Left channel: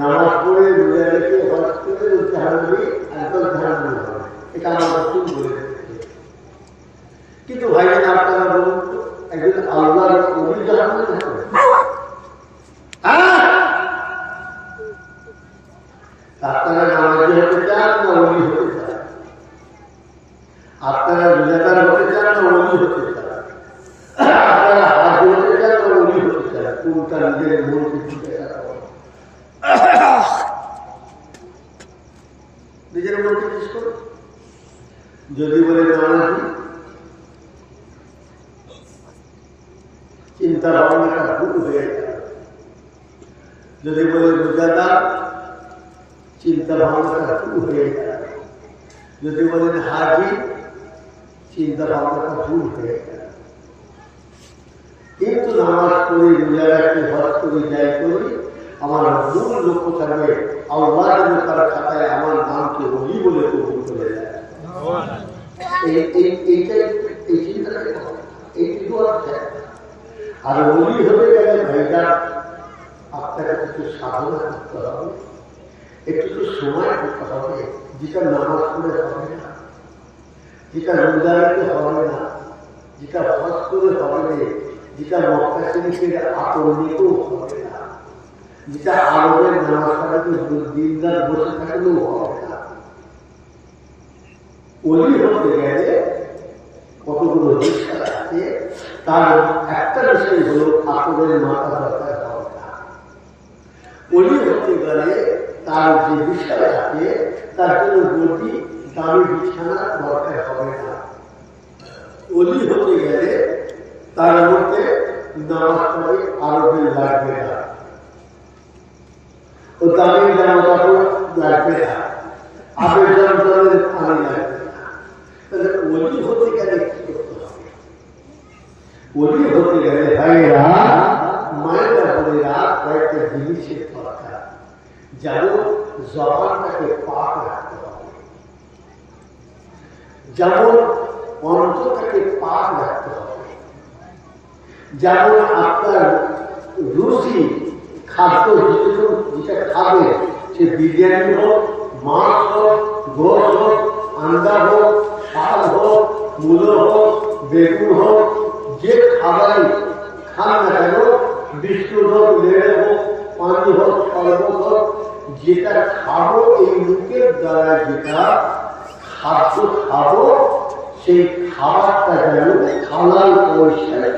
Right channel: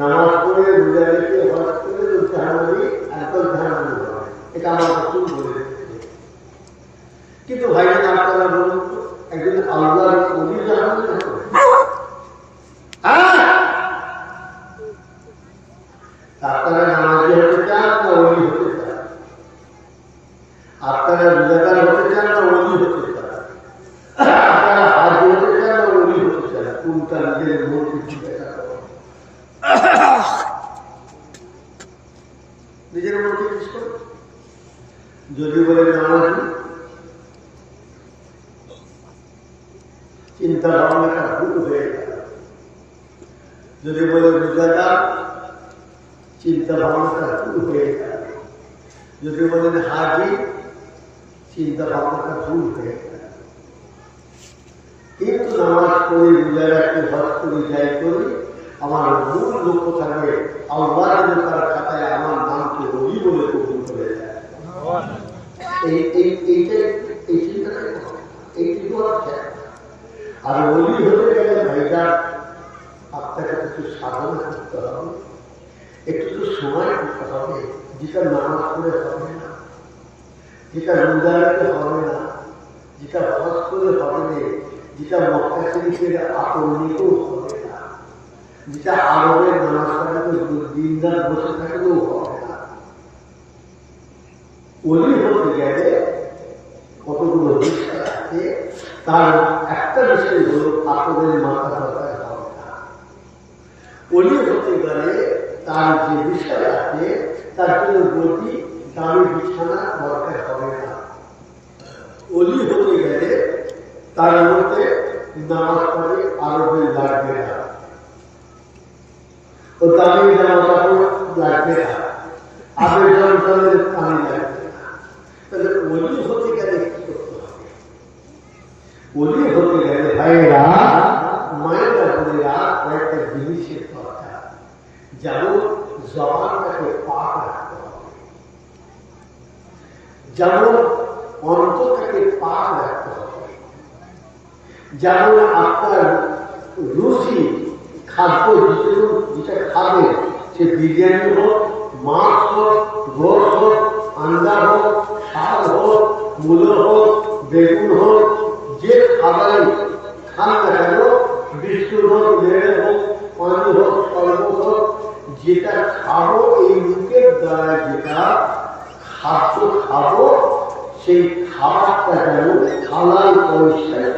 নামাজ পড়ে রোজা রেখে হজ করে ধারণী একদম ধারণী হবে, এটা আমার রসুল বলে দিচ্ছে। কিন্তু ভাইজান আপনারা বলুন, একজন আল্লাহর ওলি ধারণী হবে? আপনারা নামাজি হতে চান না ওলি হতে চান? আপনারা রোজাদার হতে চান না ওলি হতে চান? আপনারা হাজ হতে চান না ওলি হতে চান? কোনটা নিজের মনকে জিজ্ঞাসা করেন, নিজের মনকে জিজ্ঞেস করুন। যদি বলে নামাজি, চিন্তা ভাবনাটা ভুল হয়ে গেল। যদি বলে রোজাদার, চিন্তা ভাবনাটা ভুল হয়ে গেল। যদি বলেন হাজি, চিন্তা ভাবনাটা ভুল হয়ে গেল। কিন্তু নামাজ পড়ি, রোজা রাখি, হজ করি, যাই করি, আমার মূল লক্ষ্য থাকবে আল্লাহ যেন তার খাতায় আমার নামকে ওলি বলে কবুল করে দেয়। এই চিন্তাটাই এইটুকু আছে। আর ওলি হতে গেলে ভাইজান আপনাকে কিছু সাধনা করতে হবে, একটু তো সময় করতে হবে, যেটা নামাজ পড়ে হবে না, যেটা রোজা রাখতে হবে না, যেটা হজ করে হবে না, যেটা মক্কা শরীফের আতর নিতেও হবে না, যেটা আরবের নামাজ পড়াতে দিনদার বসে থাকলেও হবে না। ওলি হতে গেলে কতগুলো বিষয় আছে, তার একটা বিষয় হল আতরের মাথা দরকার হবে না। ওলি হতে গেলে তার যে বিষয় আছে, তার জন্য গতি দামি বিছানা দরকার হবে না। ওলি হতে গেলে তার মধ্যে নামাজ পড়ে আরবে লাগবে না, ও দামি জামা কাপড় লাগবে না, আবেদনের পানি লাগবে না। তাহলে ওলি হতে গেলে কি করতে হবে? ওলি হতে গেলে ভাইয়েরা, মায়েরা, বোনেরা, কয়েকটা জিনিসের দরকার। যেমন জবানটাকে পাক রাখতে হবে, যেমন অন্তরটাকে পাক রাখতে হবে, যেমন আপনার রুচি খাদ্য যেটা খাবে, সে বিরিয়ানি হোক, মাছ হোক, গোশ হোক, আন্ডা হোক, শাক হোক, মূলো হোক, বেগুন হোক, যে খাবারই খান না কেন, বিস্কুট হোক, লেড়ে হোক, পানি হোক, শরবত হোক, যেটা খাবো, এই মুখের দ্বারা যেটা খাদ্য খাবো, সেই খাবারটা যেন হালাল পয়সায়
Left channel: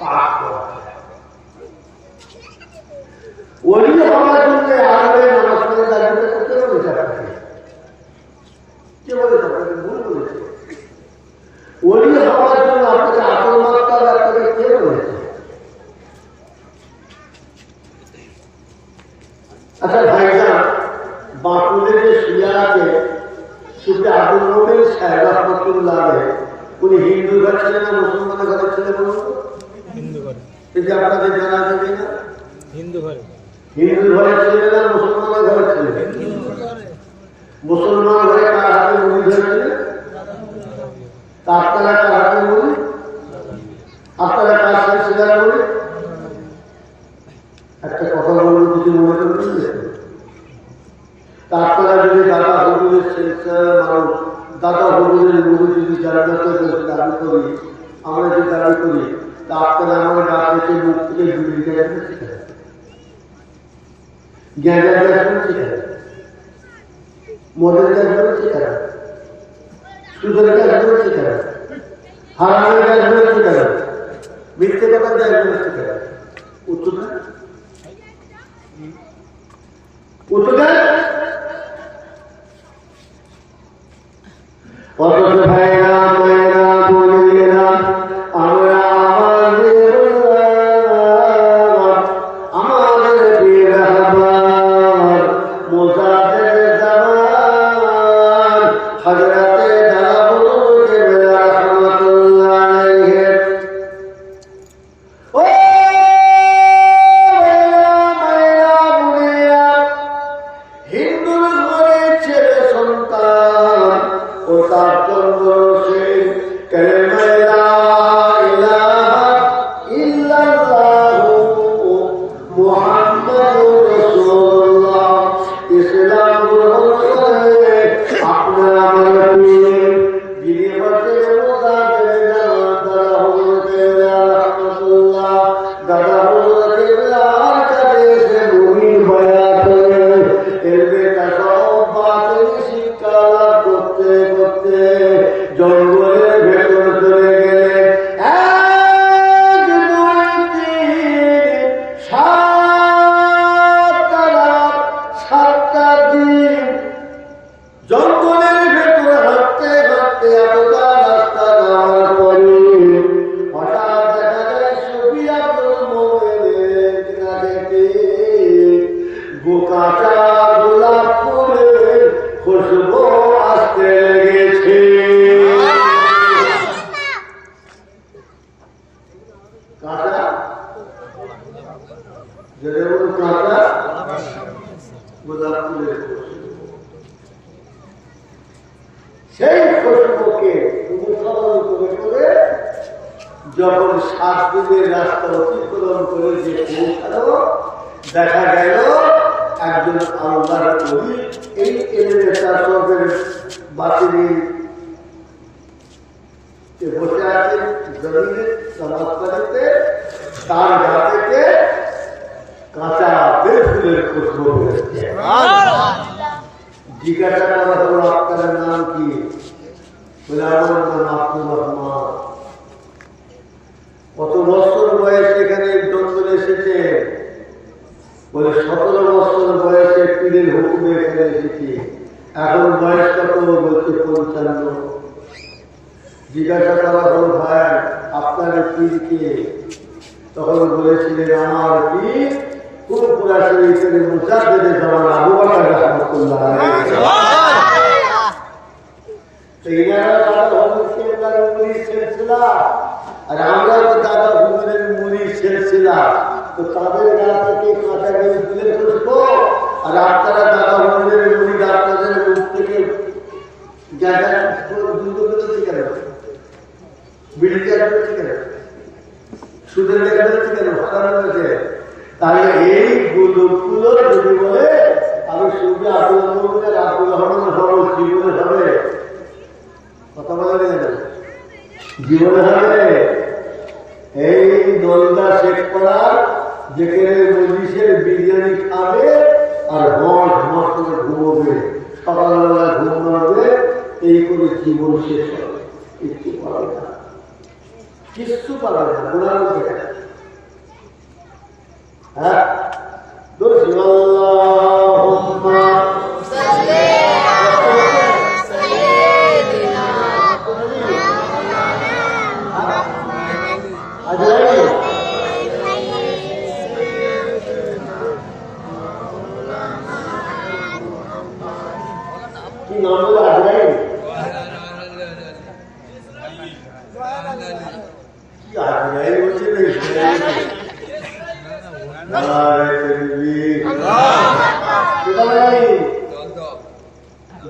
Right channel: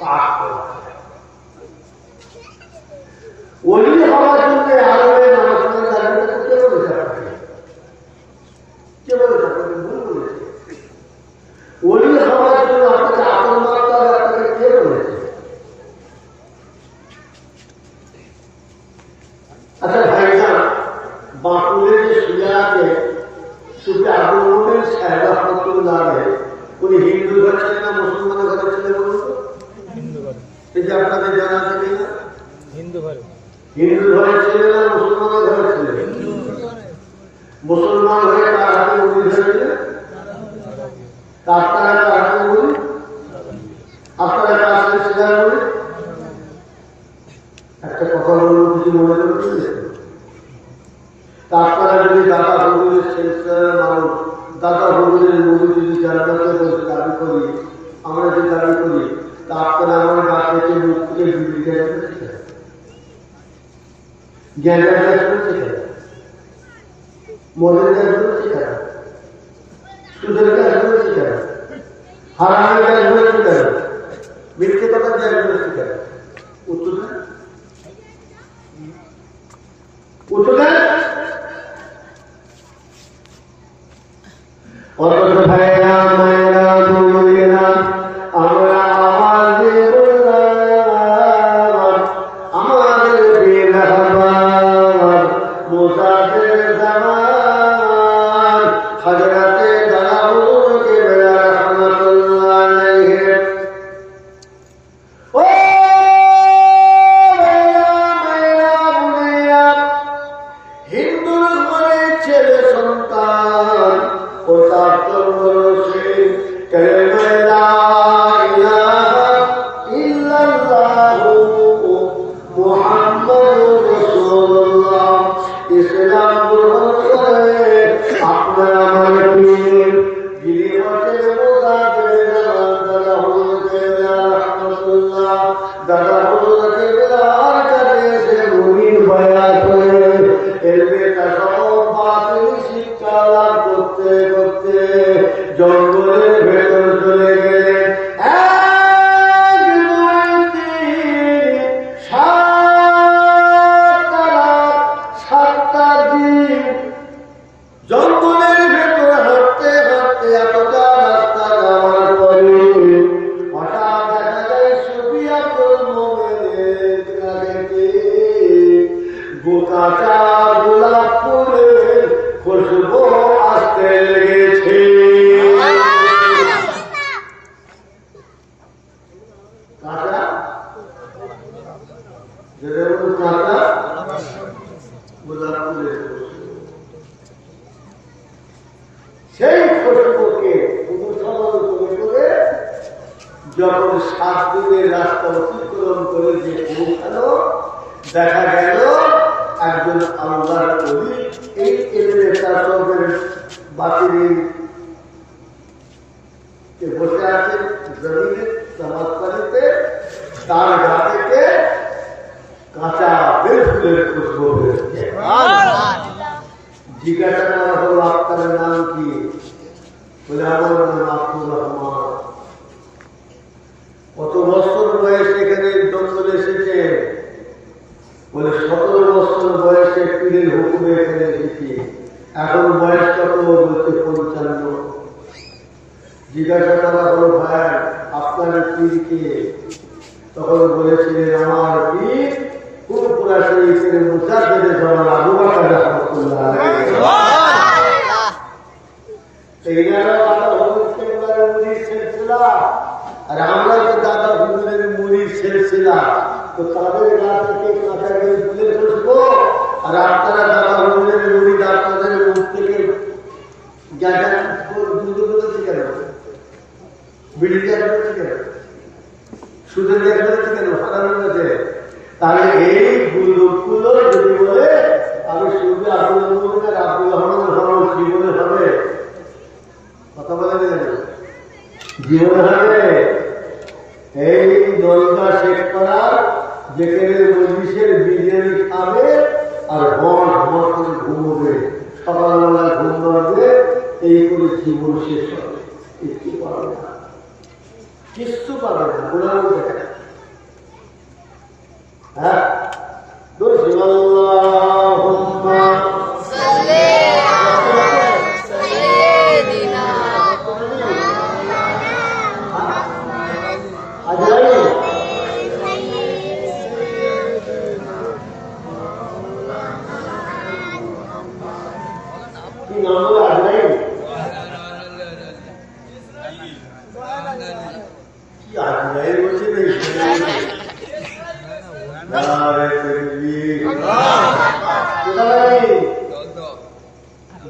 পাক করা হয়। ওলি হওয়ার জন্য আরবে নামাজ পড়ে দাঁড়িয়ে কে বলে থাকবে? কে বলে থাকবে? ভুল বলেছে। ওলি হওয়ার জন্য আপনাকে আতর মারতে হবে, আপনাকে কে বলেছে? আচ্ছা ভাইজান, বাঁকুড়ে যে শুয়ে আছে সুফি আব্দুল মোমেন সাহেব রহমতুল্লাহ আলাইহি, উনি হিন্দু ঘর ছেলে না মুসলমানের ঘরে ছেলে? বলুন তো। হিন্দু ঘরে। এই যে আপনাদের জানা আছে কিনা? হিন্দু ঘরে। হিন্দু ঘরে ছেলে না মুসলমানের ঘরে ছেলে? মুসলমান ঘরে কার হাতে মুড়ি ধরেছে? আপনারা কার হাতে মুড়ি? আপনারা কার সাথে ছিলেন মুড়ি? একটা কথা বলুন, কিছু মনে করবেন? আপনারা যদি দাদা হুজুরের সেন্সার মানুষ, দাদা হুজুরের মুড়ি যদি জান্নাতে বসে দাবি করি, আমরা যে দাবি করি, তা আপনারা আমার গা থেকে মুখ থেকে বিড়ি গেলে জ্ঞানের কাজ করছে কেন? মদের কাজ করছে কেন? সুদের কাজ করছে কেন? হারামের কাজ করছে কেন? মিথ্যে কথা কাজ করছে কেন? উত্তর দেন, উত্তর দেন। অথচ ভাইয়েরা, মায়েরা, বোনেরা, আমরা আওয়াজ দিয়ে বললাম, আমাদের বেরাবার মোসাফের জামান হযরতে দাউদ রাহমাতুল্লাহ আলাইহি, ও মায়েরা, বোনেরা, হিন্দুর ঘরে ছেলে সন্তান ও তার জন্য সে কালেমা লা ইলাহা ইল্লাল্লাহু মুহাম্মাদুর রাসূলুল্লাহ কাঁচা গোলাপ ফুলের খুশবু আসতে লেগেছে। কাঁচা যেটা হলো কাঁচা গোলাপ ফুলের খুশবু, সেই খুশবুকে অনুসরণ করে করে যখন 7 দিনের রাস্তা অতিক্রম করে যে পৌঁছালো, দেখা গেল একজন আল্লাহর ওলি এই এলিভেটরের বাতিলের বসে আছেন জমিনে সমাজপালিতে, তার গা থেকে কাঁচা বেল ফুলের খুশবু বেরোচ্ছে। জিজ্ঞাসা করা হলো আপনার নাম কি? বলে আমার নাম আব্দুর রহমান। কত বছর বয়সে এখানে জঙ্গলে এসেছে? বলে 17 বছর বয়সে পীরের হুকুমে এখানে এসেছি। এখন বয়স কত? বলতে 55। জিজ্ঞাসা করা হলো ভাই আপনার পীর কে? তখন বলেছিলেন আমার পীর ফুরফুরা শরীফের মুজাদ্দিদে জামান আবু বকর রাহমাতুল্লাহ আলাইহি। এনারা দাদা হুজুরের মুরিদ সিলসিলা, আর আমরা তো দাদা হুজুরের মুরিদ সিলসিলা, তো তাদের গা থেকে কাঁচা বেল ফুলের খুশবু, আর আপনারা দাদা হুজুরের মুরিদ, আপনাদের মুখ থেকে কেন বিড়ি করেছে কেন, সুদের লেখ করেছে কেন, হারাম করেছে? তাহলে এই গুলো যদি বলে আমি সুদে আব্দুল রহমান আব্দুল রহমানের হবো, জীবনে হবে? কথা বলে জীবনে হবে? এই নলদা শেখপাড়ার যেখানে মজলিসের বিরিয়ানি খাবে আর হস হস করে ঘুমোবে, সকালবেলায় ঘুম মারবে, এই করে জীবন শেষ হবে। কিচ্ছু পাবে না, কিচ্ছু পাবে না। গোড়ানো দেখা হ্যাঁ কি নাম বলে? আজরাইল। কি আজরাইল বলছে না ইসরাইল?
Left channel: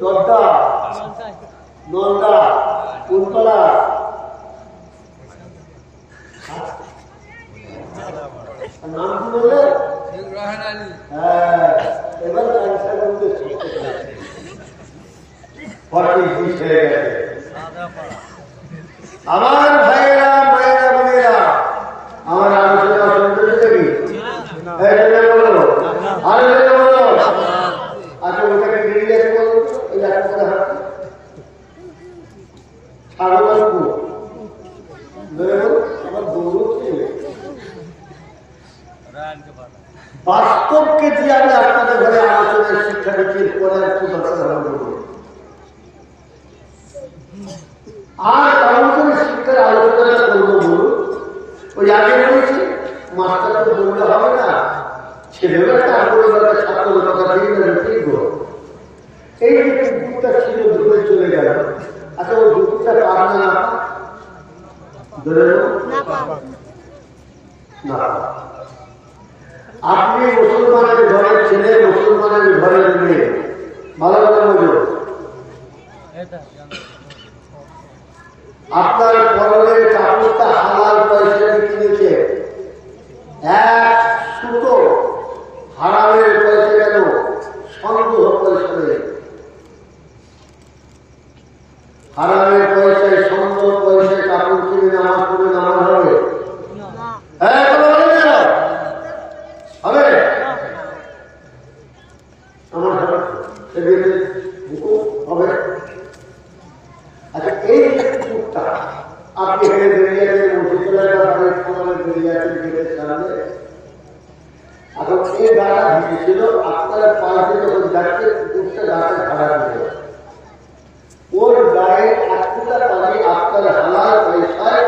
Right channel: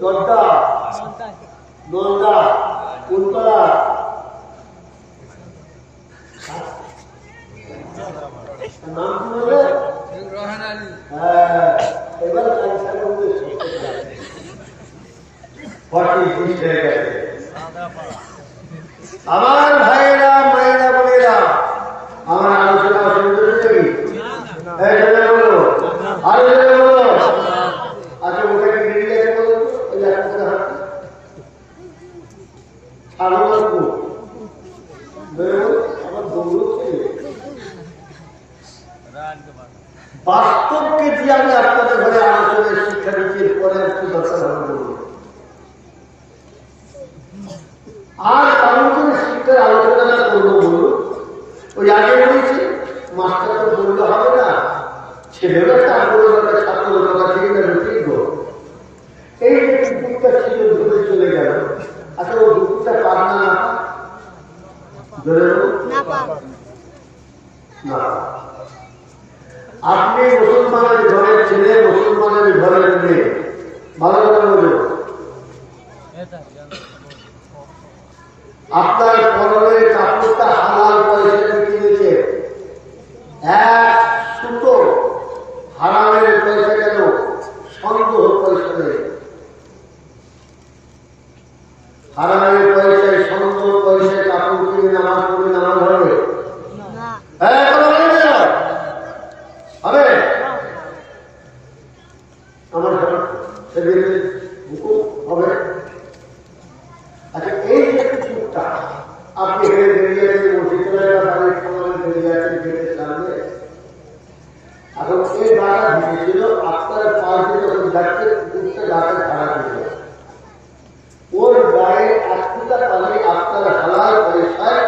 দদ্দা নন্দা কুন্তলা নাম কি বলবে? হ্যাঁ, এবার আমার ভাইয়েরা মায়েরা বোনেরা, আমার আলোচনা শুনতে নাকি? আচ্ছা ওটাকে বেরিয়ে গেছে বলো তো, ওই একটা ছাগলপুর আমার দৌড়চ্ছে। বাস্তবকে দিয়ে আমি আপনাদের ঘরে আলোচনায় শিক্ষা দিচ্ছি, পরে আর কি দরকার হবে বলবো। আর তেমন করে শিক্ষার আলোচনাটা করবো বলুন। ওই আগে বলেছি মাস্টার তো বললে হবে না, ছেলেরা তার পরিবারের ছাত্র কথা ঠিক না ঠিক। এই যে কুকুরটা ছিল দূরে চলে গেল, আচ্ছা ও কুকুরটা পার না ধরে না? আপনি মুসলমানের ঘরের ছেলে, মুসলমানের ঘরের মেয়ে, ভালো করে বোঝো। আপনার পরনের কাপড়টা হালাল পয়সায় কিনেছে, 1 সুতো হারামের পয়সা গেল, সন্দেহ পয়সা নেই। হারামের পয়সায় সন্দেহ পয়সায় কাপড় কিনে নামাজ পড়ে নামাজ হবে? হ্যাঁ হবে? আমার হুকুম হবে। আচ্ছা এই যে কুকুরটা আপনি এখানে বেরিয়ে আছেন, মসজিদে বাড়ির সমানে বেরিয়ে আছেন গেটের সামনে, এখন এই গাটা ঢুকেছিল, আপনার পাশে যখন যাচ্ছে কুকুরটা গাটা খাড়া দিল, ওর গায়ে 1 ফুটা পানি আপনার হালাল পয়সায়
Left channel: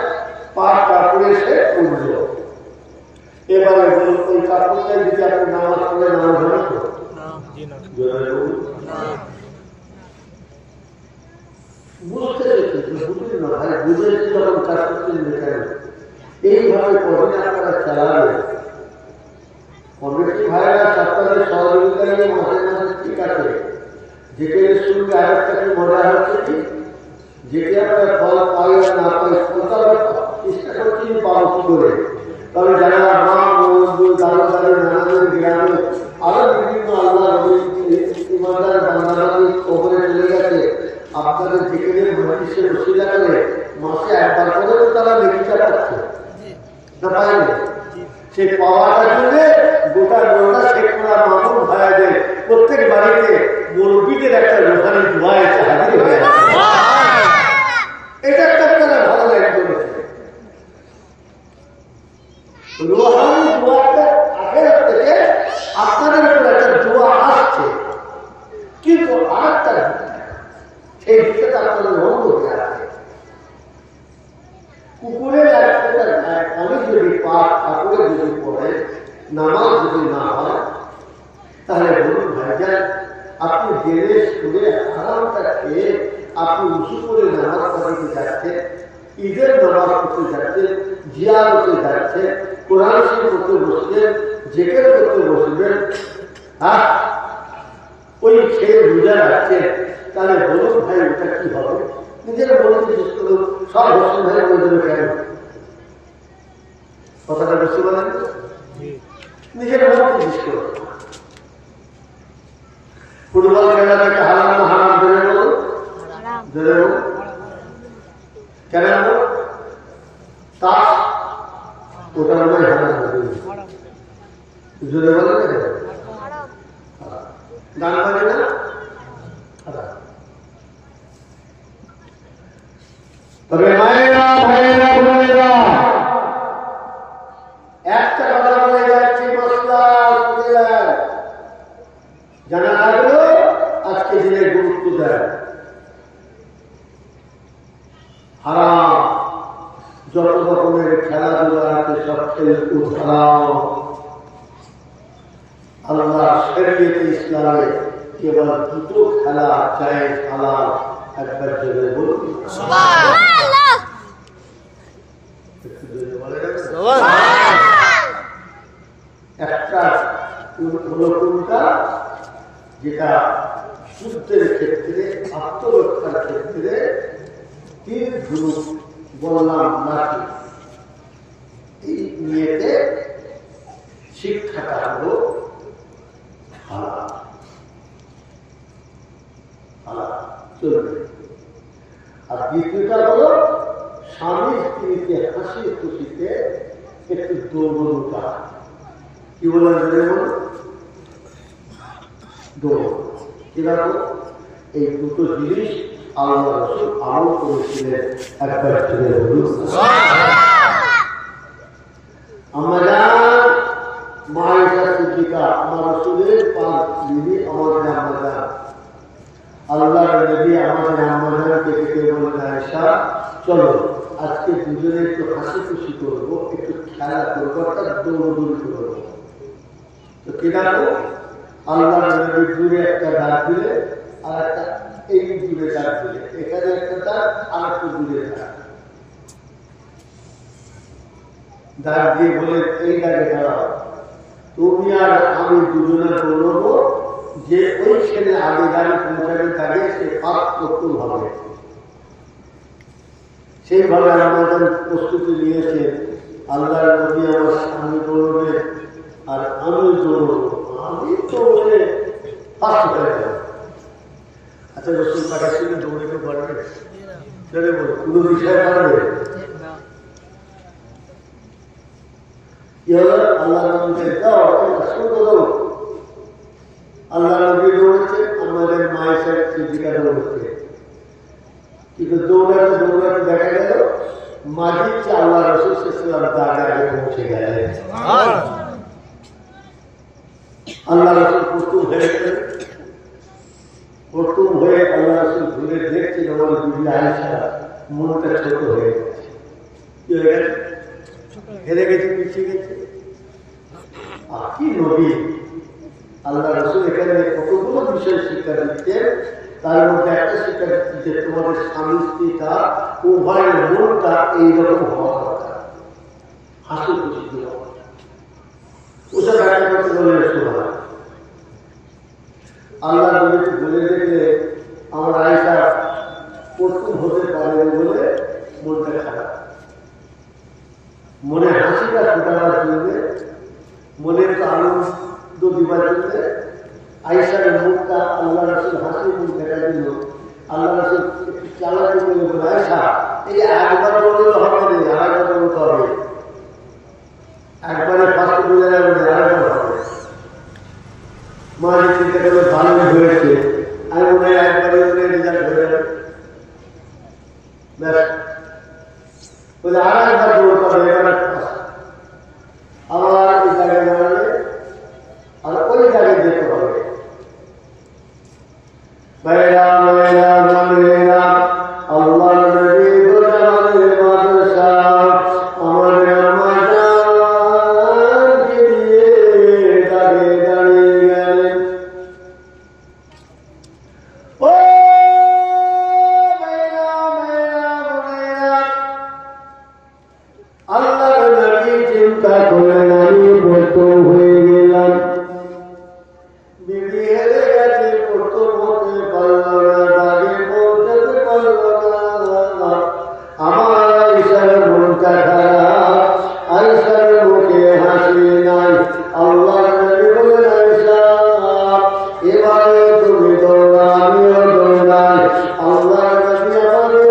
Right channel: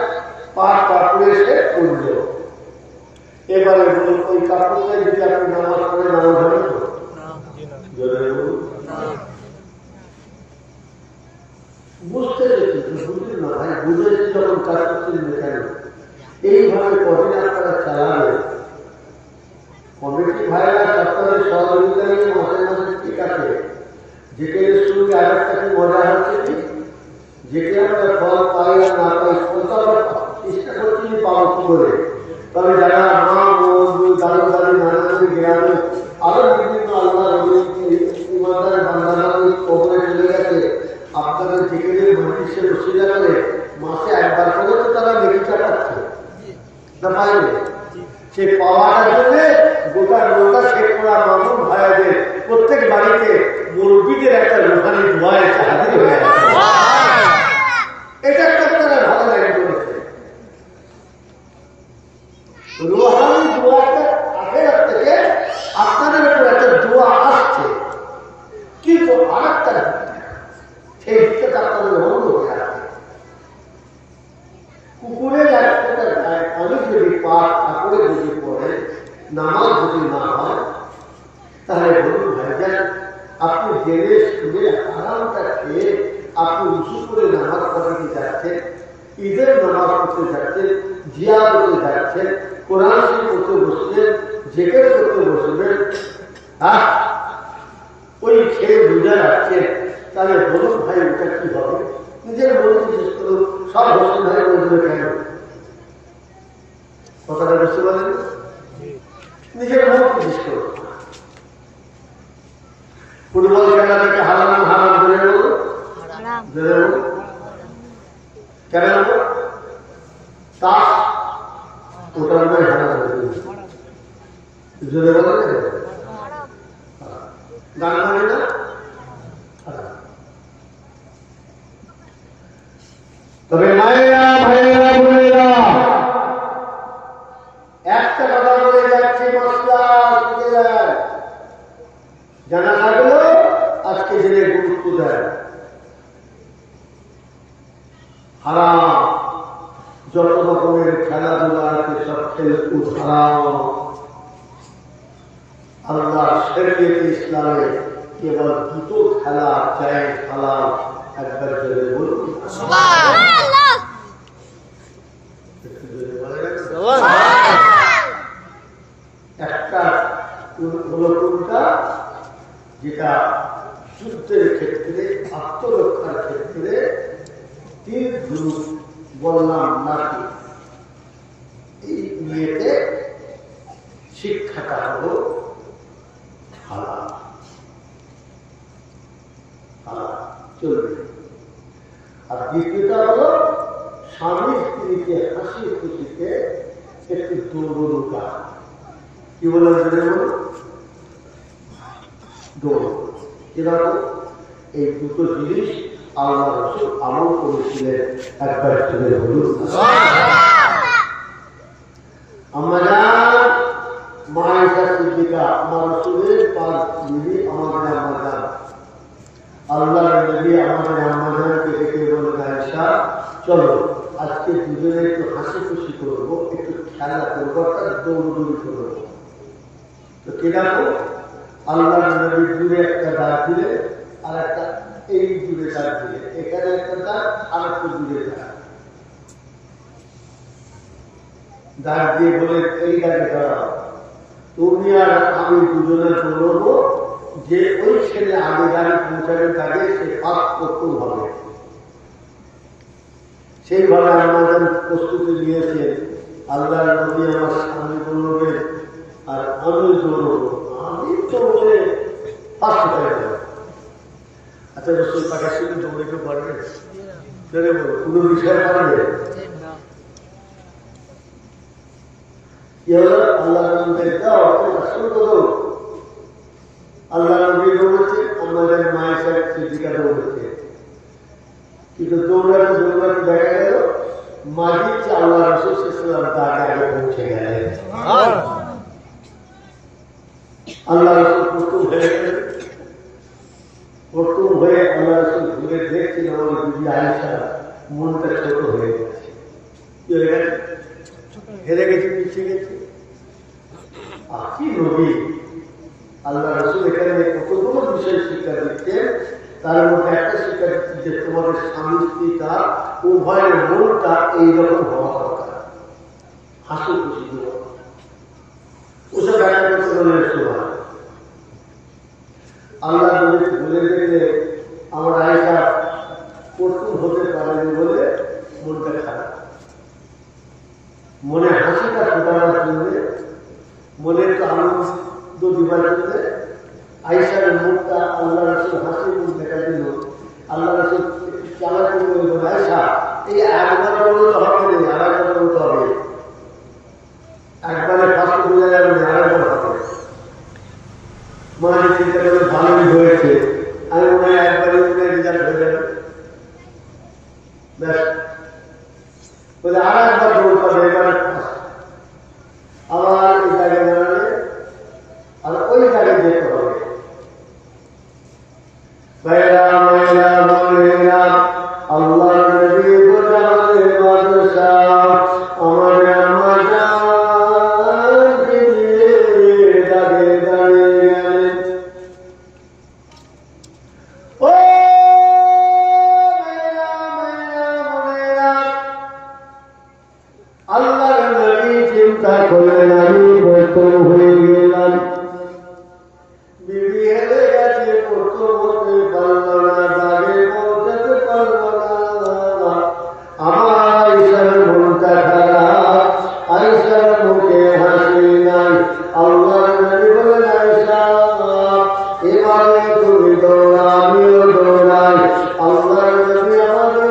পার কাপড়ে সে পড়ল। এবারে বলুন ওই কাপড়টাই যদি আপনি নামাজ পড়ে নামাজ হবে তো? দাঁড়িয়ে মাঝে মাঝে ঠিক আছে, যেকে সঙ্গে আরেকটা কি মজা হচ্ছে কি, যেকে আমরা ফল পাই আর না পাই, ফলটা আমরা চেষ্টা করছি পাবো কি করে। তবে যারা মা বন্ধু দাদু দাদি নানাদের গ্রামে আরো বিভিন্ন আল্লাহ ইমানদার বান্দারা কবরে চলে গেছে, আপনাদের যেখানে মন্দিরে বসিলা করে মাসে একবার করে তো তারা লেখিটা পাচ্ছে না, পাইনি। সেই পাওয়াটার জন্য গোটা গোটা শেখ করা মামুন ভাইয়াদের প্রত্যেক বাড়িতে মুরব্বীদের একটা রুহানি দোয়া এসে হাজির হয়ে গেছে। এটা একটা আপনারা ভালো লাগে বলেছে, রুহানি দোয়াটা আখেরাত থেকে আপনাদের উপর একটা দোয়া আসছে, কিন্তু আর একটা সেই দিকটা আপনাদের অন্য হয়ে আছে। কুকুরের একটা আমি যদি পাপ ঠাকুরে যদি পড়ে, নামাজ যদি না হয়, তাহলে বলুন ভাইজান, আপনি জেনে শুনে আরামটা খেয়ে আপনি উঁচু করে নামাজ পড়তে যাচ্ছেন, ঈদের নামাজ পড়তে যাচ্ছেন, জিয়ারতে যাচ্ছেন, কোরআন শরীফ পড়তে বসবেন, জিকির করতে বসবেন, হ্যাঁ ওই খেয়ে রোজা রাখছেন, তাহলে বলুন ভাই ওটা কি হবে? নিজের বলতে শেষ করুন, সব হোসেন ভাই বলবে কেন? কথাটা বুঝতে পারেন? নিজের বলতে শেষ করুন। ফুটবল খেলা থেকে হারাম না হারাম জোরে বলুন, জোরে বলুন, কেন বলুন? তাস ওটা মনে হয় হারাম, জোরে বলে না, গান বাজে না হারাম। তবে মায়েরা ভাইয়েরা বোনেরা, একটা কথা বলে যাচ্ছি, মশলা জানা থাকলো আজকে দিনে গুরুত্ব দেয়। হারাম যত রকমের খেলাধুলা আছে সব খেলকুদ হারাম। আল্লাহ শরীয়তে ইসলামে কেবল দুটো খেলা জায়েজ হালাল, একবার জোরে বলুন সুবহানাল্লাহ। একটা হলো কোনটা, যেটা যুদ্ধের ক্ষেত্রে আত্মরক্ষার ক্ষেত্রে তীর ধনুক বললাম নাকি, এই নিয়েতে শিক্ষাটা হলো হালাল, হালাল চলবে। আর দ্বিতীয়টা হলো স্বামী স্ত্রীকে হাসি খুশিতে একটু দৌড়া, কি বলেন বলুন, দৌড়। কিরকম? এই দুটো জিনিস আল্লাহ রাসূল আমল করেছিলেন, একবার ছেলে হলুন। আমরা মায়েশা সিদ্দিকা আমার রাসূলের পাঁচ বিবি, আমাদের আম্মা, আল্লাহর নবী আমাদের আম্মাজানকে ডেকে বলেন, আয়েশা চলো আজকে দুজনে একটু হাসি খুশি করবো, একটু খেলা করবো, একটা দৌড়দৌড়ি করবো। তো কিরকম? আল্লাহর নবী দূরে একটা ডাক দিলে, আর একটা এই দূরে ডাক দিলে, এখানে একটা ডাক আর একটু দূরে ডাক দিয়ে বলে এই ডাকে দাঁড়াও, তুমি আর আমি দুজনে দৌড়বো, যে ওই ছেলে আগে গাড়ি পৌঁছাবে তাকে সে পাস করতে হবে। সেইভাবে আমাদের প্রস্তুতি নিয়েছে। আল্লাহ নবী আমার স্বামী দৌড়বে আর আমি দৌড়বো, আমি দৌড়ে ফার্স্ট হয়ে যাবো। আচ্ছা রসুল পাকে শুনে দৌড়ে কেউ পারবে? বলে কোনো বিষয় পারবে? কি হলো? আল্লাহ নবীকে দাও, দৌড়। আল্লাহ নবী দৌড়েছে, আমাদের মায়ের সিদ্দিকা দৌড়েছে, কিন্তু দৌড়াতে দৌড়াতে দেখা গেল মাঝির চেয়ে আল্লাহ রাসূল সাল্লাল্লাহু আলাইহি ওয়াসাল্লাম আগে পৌঁছে গেলেন। আল্লাহ রাসূল প্রস্তুত হয়ে গেলেন। প্রস্তুত হয়ে আল্লাহ রাসূল ঘুরে দেখছেন আমার বিবি আয়েশা মনটা ছোট হয়ে গেছে। কি হয়ে গেছে? হেরে গেছে, পিছিয়ে গেছে। আর কি নবী! আল্লাহ রাসূল এখানে কতগুলো বিষয় শিক্ষা দিচ্ছেন, তার মধ্যে একটা শিক্ষা দিচ্ছে যে তোমাদের স্বামী স্ত্রীটা উভয়ের মনটা এইরকম হওয়া দরকার, হাসি খুশি দেওয়া। ওসব ব্যাখ্যা করতে বলে শোভা আল্লাহ নবী বলে দেখলে আমার আয়েশা প্রথম হতে পারেনি বলে মনটা খারাপ, মনে হাসিটা ফোটাবার জন্য, মনে একটু আনন্দ দিবার জন্য আয়েশার মুখটা আল্লাহ রসুল হাসি মুখ দেখা দিল। আল্লাহ রসুল একটু চালাকি করে বলে, আয়েশা এই একবার দৌড়লে হবে না, আরেকবার দৌড়তে হবে, একবারে ফার্স্ট বোঝা যাবে না, আরেকবার হবে। মা যে চিন্তা করলে ভালোই হয়েছে, আমি মনে হয় একবারে মনে রেজাল্ট হয়ে যাবে, ব্যাস বলে আর একবার দৌড়তে হবে, এবারে ফার্স্ট। আবার এই জায়গায় দাঁড়ালে আর ওই জায়গায় যেতে হবে। মেয়েরা মেয়েরা মেয়েরা আল্লাহ নবী বোঝাবে বাদশাহ আমার আমাকে নিয়ে দাঁড়িয়ে দাঁড়িয়ে গেলেন। ও মেয়েরা মেয়েরা মেয়েরা আল্লাহ নবী চিন্তা করলেন আমি প্রথম হয়ে গেলাম, বিবি হেরে গেছে, প্রথম হতে পারল না, দাঁড়িয়ে পৌঁছাতে পারল না। আমার আয়েশার মনটা খারাপ, আয়েশার মুখে হাসি নাই। আল্লাহ নবী বলেন, আয়েশা এবারে তুমি দৌড়া, আমিও দৌড়াই। আল্লাহ নবী আমাদের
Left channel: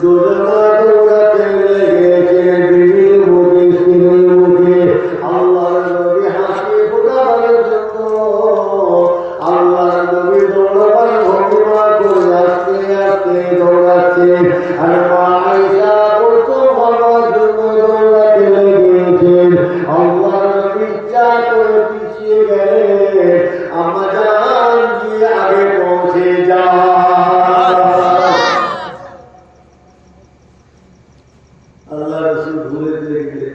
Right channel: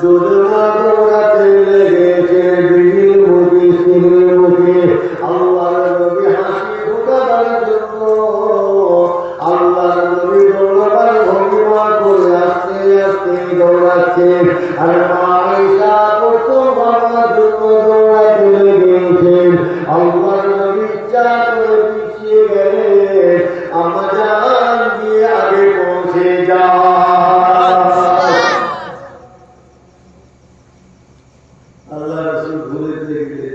দুজনা দৌড়াতে লেগেছে, বিবির মুখে স্ত্রীর মুখে। আল্লাহ নবী হাসি ফোটাবার জন্য আল্লাহ নবী দৌড়াবার ভঙ্গিমা করে আস্তে আস্তে দৌড়াচ্ছে, আর মা আয়েশা প্রথম হওয়ার জন্য দৌড়াতে লেগেছেন। আল্লাহ নবী ইচ্ছা করে পিছিয়ে গেলে আম্মা জান গিয়ে আগে পৌঁছে যায়। আল্লাহ রসুল ঘুরে ফিরে গেলে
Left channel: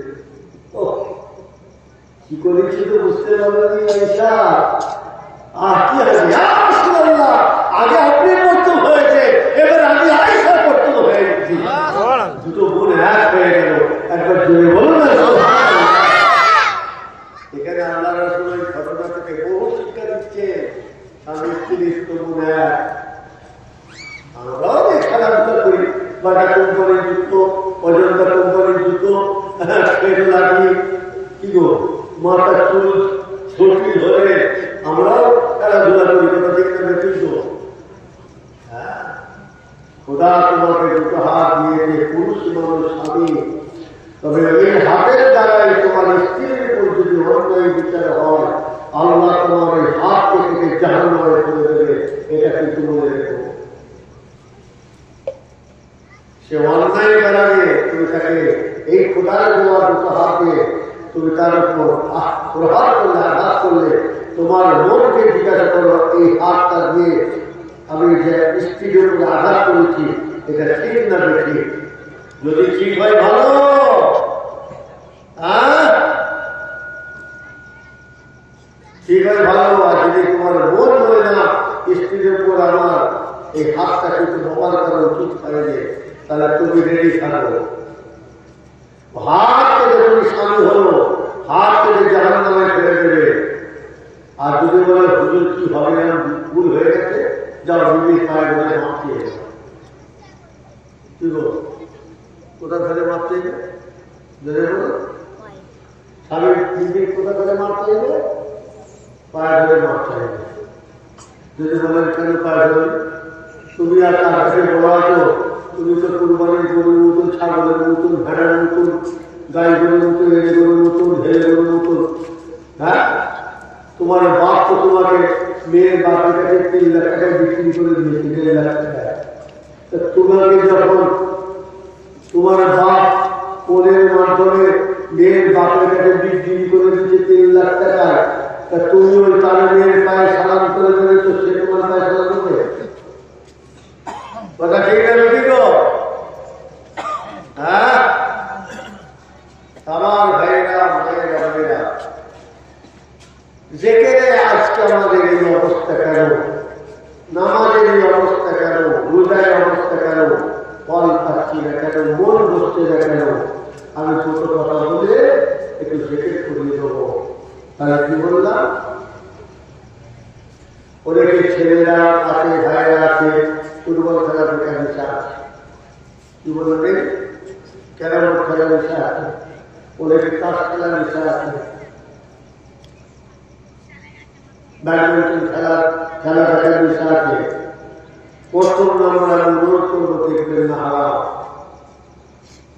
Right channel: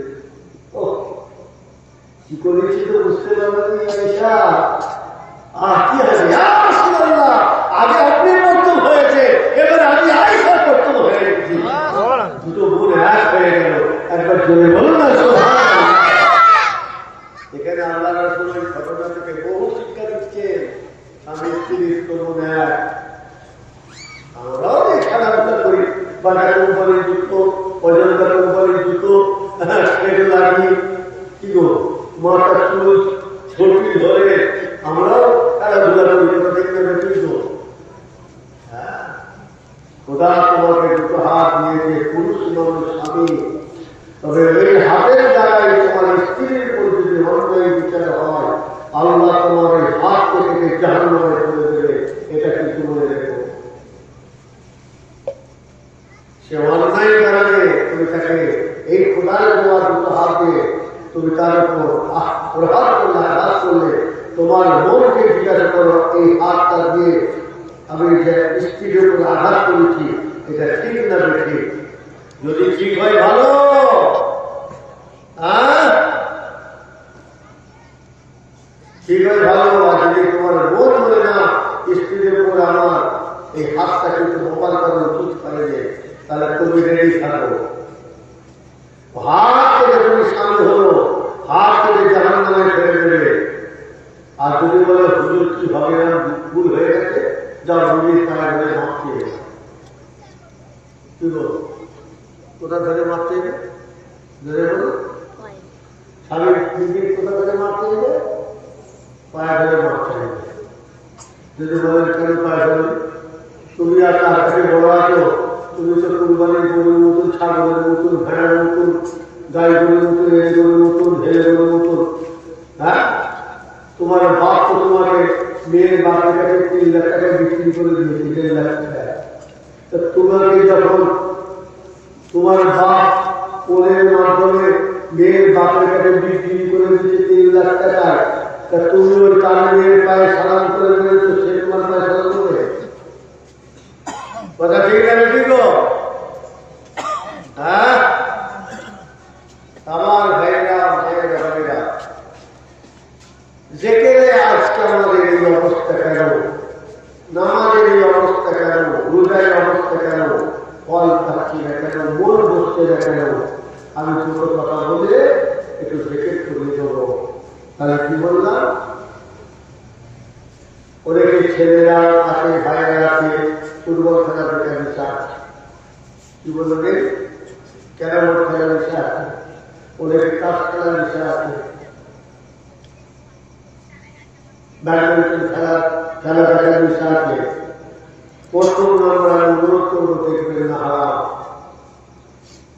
কি করেছি তো বুঝতে পারবেন আয়েশা। আর কি আছে রাসূলুল্লাহ, আগে আপনি প্রথম হয়েছে, এবার আমি আয়েশা প্রথম হয়ে গেছি। দুটো বোন এক হয়ে গেল, একবার জোরে বলো না। এখানে আল্লাহ রসুল ওই ঘটনা থেকে বহু শিক্ষা দিচ্ছে। স্বামী স্ত্রীর তো বোন এক, আমরাও যে খেলাধুলা করি, বাটা কোম্পানির জুতো, অজন্তা কোম্পানির জুতো, পেটে লাগিয়ে কি গো মাথা চুল ছড়ি ধরে আমরাও খেলাধুলা করি, দেখতে বেশি তো। হ্যাঁ, খোদা তোমাকে দুটো হাত দিয়েছে, পুরুষ মানুষ স্বামী, তবে এই হাতের দ্বারাই তোমার স্ত্রীর উপর যদি অন্যায় বিচার হয়, আল্লাহ তোমার এই হাতকে থেকে জাহান্নামে ফেলে দেবে, এটা কিন্তু মনে রেখো। সে অন্যায় করাবে, তুমি তাকে এই খোদার দেওয়া দুটো হাতে তুমি তার উপর প্রহার করলে, আঘাত করলে, তোমার মনকে জিজ্ঞাসা করো এই হাতটা দিয়ে আমি যে স্ত্রীর উপর আঘাত করেছি এটা ঠিক না ঠিক? যদি ঠিক হয় ভালো, ঠিক হয় ভালো। আর যদি তোমার মন বলে না স্ত্রীর উপর আমার এই হাতটা কিন্তু ব্যবহার করা উচিত পাইলে, তাহলে তুমি রেডি থাকো। হাত থেকে তুমি স্বামী হলো, হাত থেকে জাহান্নামে ফেলে দেবে। আর যদি বলে হুজুর কি ভাবে ভুল হয়ে গেছে, যাও বিবির পায়ে ধরে মাপ চেয়ে কি বল, কোথা ধরে মাপ চাইবে? ধরে বলো স্বামী বিবির কোথা ধরে মাপ চাইবে? পায়ে ধরে মাপ চাইবে। যদি বলেন কেন পায়ে ধরে, তুমি আর তার কাছে বড় আছো, তুমি তো কুরবানির গরুর মতন, ছাগলের মতন, ভেড়ার মতন, গাই গরুর মতন, এড়ে গরুর মতন, ঢেলে গরুর মতন। হ্যাঁ, তোমার বাপ তো তোমাকে মেয়ের বাপের কাছে 3 লাখ টাকায় বিক্রি করে দিয়েছে, 1.5 লাখ টাকা। তোমাকে যখন তোমার বাপ কোলের মাধ্যমে মেয়ের বাপের কাছে বিক্রি করে দিয়েছে 3 লাখ টাকায়, তা তুমি ওই তার মেয়ের পায়ে সালাম করে দিয়েছ, সে তোমার পায়ে সালাম করবে? কথা ঠিক না বেশি গো? হ্যাঁ, আমার ভাইয়েরা মায়েরা ভাইয়েরা, জেকেরে আজকে আমাদের এই অবস্থা কেন? নামাজের এই অবস্থা কেন? রোজার অবস্থা কেন? ফল পাচ্ছি না কেন? মন বসছে না কেন? আমি ছোট কথা বলে একটু জেকের করিয়ে দেবো। তাহলে কি বললাম? অনেকে ছেলেরা আছে, ভাইয়েরা আছে, ফুটবল খেলা দেখা নেশা আছে, কি বলবেন, ক্যারাম খেলার নেশা আছে, অনেকে তাস খেলার নেশা আছে, ব্যাডমিন্টন খেলা দেখার নেশা আছে। প্রথম নম্বর আমি অনুরোধ করবো, দেখবেন না হারাম।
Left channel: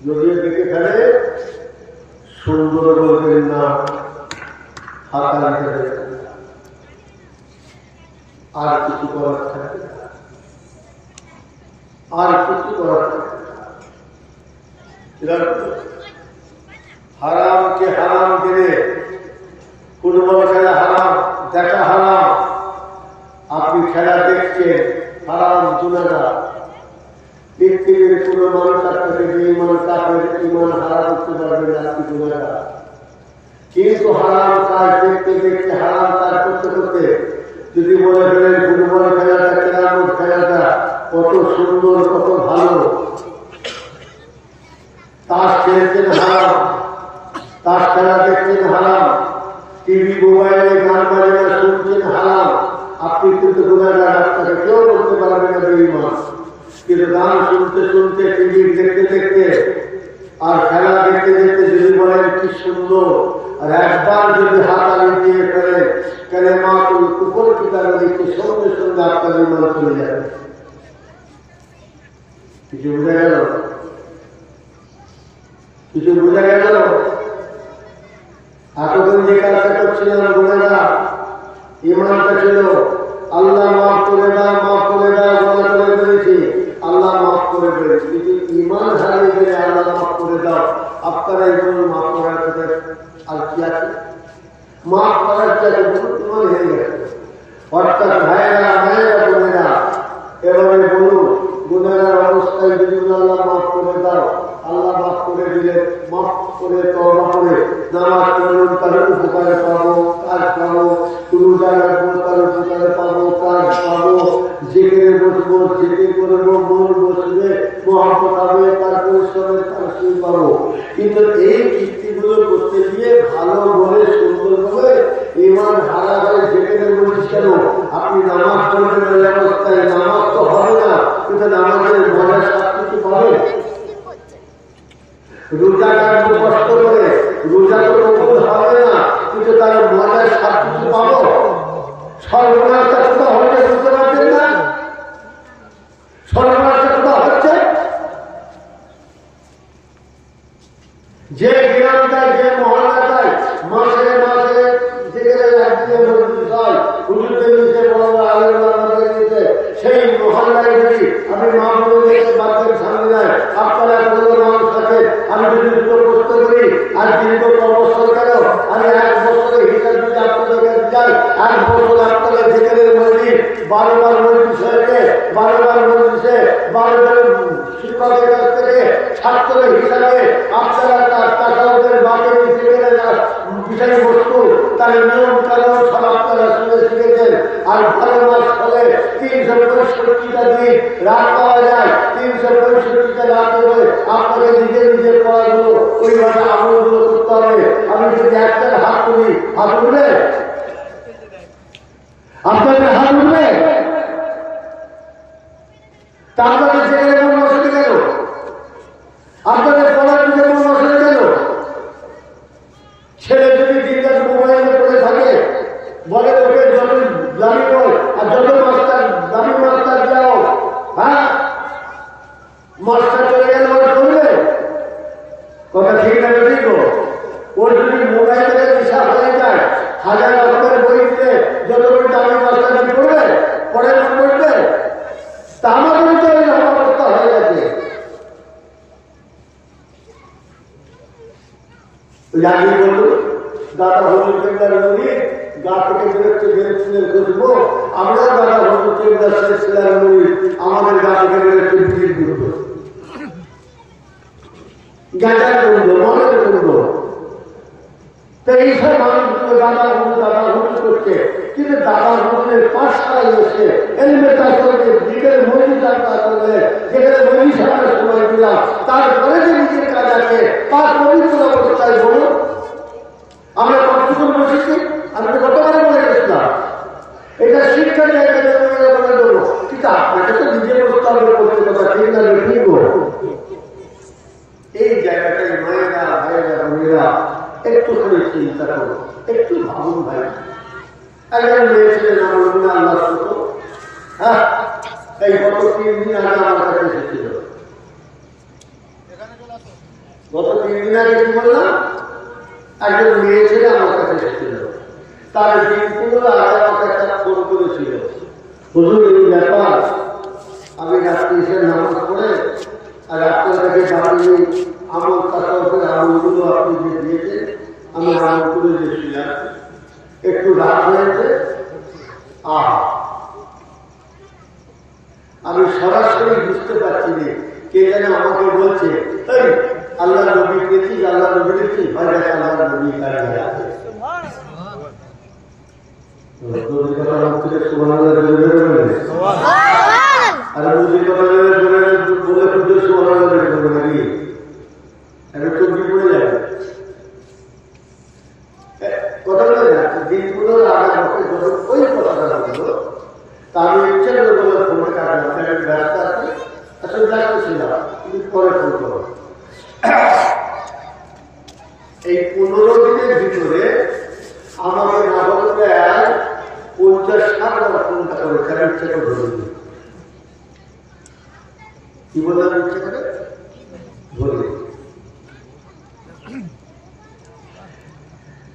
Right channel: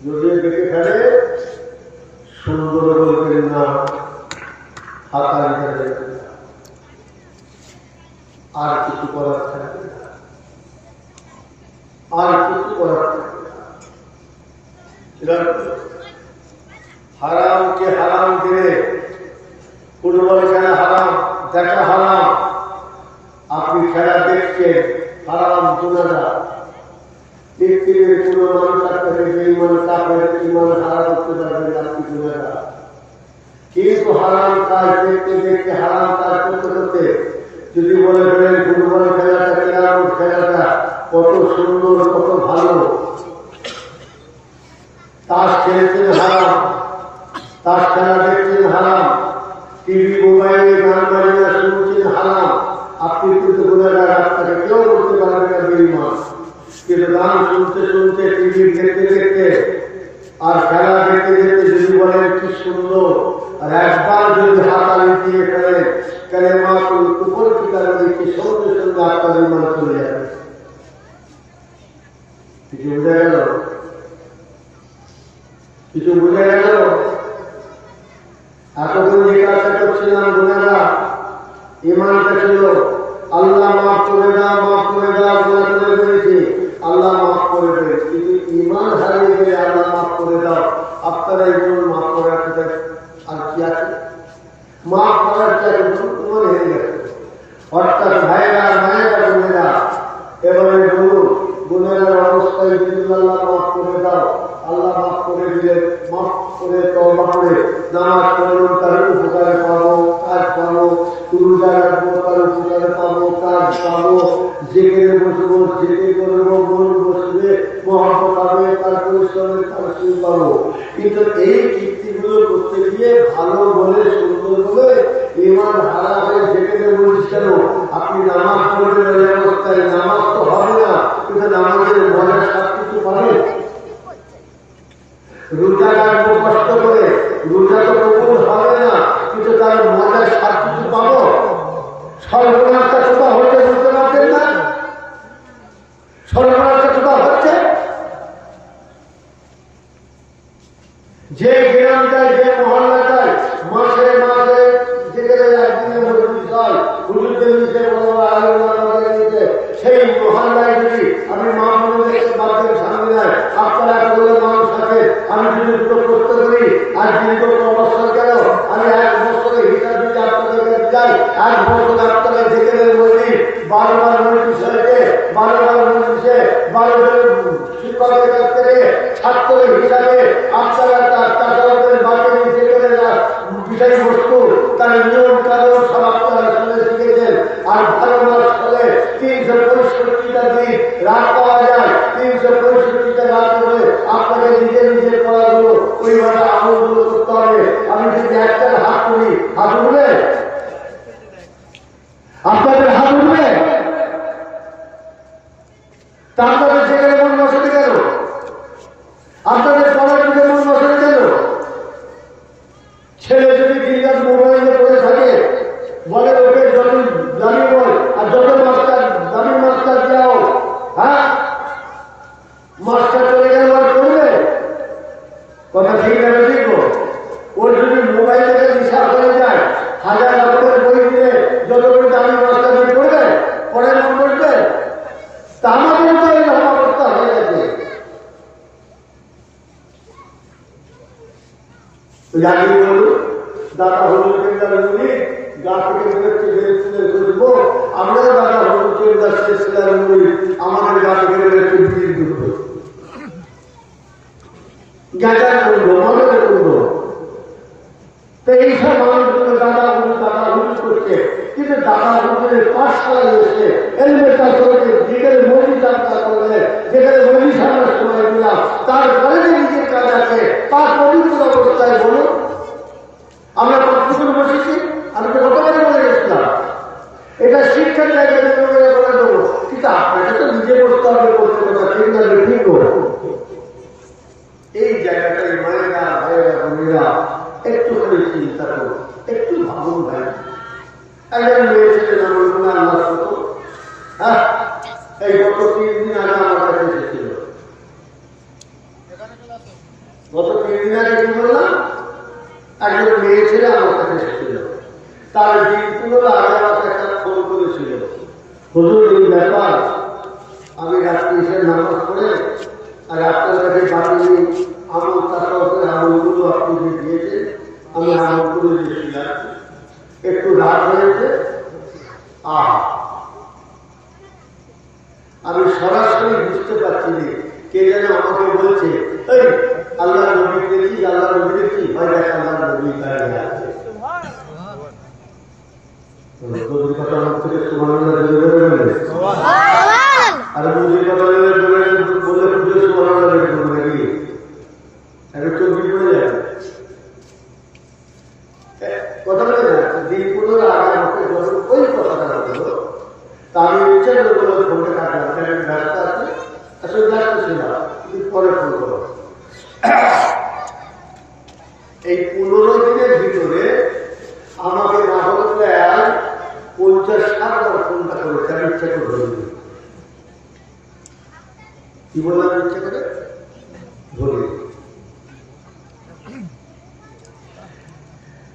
যদিও দেখে ফেলে সুন্দর বলবেন না, হাতাল আর কিছু করার থাকবে না, আর কিছু করার থাকবে না। হারামকে হারাম দিলে ফুটবল খেলা হারাম, দেখা হারাম, আপনি খেলা দেখছেন হারাম, গুনাহগার। পৃথিবীর কোনো মানুষ আপনাকে বেঈমান কাফের ঈমান হারা করতে পারবে না, আপনি গুনাহগার। কিন্তু হারাম কাজ দেখতে দেখতে, হারাম কাজ করতে করতে যদি বলে ফেলেন ফুটবল খেলাটা, ক্যারাম খেলাটা কত সুন্দর, কত ভালো, তাস খেলেছেন হারাম, তাস খেলা দেখছেন হারাম, টিভি মোবাইলে গান বাজনা শুনছেন হারাম, আপনি কিন্তু গুনাহগার, আপনাকে কেউ বলতে পারবে না বেঈমান। কিন্তু গান শুনতে শুনতে, টিভি দেখতে দেখতে আর খেলা দেখতে দেখতে যদি বলেন কি সুন্দর, আর একবার যদি হাতালি দিয়ে ফেলেন কালেমাতুল কুফর কিতাবে দেখতে, সঙ্গে সঙ্গে আপনার ঈমান চলে যাবে। কিছু বোঝা গেল? কিছু বোঝা গেল? এতদিন যে কাজটা করছিলাম গুনাহগার, ঈমানটা ছিল আল্লাহ মাফ করে দাও, মাফ করে দাও, গুনাহ করে ফেলেছি, আল্লাহ মাফ করে দেবে। কিন্তু ঈমান হারিয়ে গেলে আল্লাহ মাফ করে দাও, আপনারা এগুলো মাফ করার কথা আর কি আছে? মাফ করার কি আছে? ঈমান হয়ে গেছে। অর্থাৎ ভাইয়েরা, মায়েরা, বোনেরা, এবারে বলুন, গুনাহগার অবস্থায় যদি আল্লাহ মাফ করে দাও, আল্লাহ মাফ করে দিলে, মাফ করে তওবা করে নামাজ পড়লেন, তার উপকারে পাবো, কাজ পাবো, রোজা রাখবো, তার উপকারে পাবো, কাজ পাবো, জেগে বসবো, জেগে করবো, মন বসবে, মহব্বত হবে, তার পরিশ্রমে তার সুখ পাবো। কিন্তু এই কীর্তিগুলো করতে গিয়ে ভালো বলে, সুন্দর বলে ঈমান হারা হয়ে যেখানে বলিস কেন, আপনি নামাজ পড়বেন ওই অবস্থায়, নামাজ তো হবে না, কিন্তু নামাজের মজার সব কিছু পাবেন। রোজা রাখবো কষ্ট করে, রোজা তো কবুল হবে না, কিন্তু তার মজার সব কিছু পাবো। সর্বনাশটা কোথা হচ্ছে বুঝতে পারছেন না? সর্বনাশটা কোথা হচ্ছে? যে গ্রামটায়, যে মহল্লাটায় মাসে মাসে যেখানে একদিনে মসজিদ হয়, হুজুরদের নিচে বড় আলোচনা নিচে, সেই মহল্লায় যদি আমি মা বোনদের বাচ্চার সামনে যায়, আপনারা কোনো মানুষ থাকে, আমি যদি দুটো প্রশ্ন করি, আর দীর্ঘ বছর গেল, আমি 1 বছরে হিসাব দিতে আপনাদের কাছে যাই, 1 বছর আপনাদের যেখানে মসজিদ 12বার মসজিদ হয়েছে, 12বার মসজিদে 12 জন শিক্ষকের কাছ থেকে ছাত্রের হিসাবে আপনারা তাদের বাকি যেখানে বিষয়বস্তু, তার নিয়ম কানুন সব আপনারা শুনে শিখেছেন। আর 12 মাস হলে 365টা দিন রাত পাওয়া যায়, 365টা রাত করে আপনাকে নিজে নিজে পড়াগুলো ওইভাবে আমলগুলো করতে হবে। আমি যদি একটা হাত করি, হাত উঠবে? আপনাদের হাত উঠবে? তা আপনাদের যেখানে মন বসে গেল, আপনাদের পড়ার দিকে মন বসে গেল। ছেলে যদি দিনরাত মোবাইলে পড়ে থাকে, বলে ওকে যত দামি বল আর যত মাস্টার, দামি মাস্টার যাও, হ্যাঁ মাস্টার চলে গেলে ওর করবে কথা ঠিক না? ঠিক, ওর যদি মোবাইল থেকে নেশা হয়ে যায়, 1000 অক্ষরের বই দিলে যত করে দামি মাস্টার করবে, পরে মন বসবে। তা আমাদের তো এইরকম অবস্থা হয়ে গেছে। আগে বলল দাদা হুজুর কেন্দ্র বলি, গা থেকে বেরোচ্ছে বেরোচ্ছে খুঁজবো, আমরাও দাদা হুজুর কেন্দ্র শেষের বলি, আমাদের গা থেকে বেরোচ্ছে বিজির দুধ, গাঁজার করবো, মনের করবো। তো এইসব মানুষগুলো দাদা হুজুর করছে, কিন্তু দাদা হুজুরের পাঠশালায় এসে এলিমেন্টার করবে, যেখানে মসজিদ যাত্রা করলে, যেখানে মসজিদ সামনে সময় দিলাম, তারপরে যে নিজের কাজ আছে, তার পবিত্র অবস্থায় বলুন আমরা কতক্ষণ বসেছি? আমি তো গতবারে বলে গেছিলাম এটা শিক্ষার জায়গা বলে দেবো, কিন্তু আপনাকে তো নিজে বসতে হবে, করতে কথা ঠিক না ঠিক। এই জায়গাটাই মায়েরা ভাইয়েরা বোনেরা একটুখানি চিন্তা করো, একটু ভাবুন ভাই। একজন মেয়ে ছেলে নাম বলুন আল্লাহ কত, হ্যাঁ এই গত 3 দিন আগে আমার কাছে এসেছিল। গত 3 দিন আগে কি বললাম, একজন মেয়ে ছেলে আমার কাছে এসেছিল। তার দিনগুলো আগে আমাকে একটা ফোন করেছিল, হুজুর এই ব্যাপার, আমি রাত্রি এসে নামাজ পড়ে আর আপনার কাছে বাকি আমল তাসাউফের আমলগুলো আপনি যে দিয়েছেন, আমি আমলগুলো দিয়েছিলাম, একটু রাত হয়েছে, আমি সরাসরি বুঝতে পারছি না কে যেন আমাকে বলছে, এই আল্লাহ নবী দেখি, আল্লাহ নবী দেখি, হয় দেখ আল্লাহ নবী দাঁড়িয়ে আছে। কথা আমার থেকে সুবহানাল্লাহ আর মুজির কথা বলে পুজো সুবহানাল্লাহ বলবে নাকি, আমি চোখি পড়ে যাবে। কথা বলে না, দিনগুলোর আগে আমাকে যখন ওই কথাটা বললো, তা আমি ইচ্ছে করে বলে ফোনটা কাটলাম, আমি ব্যস্ত আছি, আসলে ব্যস্ত ছিলাম, তুমি পরে ফোন করো। এই 15 দিনের ভিতরে আমাকে না হলে 50-60 বার ফোনটা করেছে, আমি ইচ্ছা করে ধরে দিই। কি বললাম, ইচ্ছা করে ধরে।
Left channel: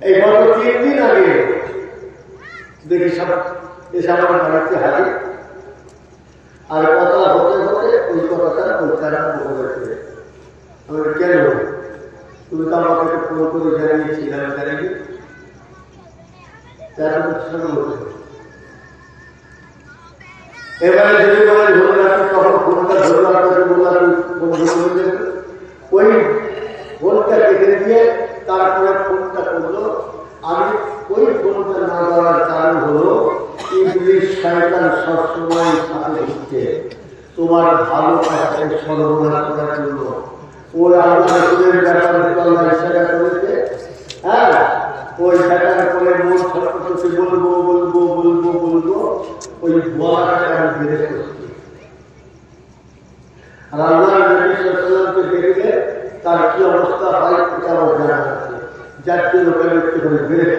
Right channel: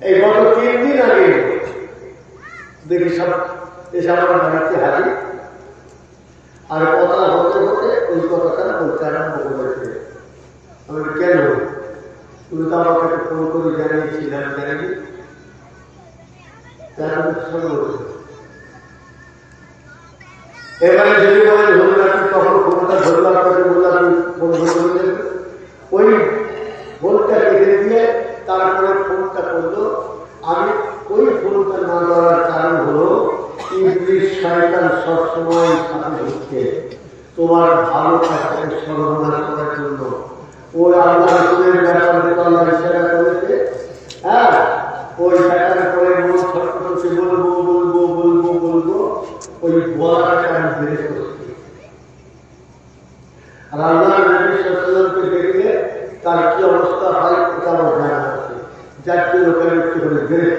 এই গত 3 দিন আগে দেখি সব এসে আমার বাড়িতে হাজির, আর কথা হতে হতে ওই কথাটা বলতে আরম্ভ করেছে। আমি কেন, তুমি তো আমাকে ফোন করে জানিয়েছিলাম, জানিনি এবারে যদি বলেন ধরুন আপনি তখন ফোনটা ধরলাম, আপনাকে বললাম ফোন ধরলেন, ওই ফোনটা কেটে দিয়ে তারপরে ফোনটা করলো। আমি ওই ফোনটা না দেওয়ার কারণ হলো, ইবলিস শয়তান সবসময় সাথে ঘুরছে তোমার ভালো কাজকে সর্বনাশ করার জন্য। ওর আল্লাহ রসুলের ব্যাপারে আল্লাহ ইশারা করেছে, হ্যাঁ ওই শয়তান করে মন ছটফট বলবো বলবো বলবো বলবো, ওই বলাটাকে আমি বেড়ে করছি। আর আল্লাহ নবী সাল্লাল্লাহু দেখলে তার কি অবস্থা হয় এটা আমার জানা আছে, যার জন্য ওখানে একটুখানি বেড়ে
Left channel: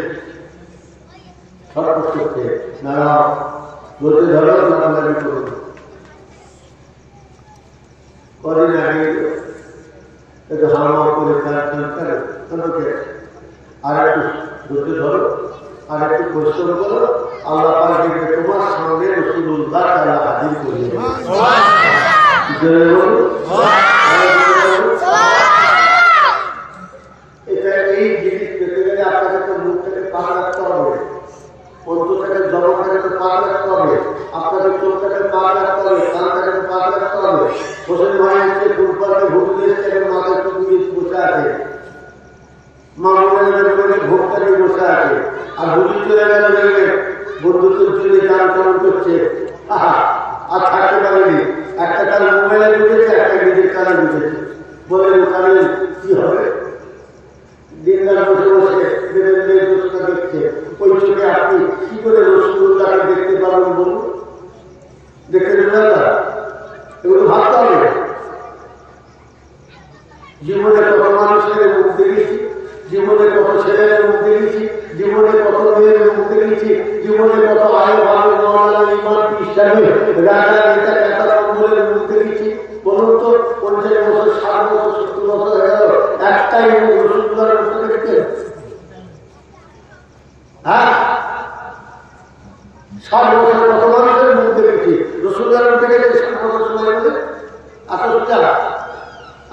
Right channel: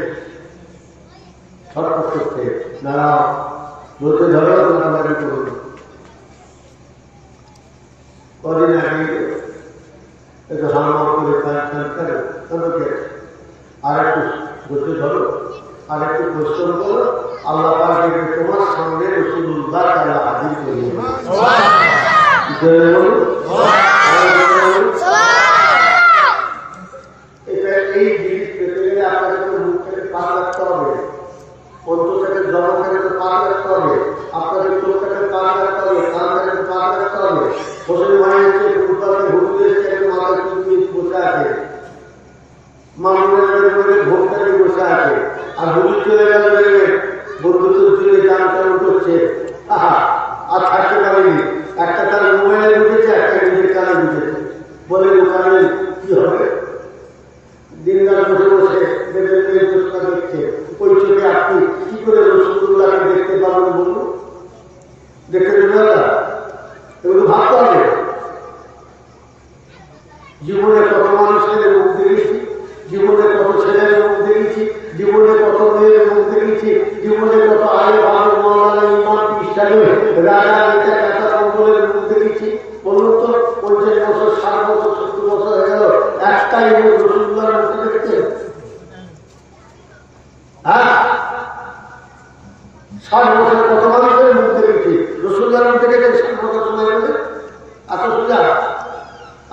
ছটফট করতে নানা বলতে ধরে নাড়ালাড়ি করুন। কদিন আগে একটু হামলা করে আমাকে আর একটু ধৈর্য ধরো, আর একটু পরিশ্রম করো, আল্লাহ পাক দেখবে তোমার সামনে রাসূলুল্লাহ আল্লাহ হাজির করিয়ে এটা। এই জিনিস পেতে গেলে আপনাকে তো মুখটাকে পাক রাখতে হবে, অন্তরটাকে জমাটাকে তো পাক রাখতে হবে, আপনাকে চোখটাকে পাক রাখতে হবে, কানটাকে পাক রাখতে হবে। হোসেন ভাই হচ্ছে ফুটবলকে ঘুরতে এসে মাথায় চুপি বসে আছে, মামুনের ভোটটা নিয়ে বসে আছে, আর হুজুর চলে গেল দেখবে বন্ধুত্ব চলে গান কেমন করছে, আর থাকতে পারেনি। একটা তার মোবাইলে ঢুকেছে, একটা নিজের কানে ঢুকেছে, বলে ওখানে কি হবে, দিন রাত বসে বসে দেখছে। ওই চোখে আপনি কি করে রাসূলুল্লাহকে দেখতে পারবেন বলুন, দেখতে দেবেন না, এগুলো ভাবতে হবে। জীবনে কত মানুষের মুখ দেখেছি, জীবনে কত ছেলের মুখ দেখেছি, জীবনে কত মেয়ের মুখ দেখেছি, জীবনে কত আয় ভালো মৌলানা ইমাম ইসলামী রাজা নেতা কাটা কম্বলের মুখ দেখেছি। বলুন তো 50 বছর 60 বছর 70 বছর হয়ে গেল, একটাই মুখ রাসূলুল্লাহর মুখ দেখেছেন? হ্যাঁ 60 বছর কত মানুষের মুখ দেখেছি, রাসূলুল্লাহর মুখ দেখেছেন 60 বছর সময় গেলে এত সোজা।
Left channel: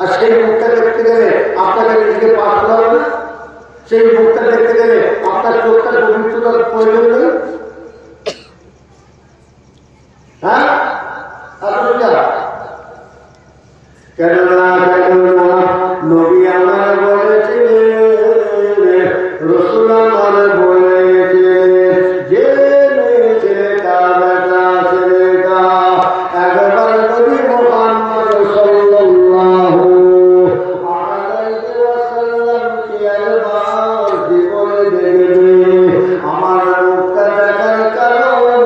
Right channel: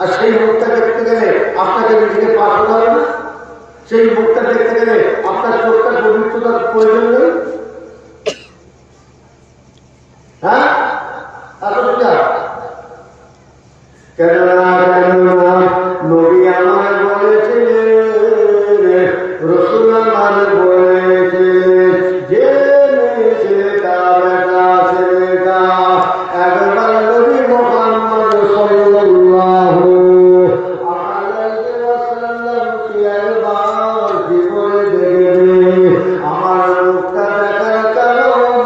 আর সেই মুখটা দেখতে গেলে আপনাকে নিজেকে পাশ হতে হবে না? সেই মুখটা দেখতে গেলে আপনার চোখটার পবিত্রতার প্রয়োজন নেই? হ্যাঁ এত সোজা কেন না? নবী আমার বলেছিলেন, রাসূল আমার বলেছিলেন, জেনে ছেলেটা বেটা ছেলেটা একবার নবী মুহাম্মদ সাল্লাল্লাহু আলাইহি ওয়াসাল্লামকে একবার জীবনে দেখবে। আমার মুখটা দেখার কারণে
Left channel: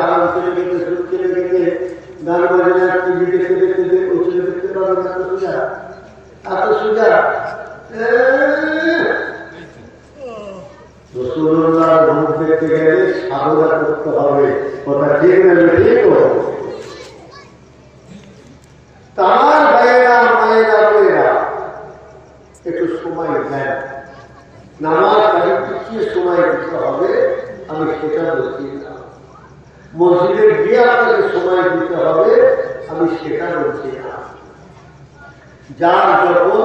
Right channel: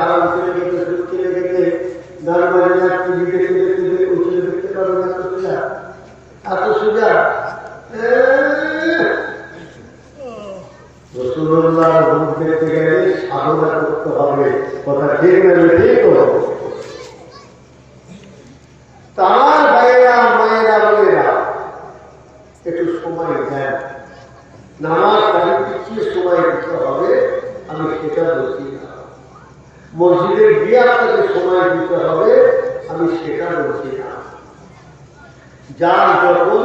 হারাম চলে গেছে, সুদ চলে গেছে, গান বাজনা টিভি দেখতে দেখতে ওই চলে দেখতে পারবে না। এত সোজা, এত সোজা। রসুল্লাহর মুখ দেখতে গেলে সাধনা করতে হবে, কথা ঠিক না? ঠিক। তার ভাইয়েরা মায়েরা বোনেরা একটু সময় দেন। নামাজ বাড়ি পিছিয়ে সময় দিতে হবে, আমি সেটা বলছি না। মসজিদে গিয়ে আপনাকে সময় দিতে হবে, আমি সেটা বলছি না। যার যখন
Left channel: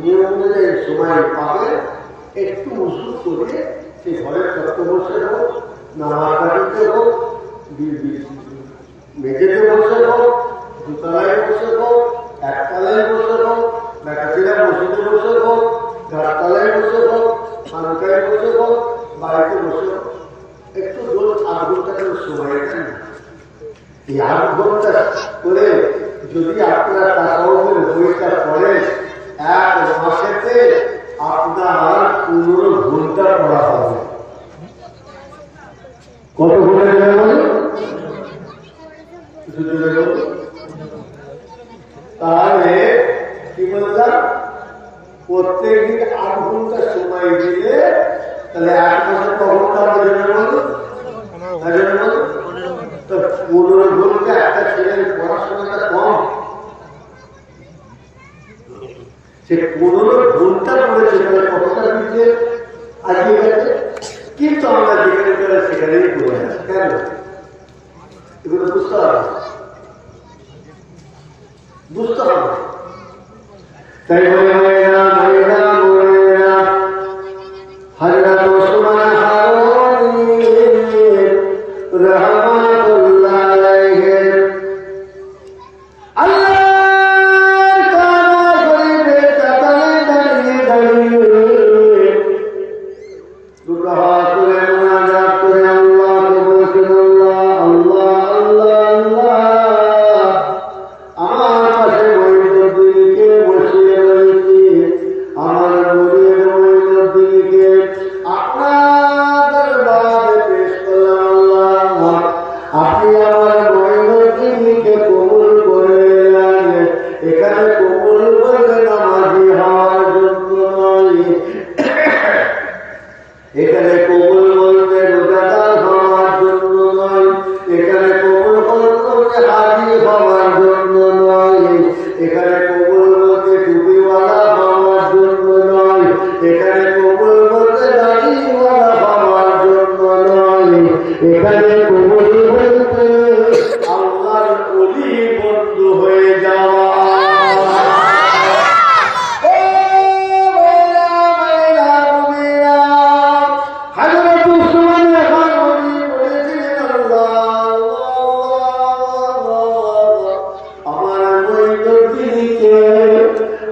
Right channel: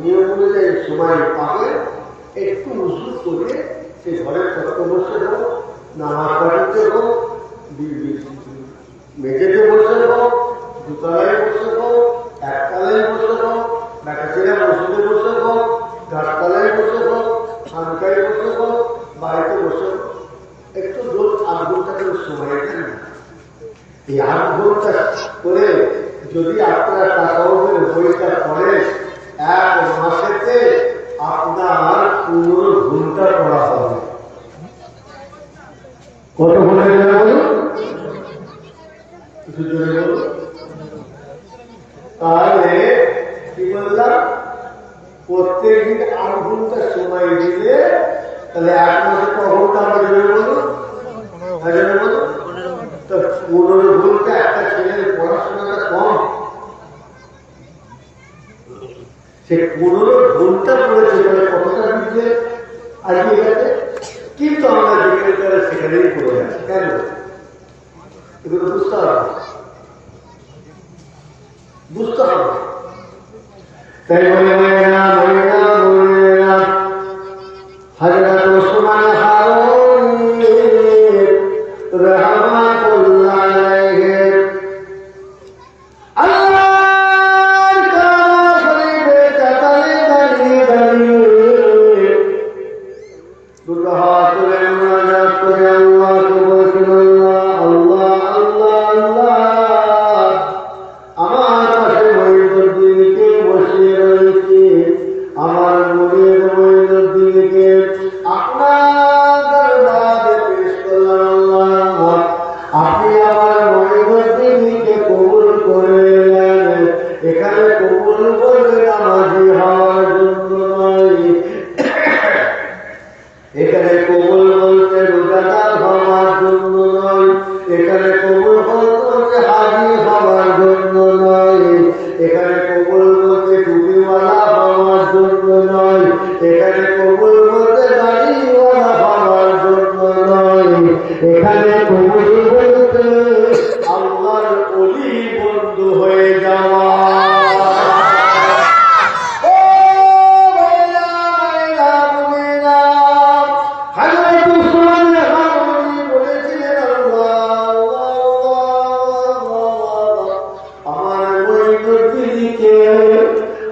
নিয়ম অনুযায়ী সময় পাবে, একটু উজু করে সে ঘরের তত্ত্ব বসে হোক, নামাজ বাড়িতে হোক, মেঝেতে বসে হোক, দুতলায় বসে হোক, একতলায় বসে হোক, বেটাছেলে মসজিদে বসে হোক, গাছতলায় বসে হোক, খানকায় বসে হোক, বাড়িতে বসে হোক, একটু রোজ ৮ ঘন্টা করে সময় দেন না। এই ৮ ঘন্টা করে যদি আপনার তাসাউফের বইটা পড়ে, ১ মাসেতে আপনার ১৫ ঘন্টা পড়া হবে। কত ঘন্টা গেলে বলুন? তাহলে কি বললাম, প্রত্যেকদিন ৮ ঘন্টা সময় দিলে তাহলে ১ মাসে ক ঘন্টা বলুন? তো ১৫ ঘন্টা একটা ছেলের পড়াশোনাটা কম। সে ১৫ ঘন্টা পড়েছে, তাহলে কতটা দিচ্ছে আজকে গেছে। কিন্তু আমরা যেখানে চলে সেখানেই পড়ে আছি। কেন? এগুলো বুঝতে হবে, বুঝতে হবে। তাই হযরত ওসমান হারুনি রাহমাতুল্লাহ আলাইহি আল্লাহর কালাম শরীফে কাতারে দাঁড়িয়ে দাঁড়িয়ে দুটো হাত তুলে মুনাজাত করে আল্লাহকে বলছেন, আল্লাহ আল্লাহ আল্লাহ আল্লাহ, আমার পাশে মঈনুদ্দিনকে বসিয়ে রয়েছে, আমার মুরিদ মঈনুদ্দিনকে আপনার দরবারে পেশ করলাম। আল্লাহ, আপনি আমার মঈনুদ্দিনকে কবুল করে নেন। এখানে কবুল বলতে নামাজি হওয়ার জন্য নয়, এখানে কবুল বলতে রোজাদার হওয়ার জন্য নয়, এখানে কবুল বলতে হাজি হওয়ার জন্য নয়, এখানে কবুল বলতে টুপিওয়ালা হওয়ার জন্য নয়, এখানে কবুল বলতে দাড়িওয়ালা হওয়ার জন্য নয়, এখানে কবুল বলতে আল্লাহর ওলি বন্ধু হয়ে যাওয়া।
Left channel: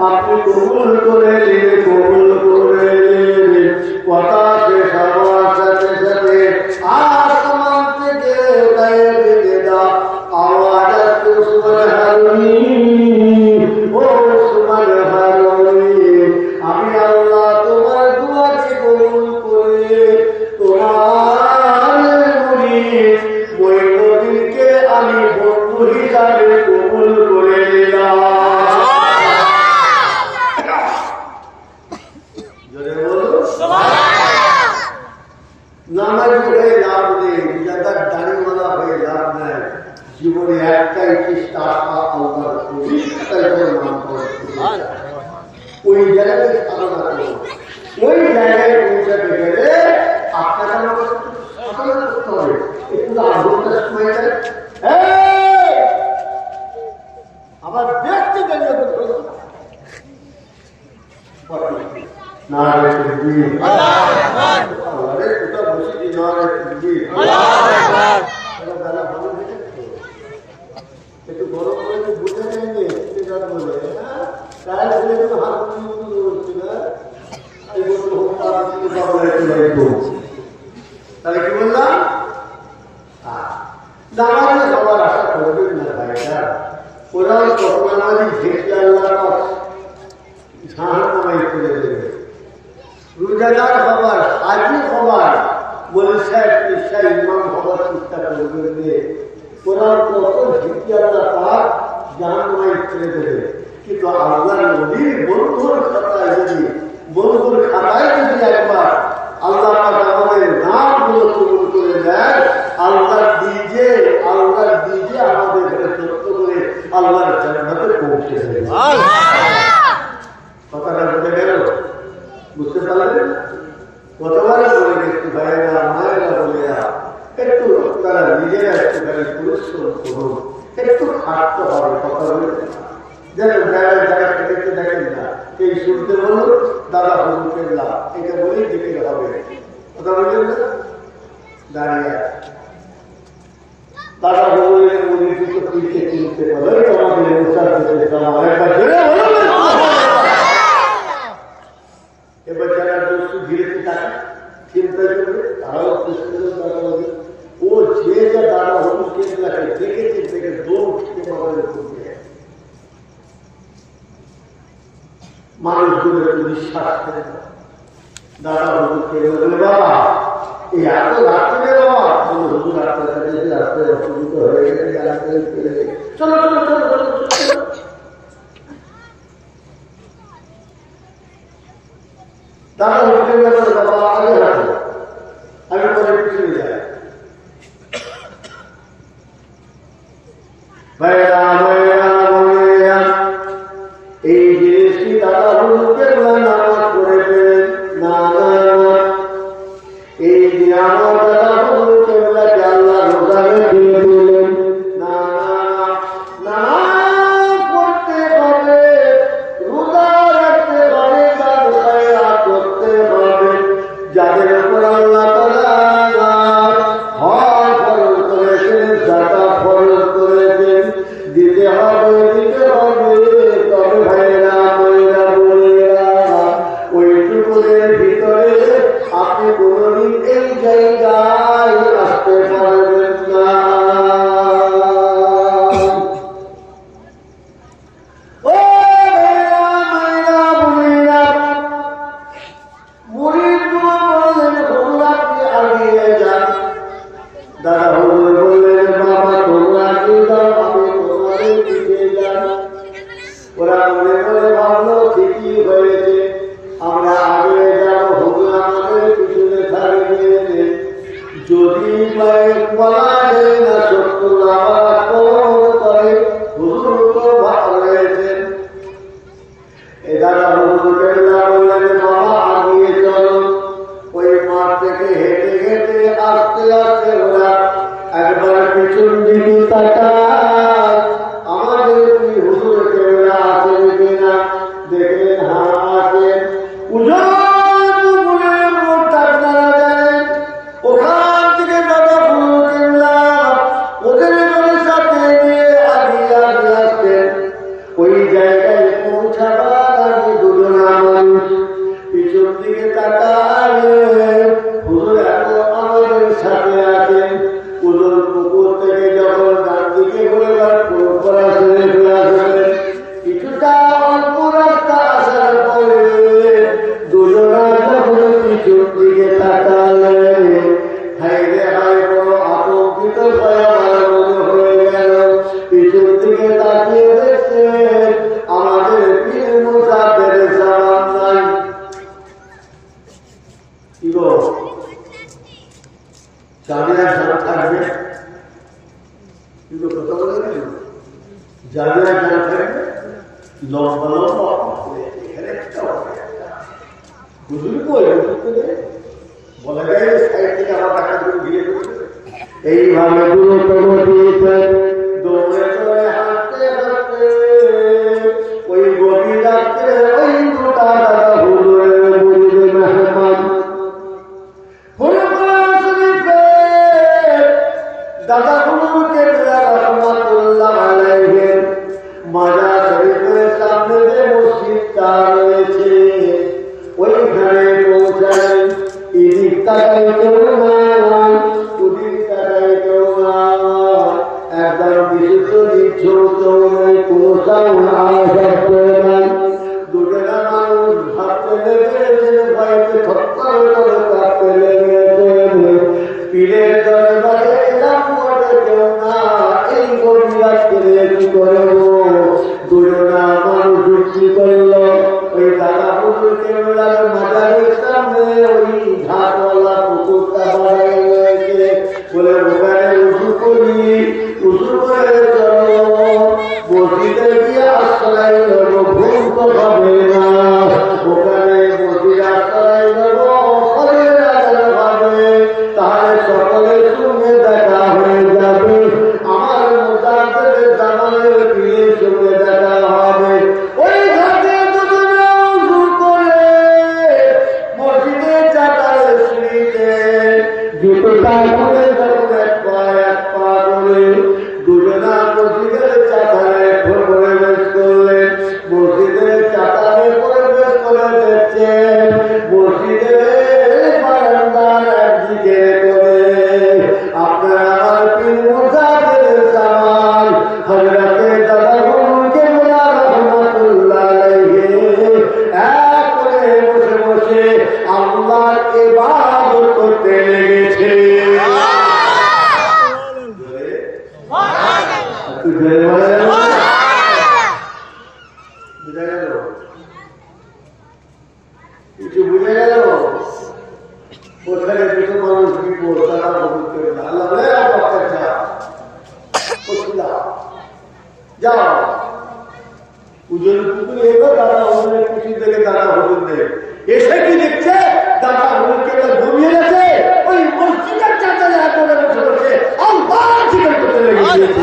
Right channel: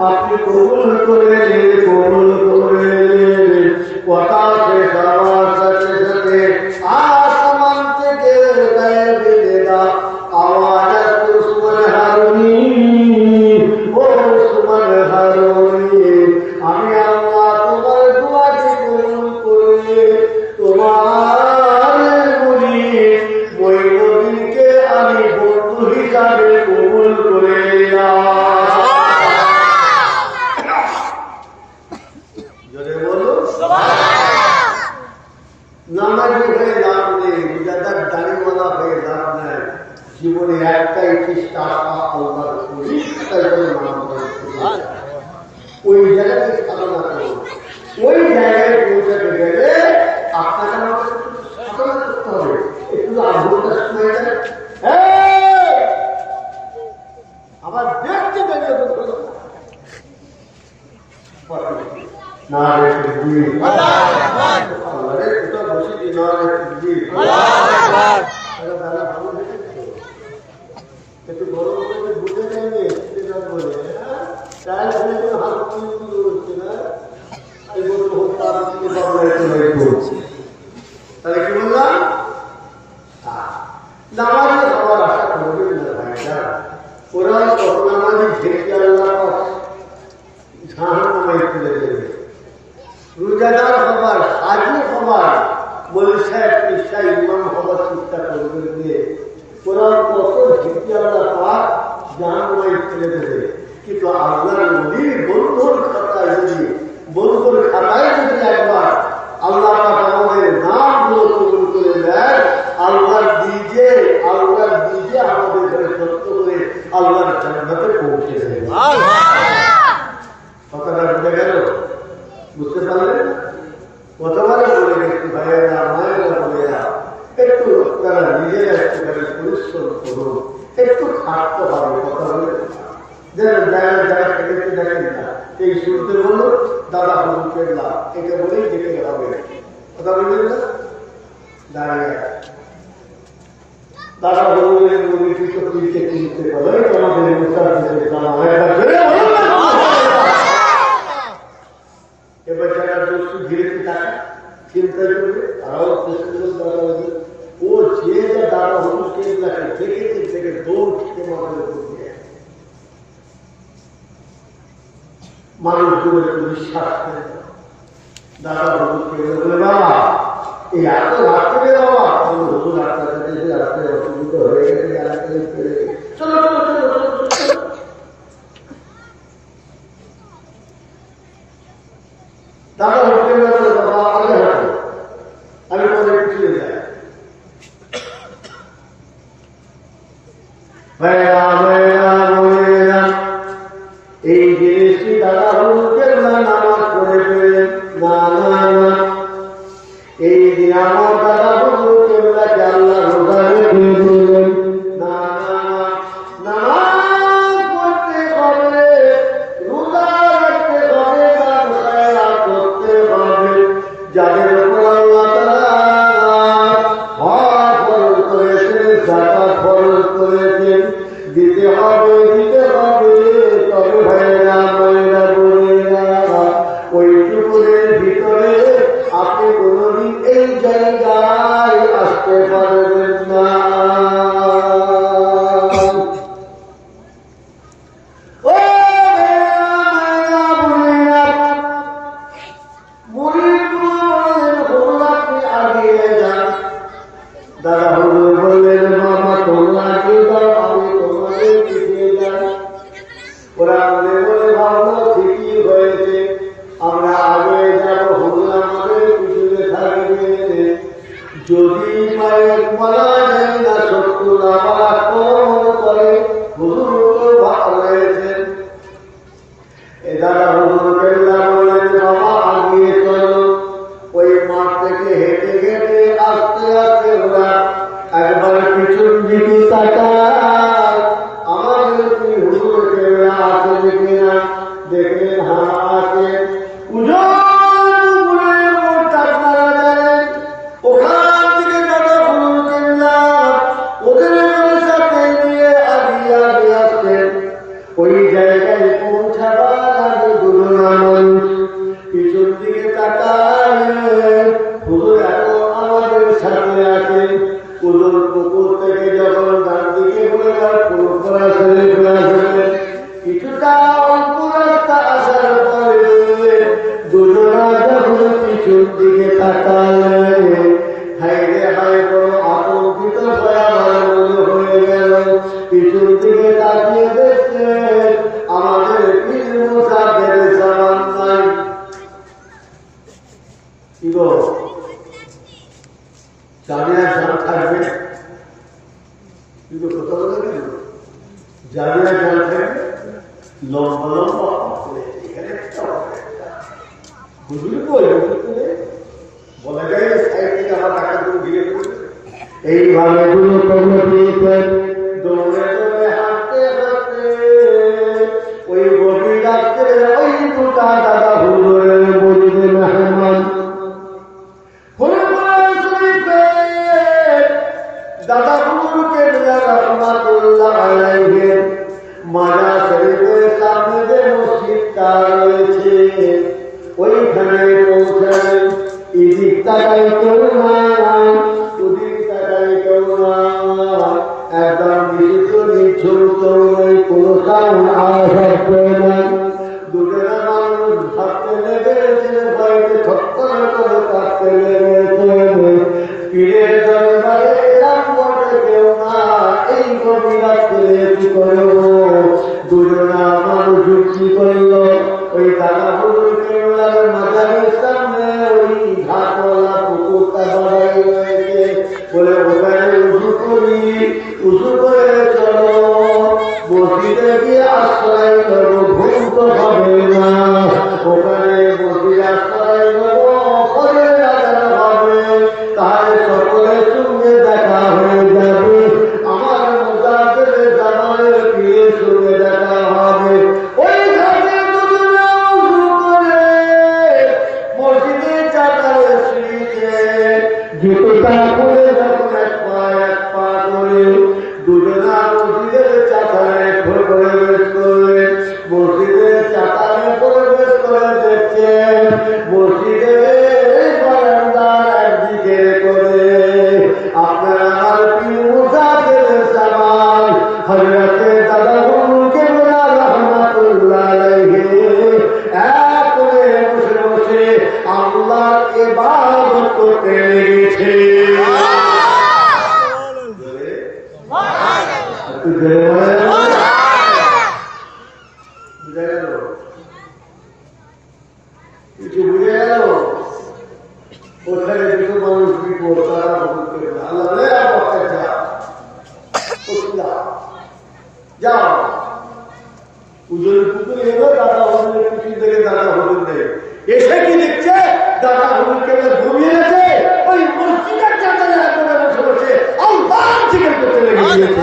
আপনি কবুল করে নিন, কবুল করে নিন। কথা শেষ হওয়ার সাথে সাথে আসমান থেকে গায়ে বেঁধে দাও আওয়াজ আসছে, ওসমান হারুনি, ও ওসমান হারুনি, আমি আল্লাহ তোমার দুয়াকে কবুল করে তোমার মুরিদ মঈনুদ্দিনকে আমি বন্ধু হিসাবে কবুল করে নিলাম। নামাজি হয়ে লাভ নেই, রোজাদার দাড়িওয়ালা হয়ে লাভ নাই। জীবনে একটাই চেষ্টা, আল্লাহর পরিষ্কার করে নাম করে ওই জায়গাতে সাধনা করুন। ওই জায়গায় পৌঁছাতে গেলে আপনাকে আমাকে সাধনা করতে হবে। একটু ৮ ঘন্টা সময় দেয়, আবার দেখতে দাঁড়িয়ে না রে কোথাও বসে দিই না একটু গরম করে বুঝে নেয়নি বলে তাই বলে কোনো হাত করছি না। তাহলে কি বললাম, নামাজি সবার আশা করবেন না ভাইটা। ওরাও কত নামাজি ঢেকে আল্লাহ জাহান্নামে ফেলে দেবে। রোজাদার হবার, হাজি হবার বলে সাহেব পেশায় ইমাম হবার চেষ্টা করবেন দিয়ে কোরআন কত ভীতি আল্লাহ তার জাহান্নামে ছেড়ে দেবে। কিন্তু আল্লাহর নবীর বন্ধুর খাতায় যদি একবার আল্লাহ পাক আমাদের নামগুলো কবুল করে দেয়, আল্লাহর দিজে আমাদের ঘরে সত্য করে আল্লাহর জান্নাতে পৌঁছে দেবে। কথাটা বুঝে গেল? বুঝতে পারলেন? কতবারে বলে গেছি ভাইয়েরা মায়েরা বলেরা, একটু তারা নিজেরা একটুখানি পরিশ্রম করুন, একটু খাটতে হবে। কথা বলে দেখেন না, এই শুরুতে বলল দাদা হুজুর কেবলাম, এটা বলেই দেখে হবে। কথা বললেন না? দাঁড়িয়ে দাদা হুজুরের মনে কিছু পিঠে কিনতে পারে আমাদের এবার যারা দোষ ঘিরে তাকে চিন্তা করবে, তারাও চেষ্টা করবে দাদা হুজুর। ও যে যা দাদা হুজুর কেবলাকে দেখেছে দেখে দৌড় খেতে মাথায় করবে। মানুষগুলো একটু বিশ্বাস করে দাদা হুজুর কেবলা বলে বাবা এই এত রাত্রে বাবা হুজুর আপনার সাথে রাত্রে অসুবিধা হয়ে গেছে, চলো চলো চলো চলো চলো। দাদা হুজুর কেবলা বলে বাবা আগে হাঁটো, আমি পরে পিছনে যাই। ভাইরা ভাইরা ভাইরা, এই জিনিসটি দাদা হুজুর কেবলা নামাজ পড়ে পেলেন না না না। এই দিন আমার দাদা হুজুর কেবলাকে আল্লাহ রোজায় দিয়ে দিলেন না না না। নামাজ পড়তে হবে, রোজা রাখতে হবে, দান খায়রাত করতে হবে। যাদের উপর আল্লাহ তাআলা হজ ফরজ করেছেন, যাকাত ফরজ করেছেন, দিতে হবে দিতে হবে। তবে ভাইয়েরা ভাইয়েরা বোনেরা, ওইটুকুনের ভিতরে আপনি কোনদিন এই জায়গায় আসতে পারবেন না। ও ভাইয়েরা ভাইয়েরা বোনেরা, মুরিদগুলো বললেন হুজুর আপনি আগিয়ে যান। দাদা হুজুর বললেন বাবা তোমরা আগিয়ে যাও, আমি তোমাদের পিছিয়ে যাই। ওরা মনে মনে ভাবলো ঠিকই হয়েছে, আমরা আগে যাব, হুজুর আমাদের পিছনে থাকবে। যদি বলা যায় না শত্রু আবার আক্রমণ করে, হুজুর তো ভালো হয়েছেন। এ দাদা হুজুর কেবলা বললেন বাবা আগিয়ে চলো। ওই মাঠ থেকে হেঁটে হেঁটে আস্তে আস্তে ওরা একবার পিছন দিকে তাকায়, আমাদের হুজুর কেবলা আছেন কিনা। দেখলেন হ্যাঁ আছেন। ওখান থেকে দাদা হুজুর কেবলা ওদের সাথে নিয়ে আগিয়ে আগিয়ে আসছেন। ওই জায়গায় পৌঁছাবার আগে দুজনা মানুষ পিছন দিকে তাকায়, হুজুর এখন আমাদের সাথে আছেন। হুজুর পুকুর থেকে যখন ডান দিকে ঘুরে পুরোপুরা শুনে ফেলে আসবেন, কিছুটা অল্প রাস্তা আসার পরে দুজনা যখন পিছন দিকে তাকালে, হাই রে হাই বড় আতঙ্কিত ভয়া ভালো মনে হয়ে গেল। পিছন দিকে তাকিয়ে দেখছেন আমাদের পীর মুসাদের সামান নাই। কি গো জানিয়া জান থাকবে? কিন্তু কথা বলে জানিয়া জান থাকবে লম্বা লম্বা এখানে হুজুর কই বলা যায় সাইড থেকে আমার টাকা গুলো ঘিরে ফেলবে। এইভাবে গুরুত্ব দিয়েছেন। দৌড়ে দৌড়ে হাঁটতে হাঁটতে ওই গভীর রাত্রে ওই দুটা দাদা হুজুরের মুরিদ মেহমান দাদা হুজুর কেবলা রাহমাতুল্লাহ আলাইহির মাজার শরীফের সামনে যে মসজিদটা রয়েছে ওইখানে পৌঁছালেন। এদিক তাকাই কেউ নাই, ওদিক তাকাই কেউ নাই, একদম বিশুদ্ধ নিঝুম কেউ নেই, কোনো সাউন্ড আওয়াজ নাই। দুজনা মানুষ ভাবতে লেগেছে, ভয়তে ছটফট করে কাঁপতে লেগেছে। চাতালে পরিবেশ করে দেখছেন মসজিদের বারান্দার একদিকে করে আপনার আমার পীর মুজাহিদ জামান হযরতে দাদা হুজুর কেবলা রাহমাতুল্লাহ আলাইহি এক করে বসে বসে আল্লাহর ইবাদত করতে লেগেছে। বুঝা গেল? কিছু বুঝে গেল? ওখানে দুটো মানুষ বিপদ তারা আল্লাহ যাও পুজোর পুকুর এলো দাদা হুজুরের পিছন থেকে দাদা হুজুর নেই এসে কি দেখছে দাদা হুজুরকে ঘুমিয়ে গেছে ওই মসজিদের চাতালে হাত ধরে বসে বসে আল্লাহ জিকির করতে লেগে গিয়েছে।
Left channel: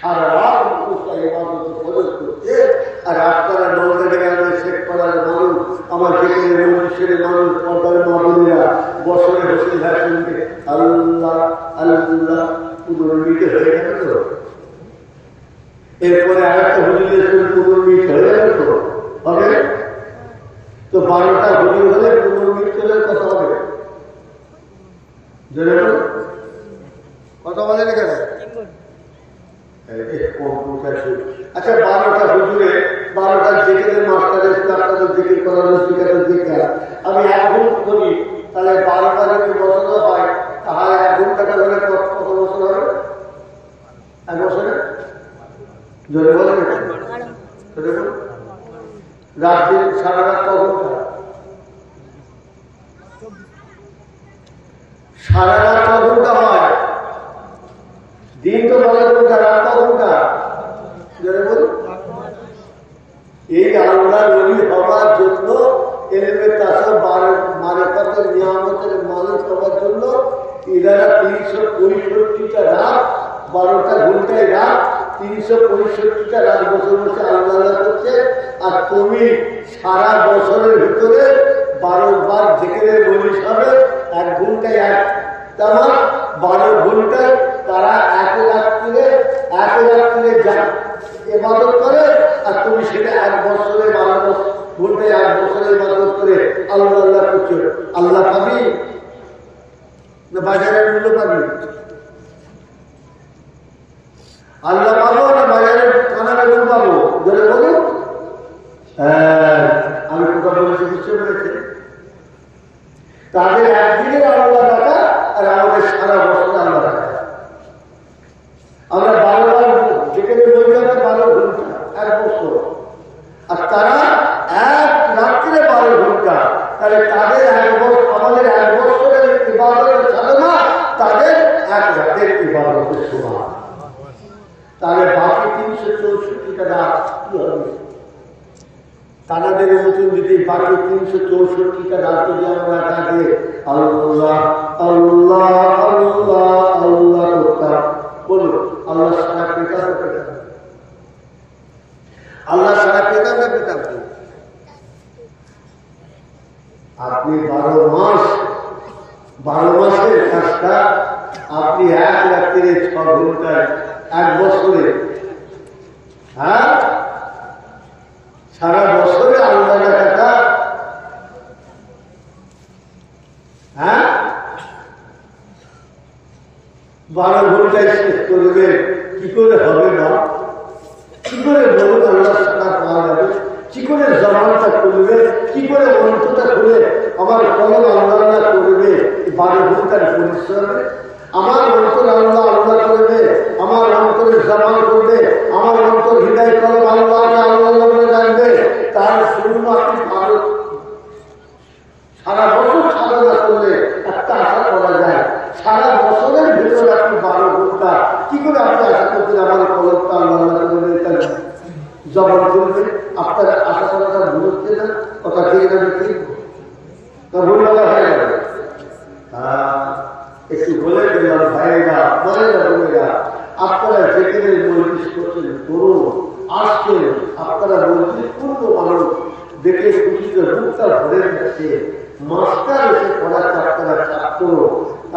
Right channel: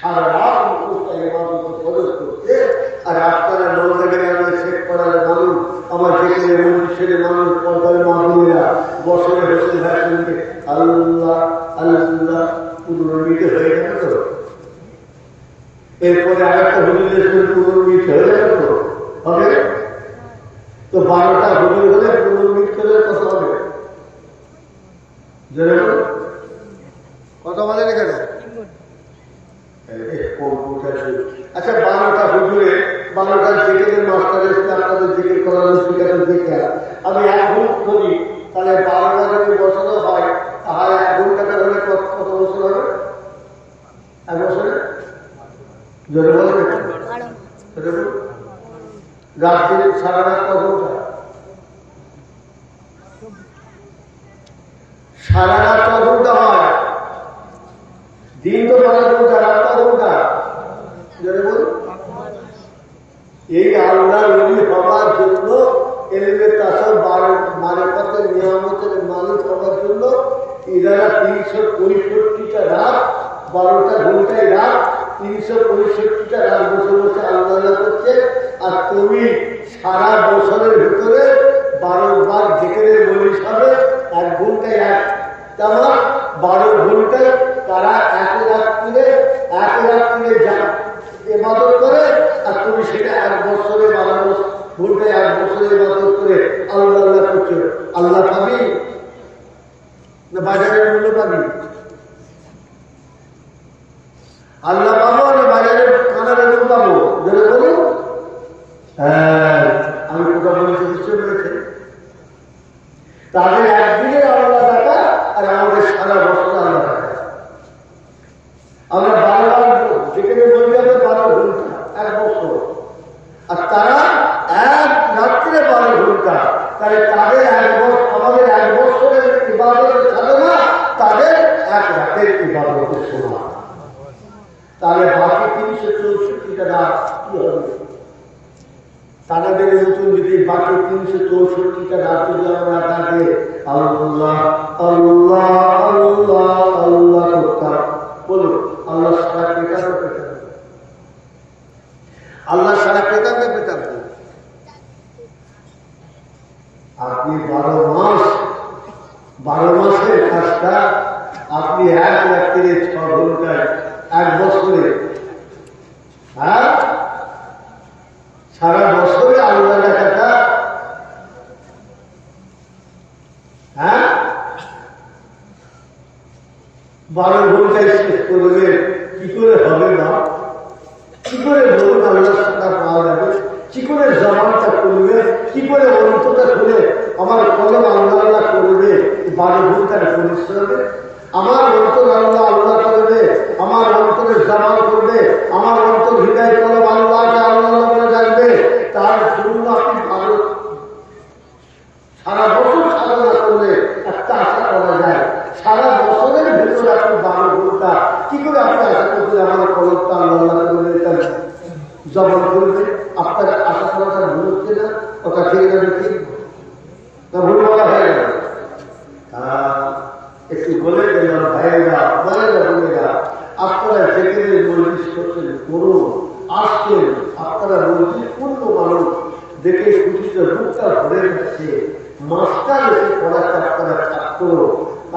সারা রাত করছে আর আপনারা নলদাকে শেখ পাড়ার মানুষ আমার যেখানে মন্দিরের মানুষ পর্দার মামুনিরা বছরে হোসেন ভাইকে আল্লাহ আল্লাহ পুনর্মিত হয়ে গেল তো এরপরে আরেকটা হুজুরের পুনর্মিত হয়ে গেল তো হবে তো 12টা হুজুর হলে পুনর্মিত হলে কত হবে কত বলেন কেন? আচ্ছা 12টা হুজুরে 12টা জেকের মাস্টার এসে আপনাদের জেকের করানো শিখাতে দেখে আমি 1 ঘন্টা ধরি তাহলে 12টা যদি বছর হয় তাহলে 1 ঘন্টাটা হলে কত বছর হবে? 1 বছরে যদি বলেন রাত্রি সারা রাত ক ঘন্টা? সারা রাত ক ঘন্টা হয়? দিন তো 12 ঘন্টা রাত ক ঘন্টা? এই আল্লাহ নবী হওয়ার জন্য এলমে তাসর মারিফাতের নিয়ামতের মালিক হওয়ার জন্য এনারা 365টা রাত 12টা ঘন্টায় রাত 365টা রাত বসে বসে আল্লাহ করছে। আর তুমি সারা বছরের ভিতরে 12 বার যেখানে বলিস হবে 1 ঘন্টায় 1 তামার 12 ঘন্টায় তারা এক রাত্রিরে ইবাদত করে আর তুমি সেটা 1 বছরে 12 ঘন্টায় 1 বছরে ইবাদত করে আল্লাহ আল্লাহ করছো। আল্লাহ পাবি না বাজারের মূল্য পাবি? আল্লাহ পাবো না বাজারের কানা বেগুন পাবো? যদি বলুন হ্যাঁ আমি কোথা বলেছি বুঝতে পেরেছে? তাদের একদিনের আল্লাহ টাকা আর আমাদের সারা বছরে আল্লাহ টাকা। আমরা 12 বার যেখানে বলতে হবে 12 ঘন্টা 1 বছর আর তারা 1 রাত্রে 12 ঘন্টা। তাহলে তাদের 1 বছর আমাদের 1 বছরের ইবাদতের সাধনা তাদের 1 রাতের ইবাদতের সমান। তাহলে বাকি 364টা রাত কি হবে? তাদের মতন যদি বাকি 364টা রাত যদি আমরা তাকে আল্লাহ আল্লাহ আল্লাহ আল্লাহ করতাম বলুন আল্লাহ সারা পেতাম আল্লাহ সারা পেতাম না পেতাম? আপনি 12 মাসের কাজটা আপনি 1 রাত্রে 6 ঘন্টায় 1 বছরে হ্যাঁ সারা বছরে আল্লাহ টাকা হ্যাঁ 12 ঘন্টায় শেষ করবে কি করে হবে না? কি করে বলুন আল্লাহ সারা পাওয়া যাবে? কি করে জমানটা করবে? কি করে অন্তটা খুলে আমার কলম আল্লাহ করবে? 12 ঘন্টার পরিশ্রমে আমার অন্তর আল্লাহ আল্লাহ করবে, আমার অন্তরে জমা করবে, আমার অন্তর হৃদয় কলম আল্লাহকে আল্লাহ বলে ডাকবে। তার জন্য আপনি সারা বছর সাধনা করলে একটা আশা করা যায় সারা বছরের ভিতরে আপনি 12 ঘন্টা কি করে আপনি আশা করছেন আমার কলমটা আল্লাহ করবে জবান করবে? আপনার আশা করাটা ভুল হচ্ছে না? কথা ঠিক না ঠিক না ভুল বলা হয়ে গেল? একটু বলে গেলাম ভাইয়েরা বোনেরা বোনেরা আপনারা যেখানে মজলিস করছেন করুন আসছেন আপনারা মজলিস পূর্ণ মানুষ দেখে খুশিতে বুকটা ভরে যাচ্ছে। মাস্টার এসে পড়াচ্ছে আপনারা ছাত্র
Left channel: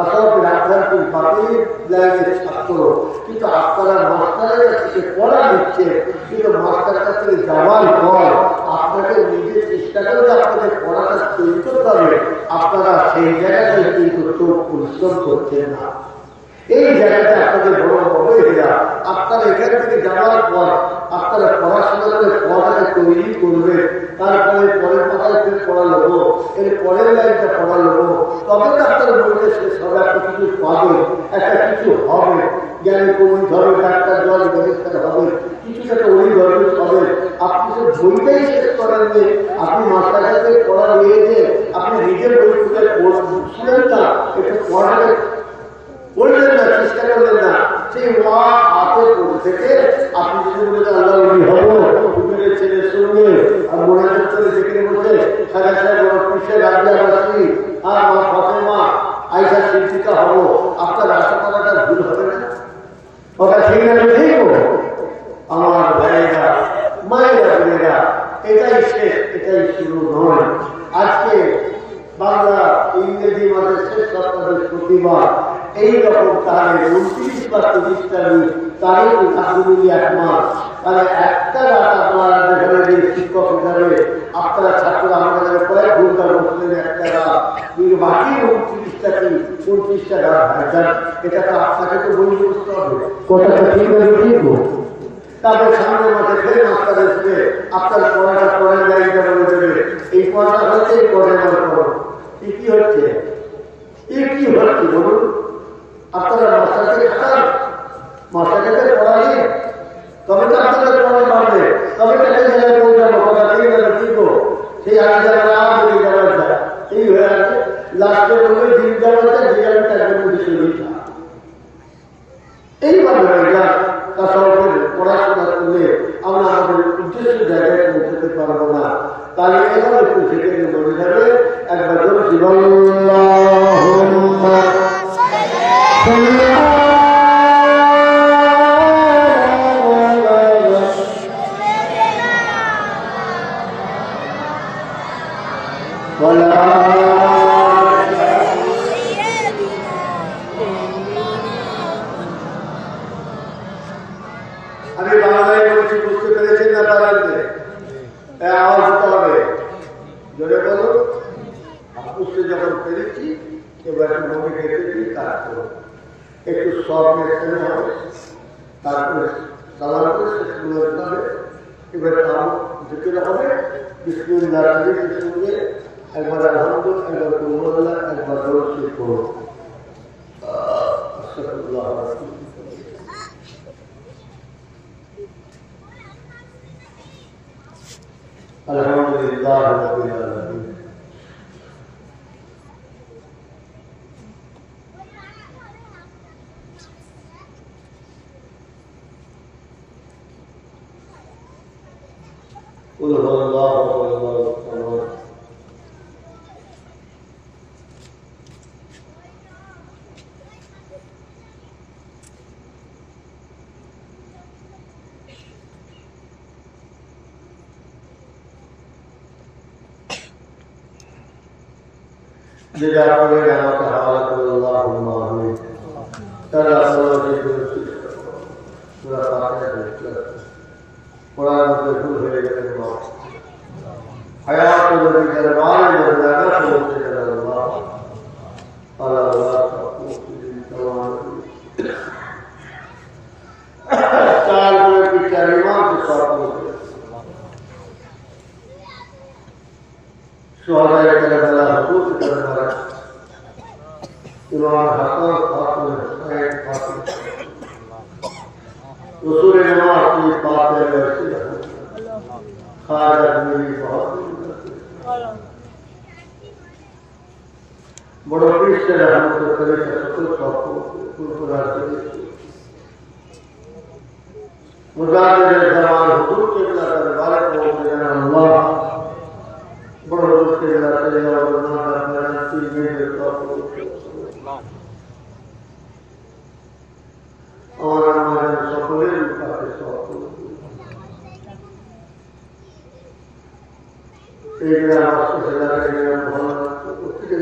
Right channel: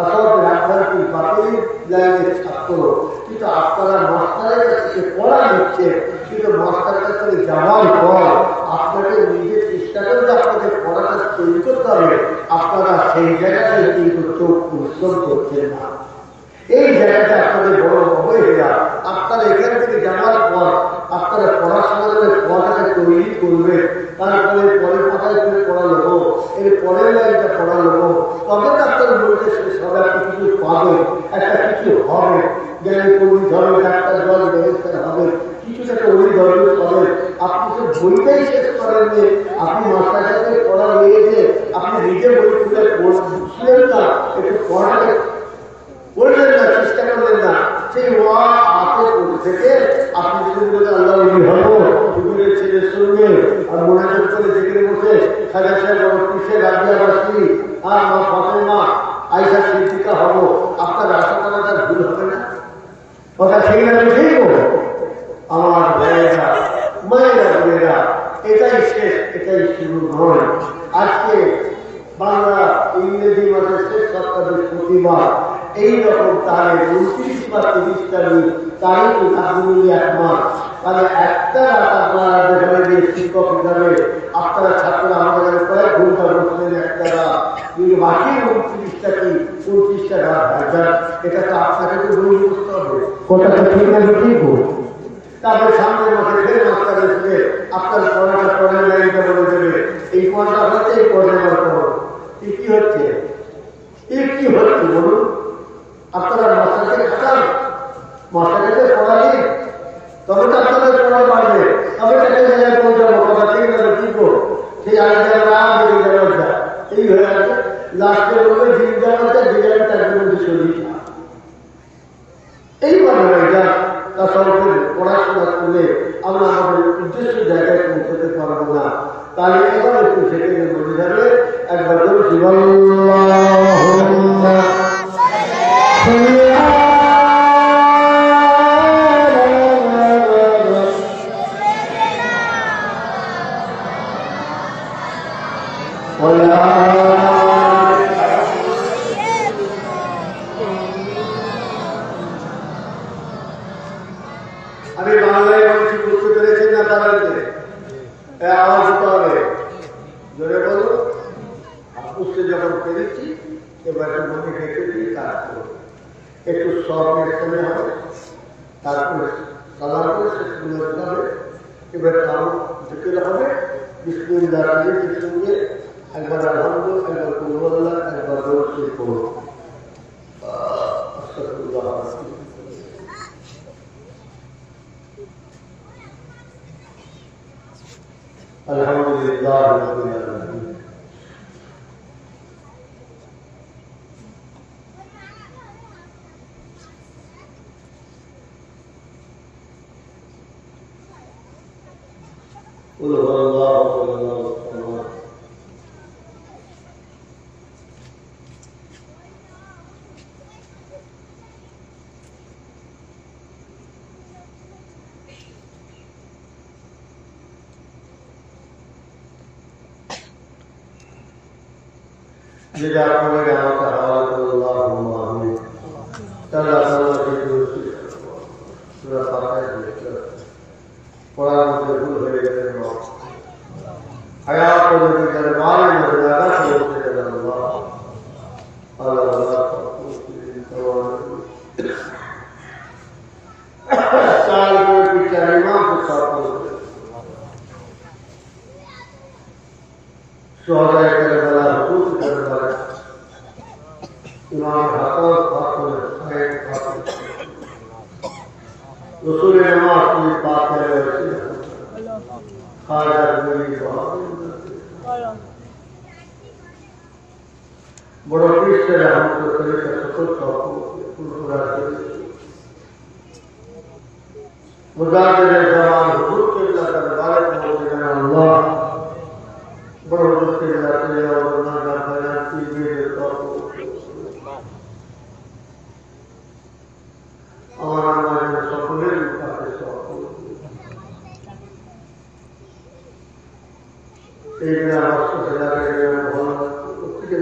আসলে রাজধানী বাতিল লাইনের ছাত্র, কিন্তু আপনারা মাস্টারের কাছে পড়া নিচ্ছে, কিন্তু মাস্টার কাছে যাওয়ার পর আপনাকে নিজের চেষ্টা করে যে আপনাদের পড়াটা তৈরি করতে হবে, আপনারা সেই জায়গাটায় কিন্তু চোখ পরিশ্রম করছেন না। এই জায়গাটা আপনাদের বড় অবহেলা। আপনারা এখান থেকে যাওয়ার পর আপনারা পড়াশোনা করে পড়াটাকে তৈরি করবেন, তারপরে পরের পাতায় পড়া নেবো, এর পরের লাইনটা পড়া নেবো, তবে তো আপনার বইটা শেষ হবে, আপনি কিছু পাবেন, একটা কিছু হবে, জ্ঞানী পণ্ডিত হবে, ডাক্তার জল ব্যারিস্টার হবে, কিছুটা একটা অলিগর্বিত হবে। আপনি তো বইটাই শেষ করেন যে আপনি মাস্টার কাছে পড়া নিয়েছে, আপনি নিজে বই খুলে পড়ছিলেন না, একটু পড়াটাকে বললেন না, চেষ্টা করলেন না, সেই ওয়া হাতে পড়ে থেকে আপনি যদি বলে আল্লাহ হবো হুজুরের ছেলের সঙ্গে আর মনে করে যেখানে বসে সাজা সাহেব বড় পিসে রাজিয়াবাসী আর মা ফাতেমা আইসা শিক্ষিকা হবো, আপনার আশা করাটা ভুল হবে না? কথা ঠিক না? ঠিক আমার ভাইয়েরা, মায়েরা, বোনেরা, এটাই শেষ, এটাই শুরু নয়। আজকে বাংলা ইংরেজি মাসের শেষ সপ্তাহের প্রতিবার এইরকম তাহলে 29 বা 30টা দিন তারিখ মিলিয়ে 1 মাস, তাহলে একটা রাত আপনারা যেখানে যে শিক্ষক হিসাবে আপনারা ছাত্ররা আমাদের কয়েক ঘন্টা বসলেন একটা রাত, কিন্তু বাকি 29টা কি 29টা রাত ভাইজান, এটা তো আপনাকে তো বই বুঝতে হবে। কথাটা ঠিক না? ঠিক। তারপরে সামনের মাসে ফের মাস্টার এসবে আপনার পড়াটা পরের লাইনটা বলে দেবে, এই পড়াটা হচ্ছে এই পরের বার পড়ো। কি হচ্ছে? কি হচ্ছে বলুন? আপনারা মাস্টারকে খাটান, মাস্টারকে পড়ালে তবে তো আপনাদের পড়ালে বাড়বে, তবে একটা জায়গায় পৌঁছাবো। কথা ঠিক আছে? ঠিক। সেই আগে যাওয়া বেরিয়ে যাওয়ার যায়, এই হয়ে আছে। লাস্টে বলবে দিন যাওয়ার যায়, বিরিয়ানি তার জন্য শরীর এইবার হয়ে যায়। তা সরকার পড়াশোনা করলে আমরা আমাদের উদ্দেশ্য জায়গায় পৌঁছতে পারবো না। তাহলে এবার একটু সেখানে মনে যাবে একবার জীবন আমি বাংলায় বলছি, বুঝতে পেরেছেন না? পারেন আওয়াজ দিতে হবে, জোরে বলো। বুঝতে যখন পেরেছি এবার একটু মনে রেখে দিয়ে কাজ করো, একটু সব মেশানো হবে, তারপরে সালাম করে শেষ করে হবে। এবার আরো জিকির হবে, বিসমিল্লাহ সঙ্গে একবার আনন্দ, একবার কুলওয়াল্লাহ, একবার দরুদ শরীফ পড়ো। আলহামদুলিল্লাহ রাব্বিল আলামিন। قل هو الله احد যেটা আপনাদের আমাকে হাওয়ালা করে আল্লাহুম্মা আমিন। তাহলে আপনারা কি করেছেন? সূরা ফাতিহা পড়ার মধ্যে ভুল হয়ে গেলেন, হায়াত নবী দরবার में लगा करते अल्लाह अल्लाह चार में पिक्चर इमाम के साथ शोहदाए करबला हुकूक करबला इमाम हसन फातिमा हुसैन फातिमा रसूल नमाज की बातें ऐसी खारज मेरी बहुत बड़ो पीछे हमको करे सकल सबको पुरपुरा मुजाहिद जमान हुजूर के बिला दरबार पहुंचे जाना अल्लाह बड़ो हुजूर के बिला चले और ना दरबार की मेरे सबको আমার আমাদের সকলের কাছে সকল এইগুলো আমার সোশ্যাল ভালো প্রত্যেকের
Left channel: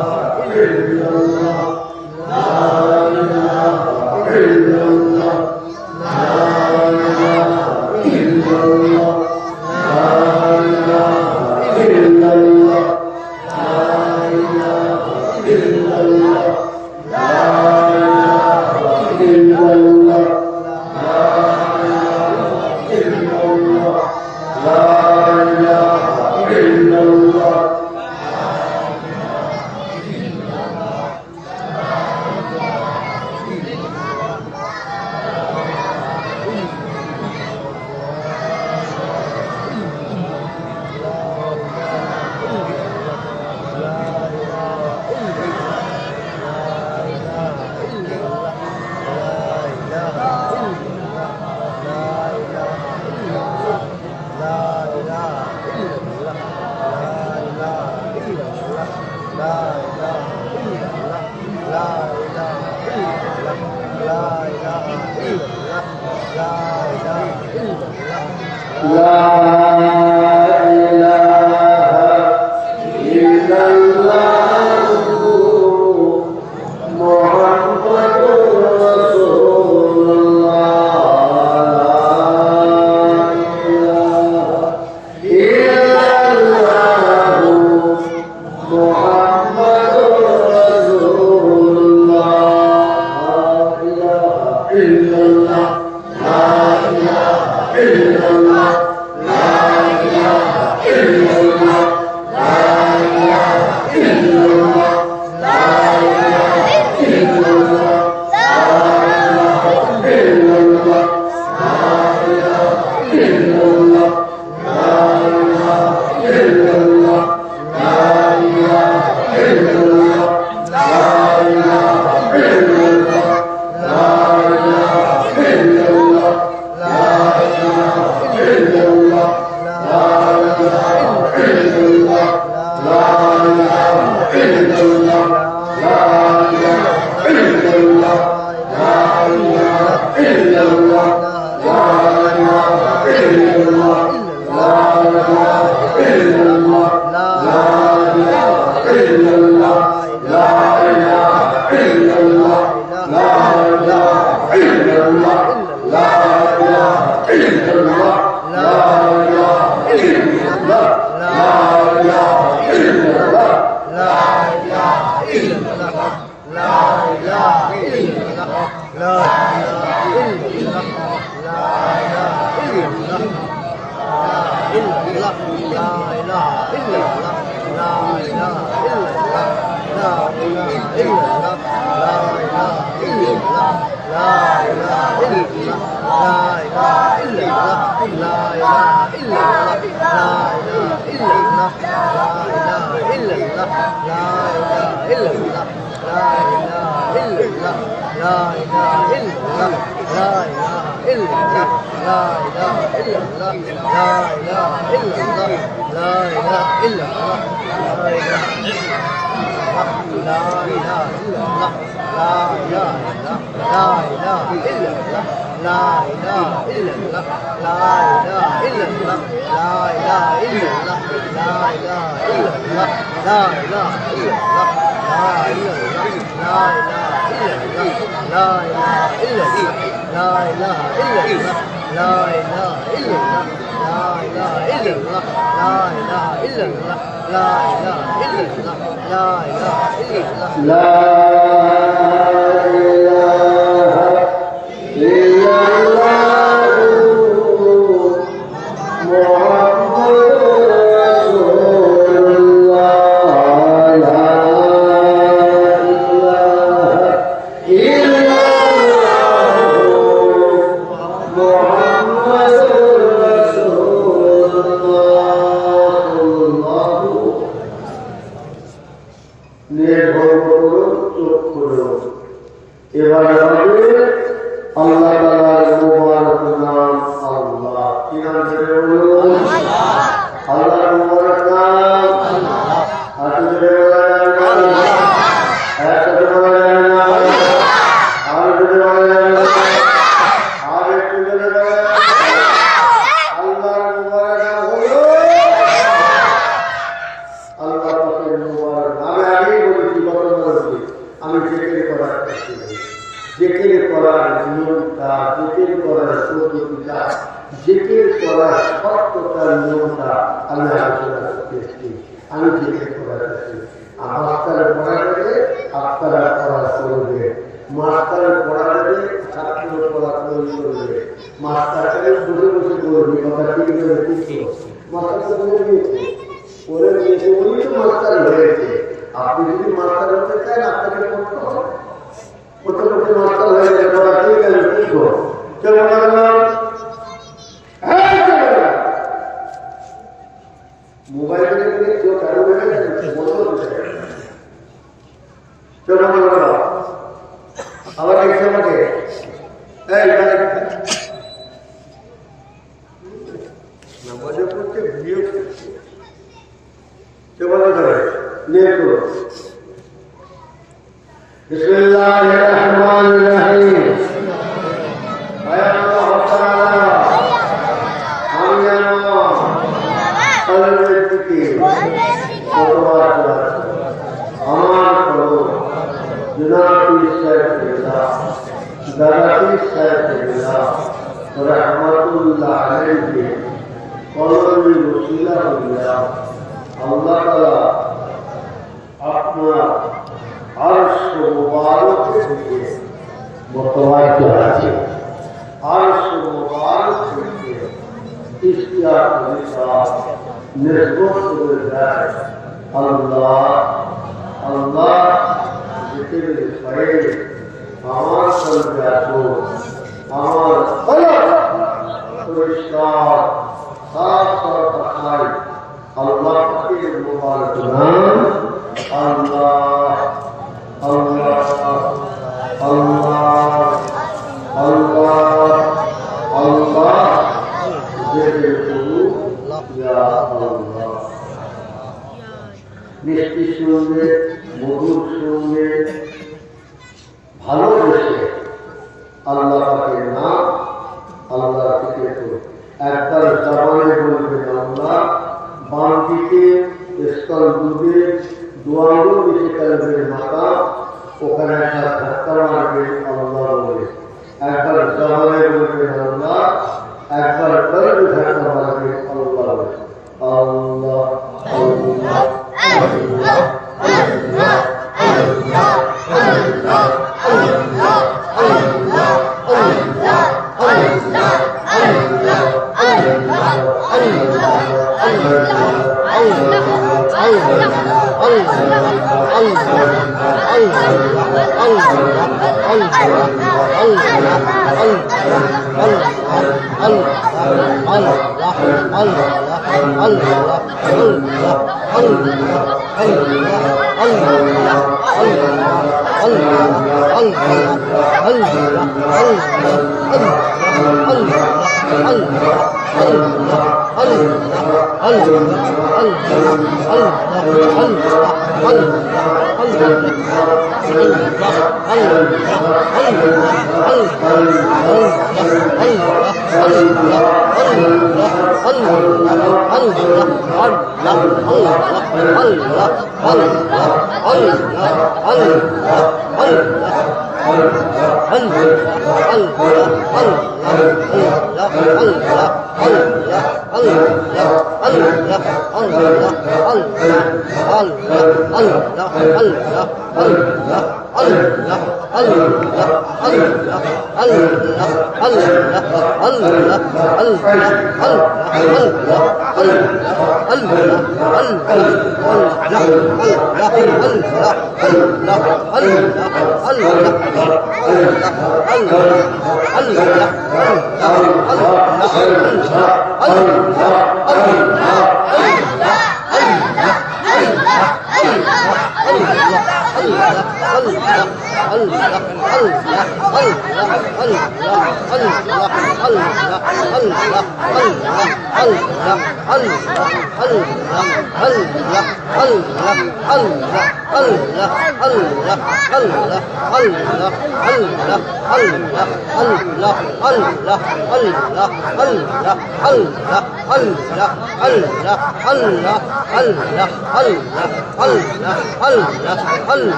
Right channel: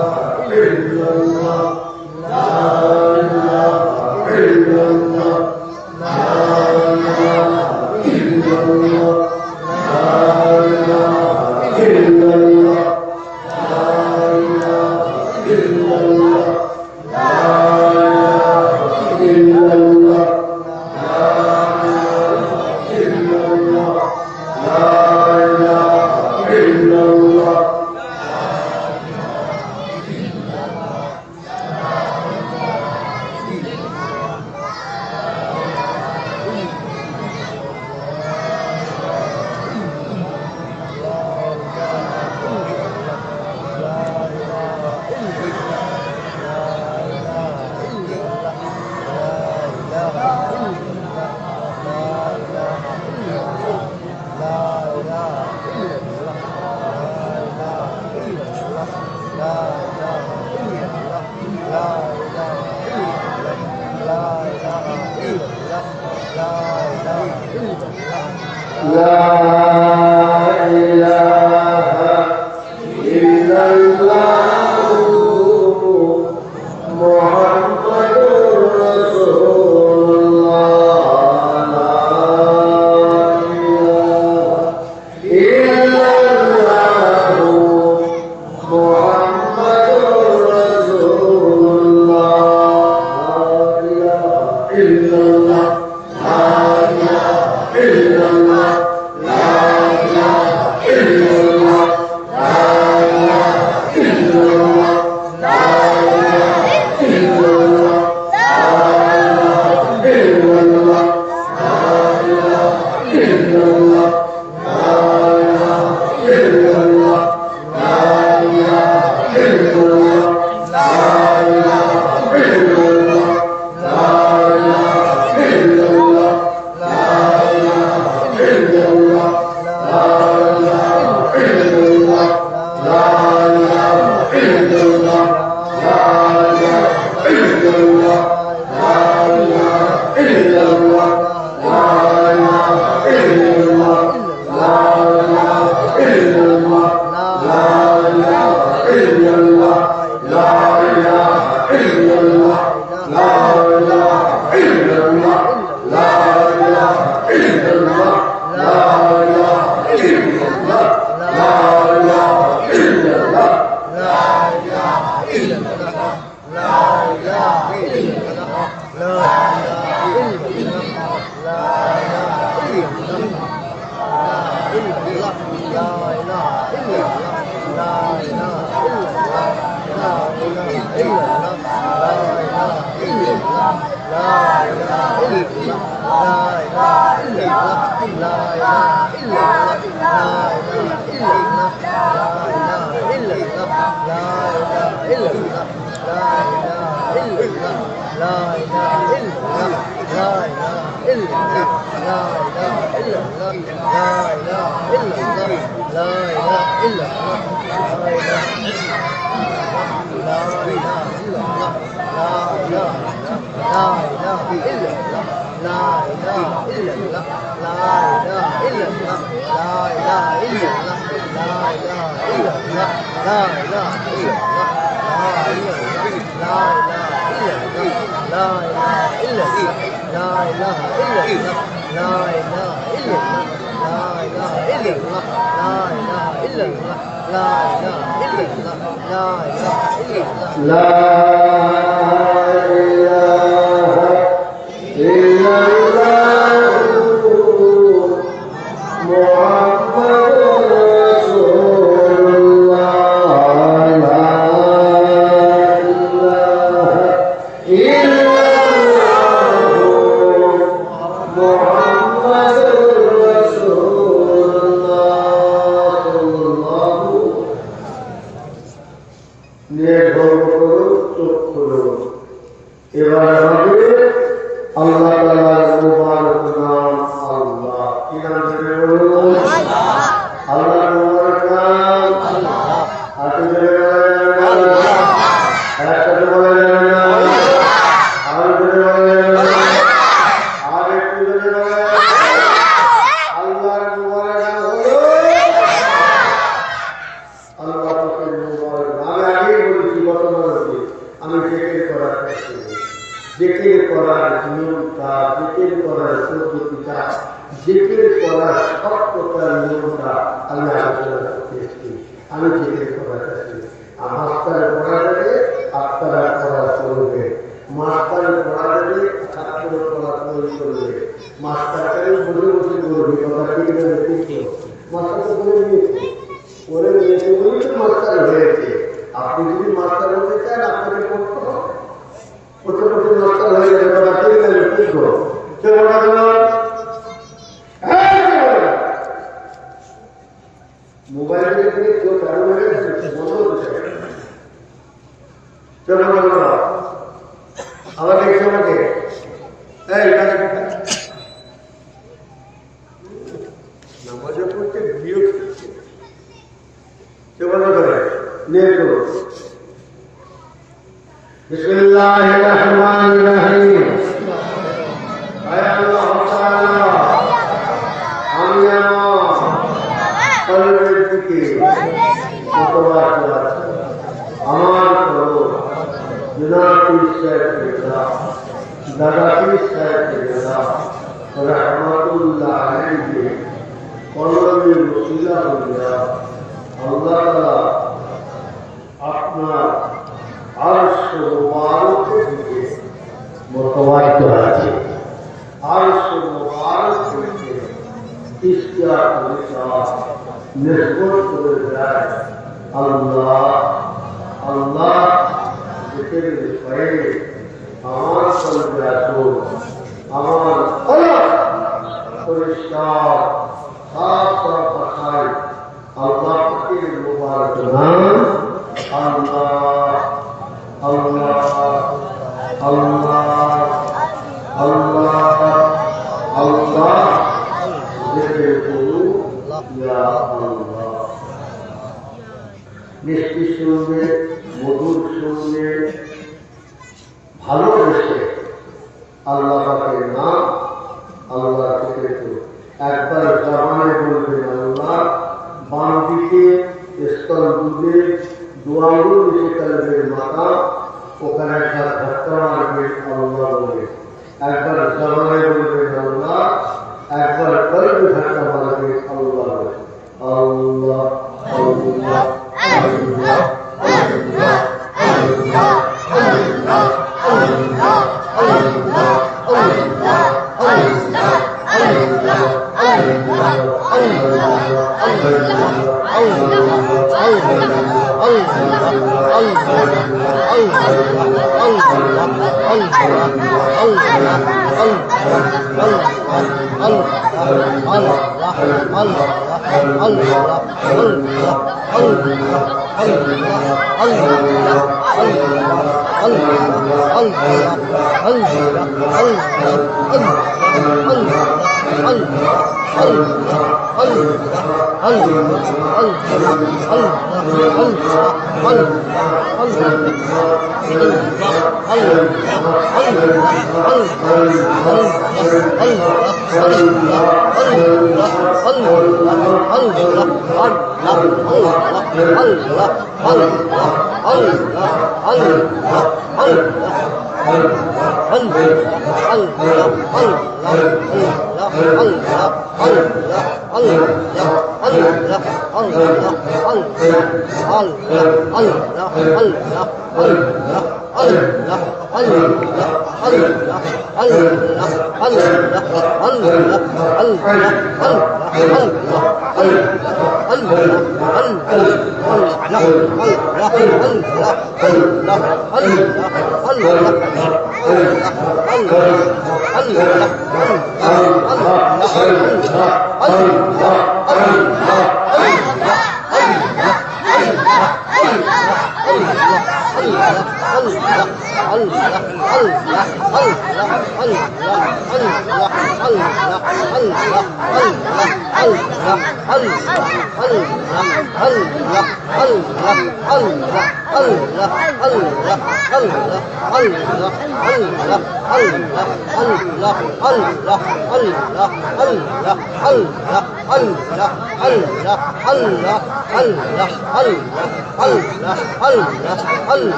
बिस्मिल्लाहिर्रहमानिर्रहीम। হুজুরকে কতবার আমার করো জুনাতি সাহেব দাদাতি সাহেব রহমতুল্লাহ আলাইহি কলমের ওসিলা হইয়া আল্লাহ তাআলা আপনার আরশ মুবারক থেকে মোতাবাজ্জো আছে। আরশ মুবারক থেকে ইশতিয়াক নিসবত করে যায় আল্লাহ আল্লাহ জিকির করে আমার কলবে আসো, আমার কলব পরিষ্কার সাফ সাফ রাখায় আল্লাহ পাকের মুবারক নাম আল্লাহ আল্লাহ আল্লাহ আল্লাহ আল্লাহ জিকির করু ইয়া আল্লাহ। মিষ্টি সঙ্গে মধুর সঙ্গে ভালোবেসে আল্লাহ পাকের নাম আল্লাহ জিকির করু। একবার জবানে বলবেন আল্লাহ, বাম দিকে স্তন দুধে দোয়াঙ্গুল দিকে কালবের মাথা, ওখানে একটা ধাক্কা মারবে আল্লাহ বলে। একবার জবানে বলবেন আল্লাহ, একবার কলবে ধাক্কা মারবে আল্লাহ বলে। আল্লাহ আল্লাহ আল্লাহ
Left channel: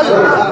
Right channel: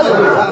Allah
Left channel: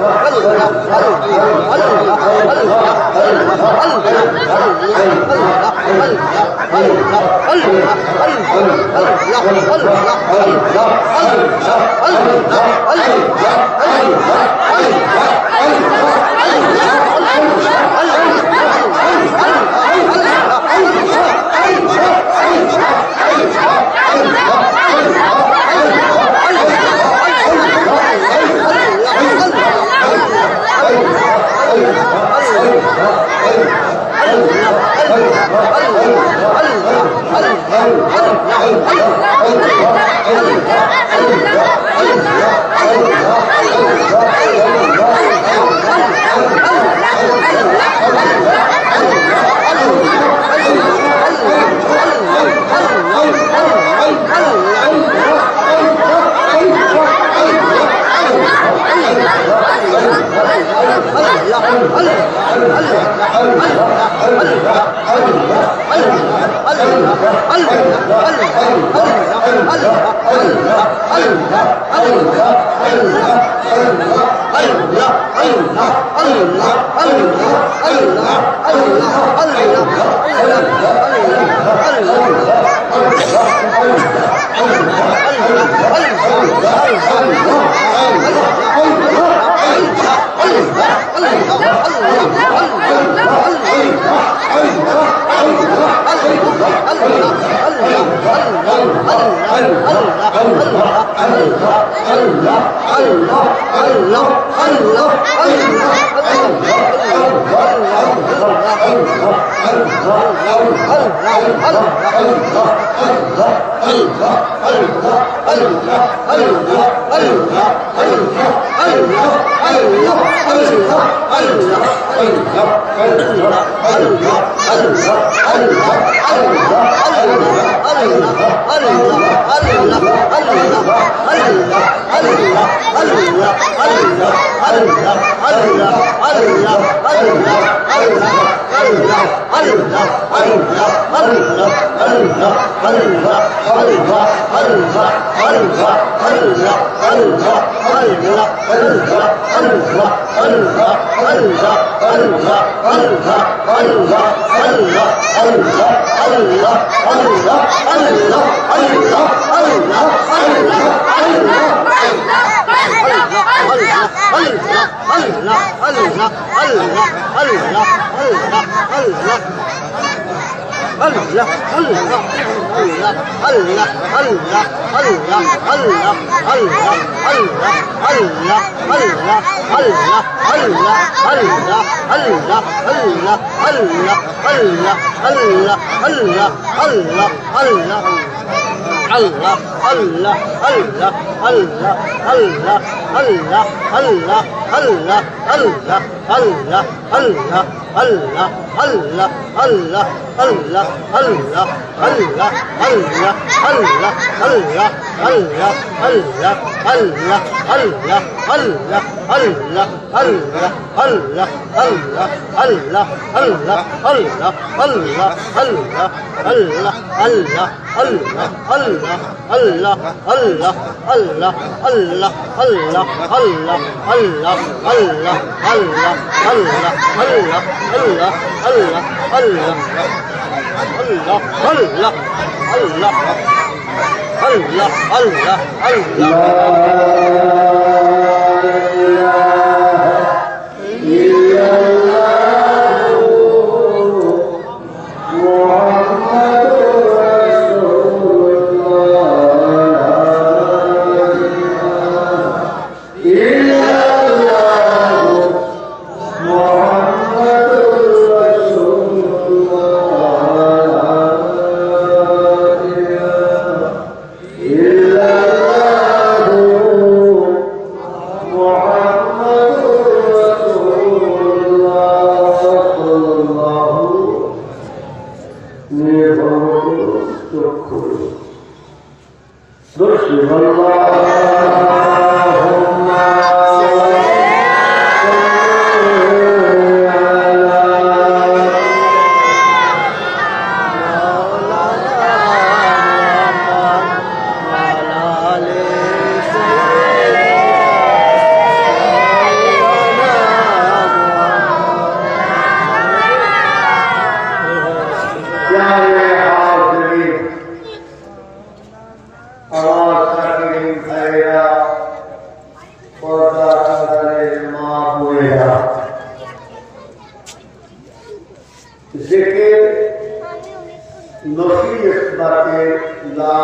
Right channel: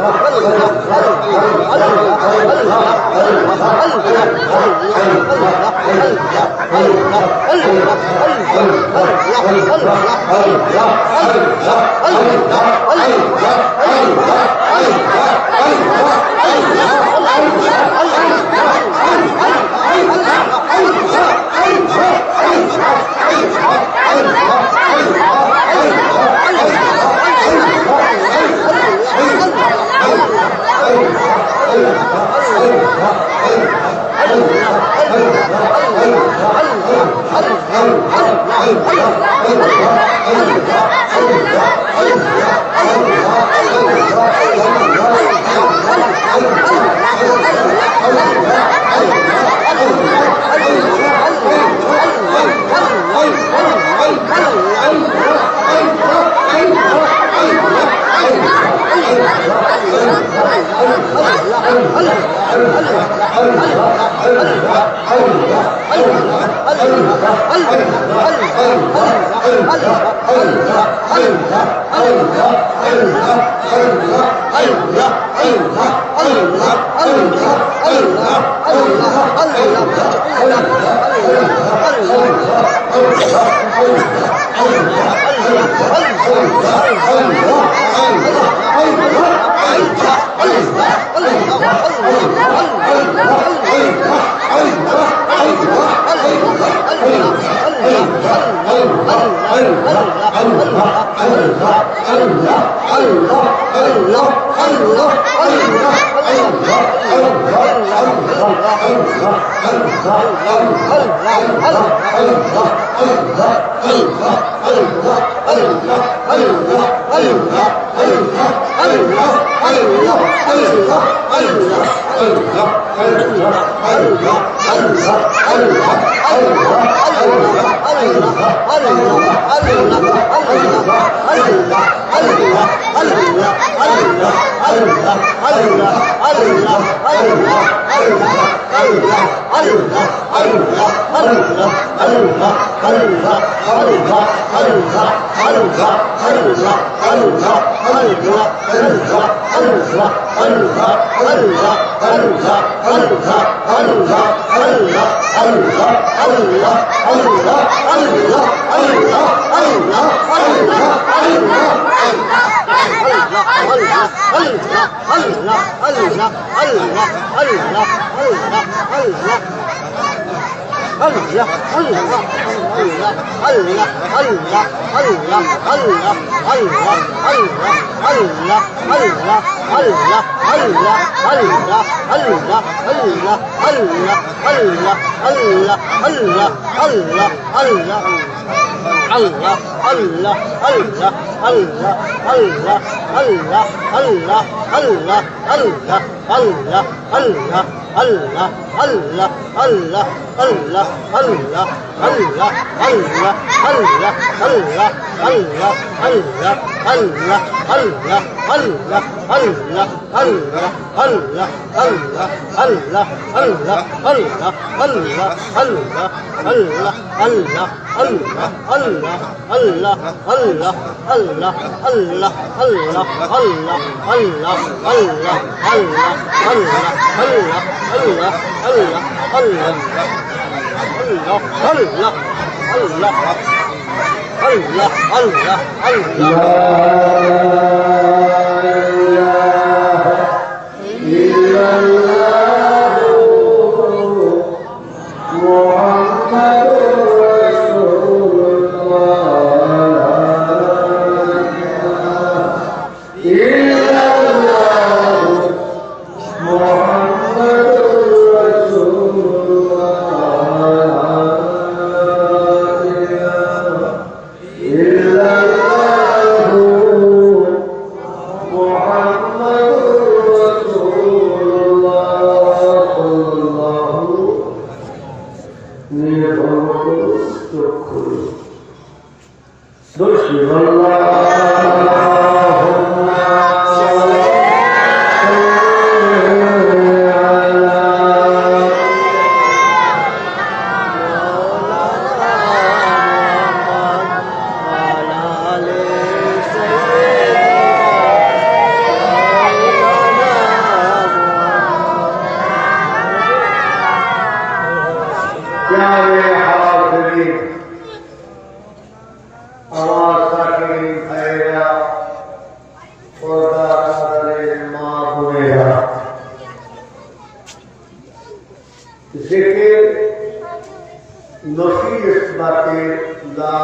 ইসবাতের লা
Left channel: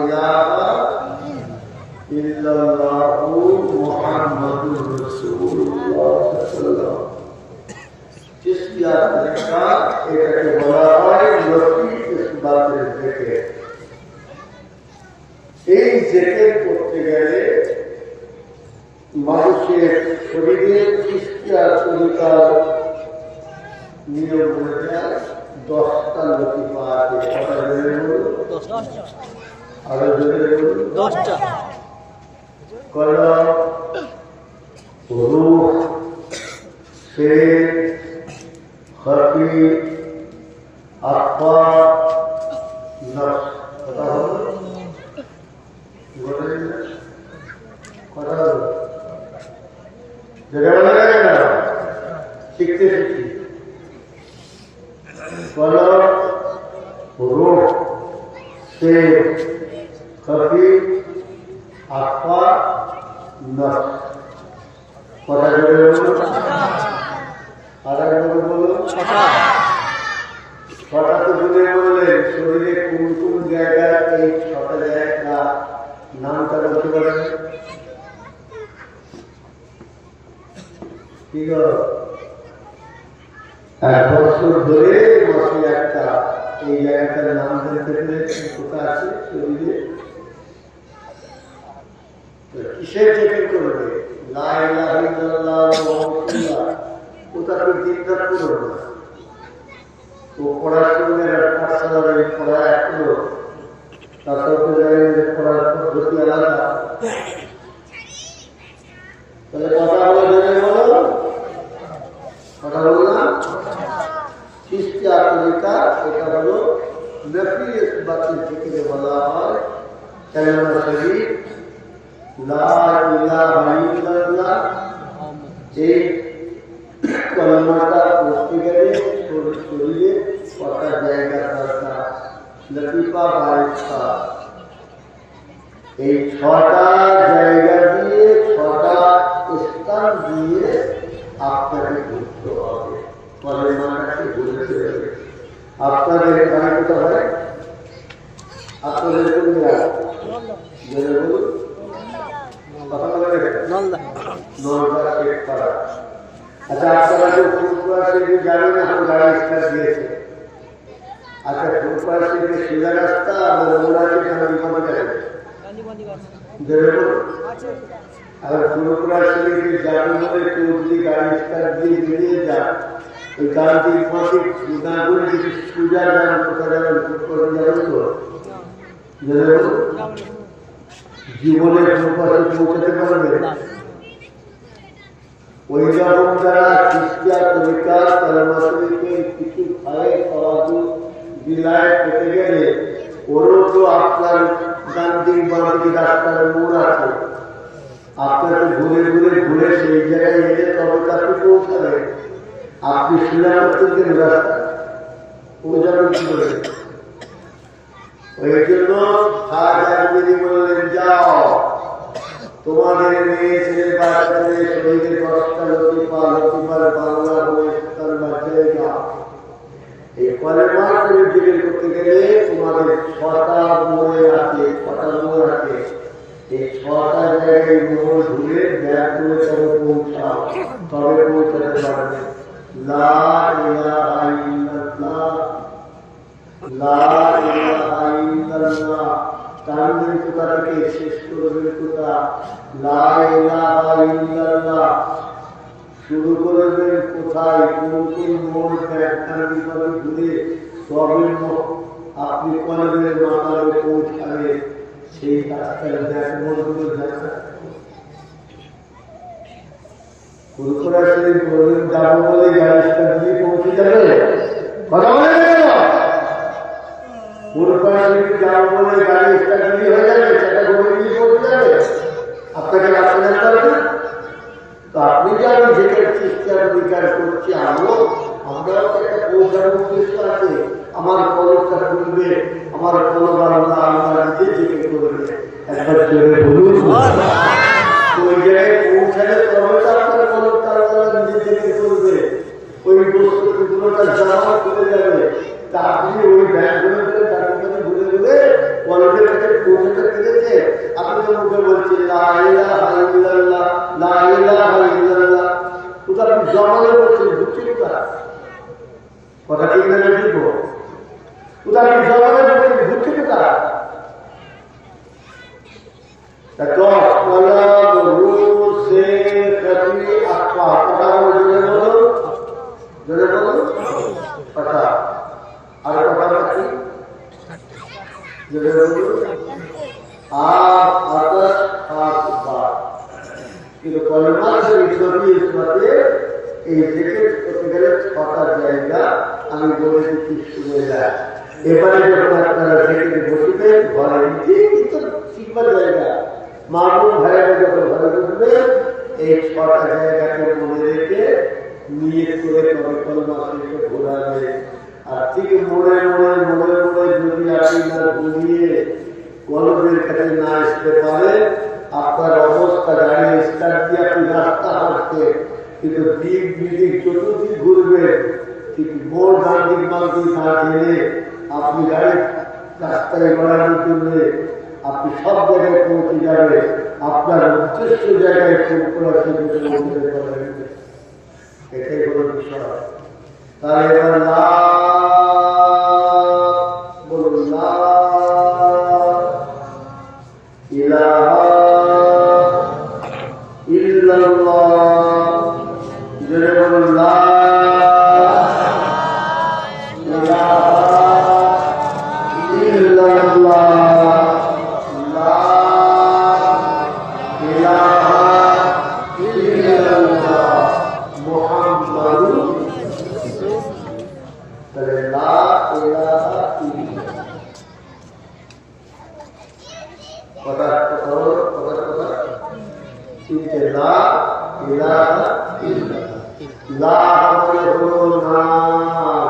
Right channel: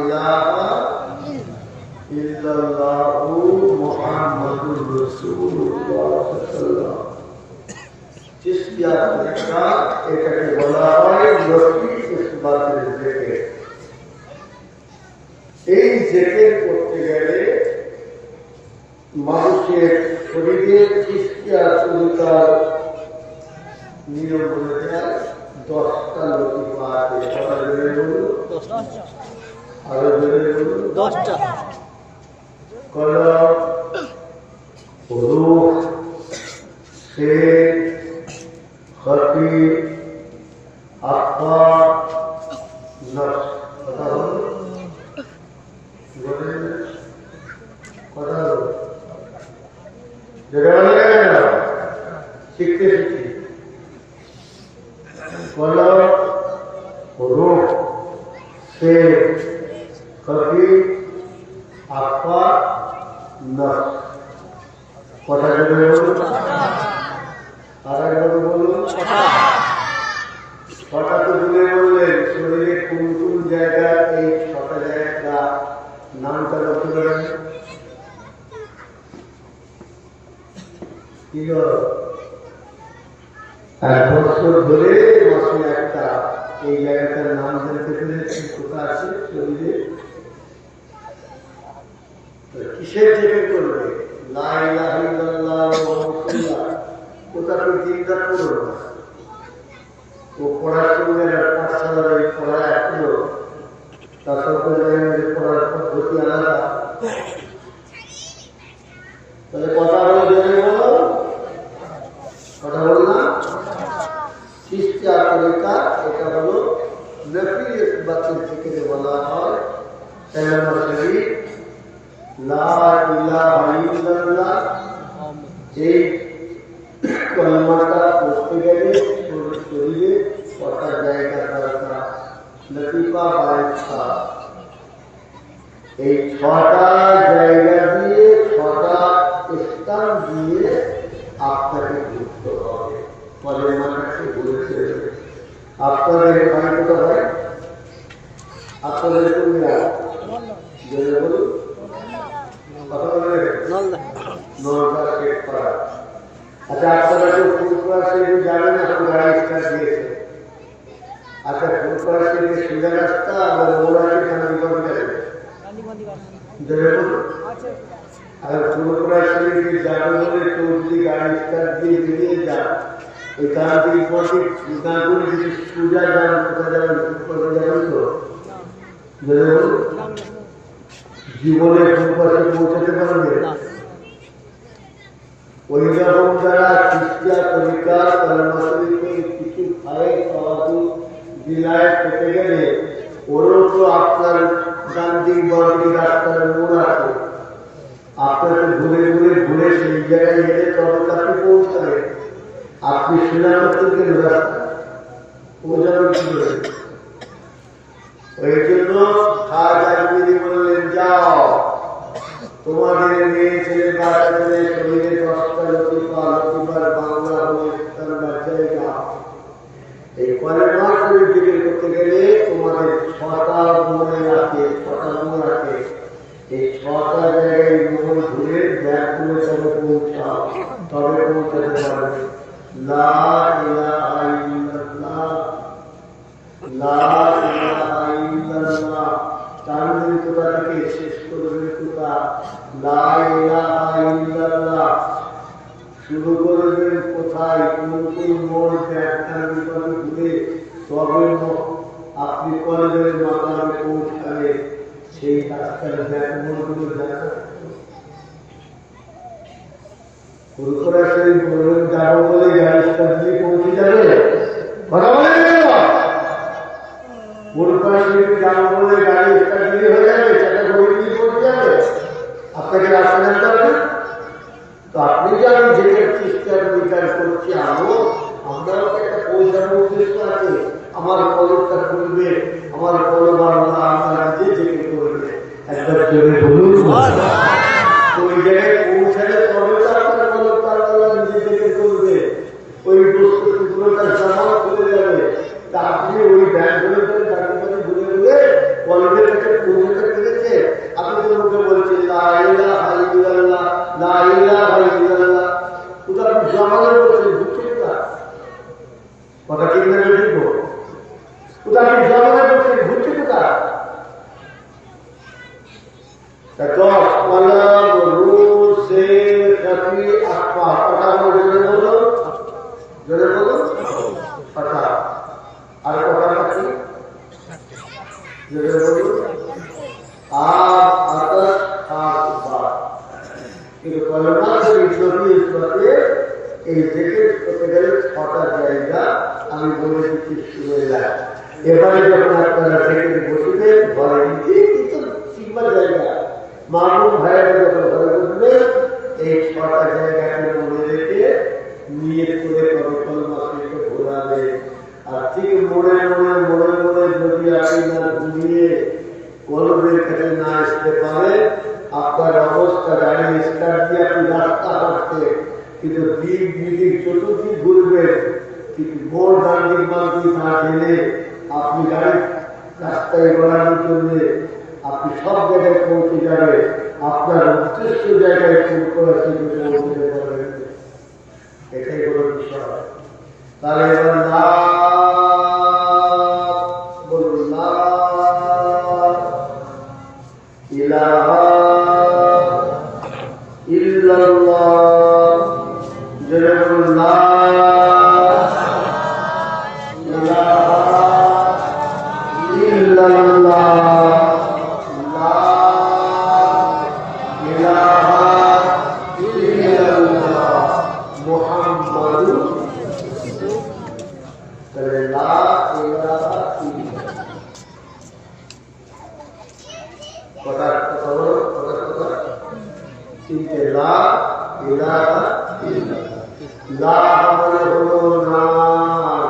ইলাহা ইল্লাল্লাহু মুহাম্মাদুর রাসূলুল্লাহ সাল্লাল্লাহু আলাইহি ওয়াসাল্লাম। চিশতিয়া তরিকা এটাকে বলা হয় নফি ইসবাতের জিকির। এই জিকির করতে গেলে মানুষের শরীরে চিশতিয়া তরিকার নিয়ম বলে যায় 10টা লতিফা আছে। কটা জোরে বলুন? আরো জোরে বলুন? 10টা। কলম, রূহ, শের, খফি, আফা, নফস। কথা হলো? কথা হলো? যেটা বলে না কেন শিখতে শিখি। কলম, রূহ, শের, খফি, আফা, নফস। কথা বলে বলুন? আর একবার বলুন। 6টা। 6টা তো বলে বললেন। শরীরে কোন কোন জায়গায় এই 6টা জায়গা নামটা বলতে পারেন? কি গো? 1 বছর ধরে মাসে একটা এই জায়গাটার নাম জানতে পেরেছেন কোথায় আছে শরীরে? কিসের জিকির করবে? লা ইলাহা ইল্লাল্লাহ রাসূলুল্লাহ। ওটা তো দিনরাত করো না। ও পড়ার সঙ্গে পাঠশালার পড়া এখনো তারপরে পড়ার পদ্ধতি আলাদা। তাহলে কথা বলে জেনে বলো। কথা বললাম চিশতিয়া তরিকা। এটা হলো নফি ইসবাতের জিকিরে বলা হয় কালেমা শরীফ লা ইলাহা ইল্লাল্লাহ। এই কলমাটা পড়তে গেলে শরীরে কটা জায়গা দরকার? লতিফা 22টা। এই 6টা জায়গা দিয়ে 6টা স্থান দিয়ে আপনাকে ঘুরতে হবে। কলমাটাকে ঘুরতে হবে। আপনাদের বাড়ি কোথায় হয়? আপনাদের কোন জায়গা? জেনে বলুন। কথা বলে নলদা শেখপাড়া। আচ্ছা, আপনারা তো ফুলপুরা থেকে যাবেন, এখন গাড়ি স্টার্ট দিয়েছে। আচ্ছা, ফুলপুরা থেকে সোজা রাস্তা আর মোড়া থেকে গান্ধীবাড়ি যাবে। আর ফুলপুরা থেকে যাবে বলে কেউ যদি গাড়ি স্টার্ট দিয়ে বেরিয়ে যান, ওই গান্ধীবাড়ি গাঙ্গুলি যদি সোজা যান, কোথায় যাবেন? ফুলপুরা যাবেন তো জীবনে ফুলপুরা পৌঁছাতে পারবে? ওই রকম যারা চিশতিয়া তরিকার কলেমা শরীফের কিছু ভাইয়ের সওয়াজু জেলায় পেতে গেলে ওরও তো আপনার গান্ধীর বাড়ি রাস্তার মোড় আছে। আপনাকে ঘুরে ঘুরে ঘুরে সেই জায়গায় এলে তবে তাকে পৌঁছাবে। আপনি সুনামের থেকে রাস্তা পৌঁছাবেন কি করে? ওই জন্য খাজা আজমিরি বললেন, যাও তোমাদের মেয়ে ছেলে বাচ্চাদের শরীরে 10টা লতিফা, লতিফার বাংলা হলে তার বাচ্চায় যা। এই কলেমা শরীফ জিকির করতে গেলে তোমাদের 6টা মোড়ে আছে। 6টা মোড় আছে। এই 6টা জায়গায় মোড় ঘুরে ব্যাগ করে তবে পৌঁছাও, তবে পৌঁছাতে পারবে। লা ইলাহা ইল্লাল্লাহ, লা ইলাহা ইল্লাল্লাহ। টানবেন কোথা থেকে, শেষ করবেন কোথা? লা ইলাহা ইল্লাল্লাহ। শুরু করবেন কোথায়? কোন কোন মোড় ব্যাখ্যান ঘুরে তবে আপনি কলেজের মাথায় পৌঁছাবে। সেই রাস্তার ব্যাকমোড়গুলো জানা ফুলপুরা শরীফ বলবেন যাবো বলে গাড়িটা দিয়ে পৌঁছে যাবে। কথা বলে কেন? ফুলপুরা শরীফ যাবো বলে গাড়ি স্টার্ট দিয়ে হয়ে যাবে, সেটা ঘুরে দিয়ে পৌঁছে যাবে। আপনাকে রাস্তা জানতে হবে। তো আপনি যে আমি যেটা চিস্তার বিচার করছি আমরা একটা পৌঁছানোর উদ্দেশ্য আছে। আমার কলমটা করবে, আমার কলম আল্লাহ আমরা নিজে জেগে করবে। একবার জোরে বলুন। তো ওই জায়গায় পৌঁছালে তবে তো আপনার কলমটা আল্লাহ নিজে জেগে করবে। ওই বস্তু টুকরোটা জমা করে যাবে। তা আপনি ওই ব্যাংকগুলো করে দাঁড়িয়ে ঘুরে ঘুরে জমানো বলছে ঘুরছে কোথায়? কথা ঠিক না ঠিক? কোথায় আপনি জমানো বলছে ঘুরছে কোথায়? দশ কলম রুল সে কবি আত্মা কথা বলো, জোরে বলো কথা। আর কথা কি জোরে বলো? আর আকাশ হাত বাদ। কিন্তু কলমা শরীর এই জেকেট করতে গেলে 6টা জায়গা আমি বলে দিচ্ছি, শুনে যায়। এবারে যখন আপনারা জেকেটে বসবেন ঘরে নিচে কিন্তু শিখবার জায়গা, মামুন ভাইয়েরা যখন ঘরে বসবেন এই 6টা জায়গাকে মনে রেখে নিয়ে করে তবে কলমা শরীফে ঘোরাবে। আর ঠিক মনে মনে মনে মনে যদি আপনি না ঘুরিয়ে কলমের কাছে না আসতে পারে, আপনার অবস্থা গাড়ি স্টার্ট দিয়ে আপনি রাস্তা হাঁটতে কিন্তু দিক বিদিক চতুর্দিক ঘুরবেন, কিন্তু মোড় ডান দিক বাম দিক না গেলে আপনি গাড়ি রাস্তায় গড়ানোর জন্য আপনি সব জায়গায় পৌঁছে যাবে, আপনার উদ্দেশ্য জায়গায় পৌঁছতে পারবেন। এটাই হলো বিষয়। তাহলে এবার বলুন লা ইলাহা ইল্লাল্লাহ, জোরে বলুন লা ইলাহা ইল্লাল্লাহ, লা ইলাহা ইল্লাল্লাহ মুহাম্মাদুর। তাহলে লা ইলাহা ইল্লাল্লাহ কথা হলো, কথা কিন্তু লা ইলাহা ইল্লাল্লাহ, লা মানে হলো নাই,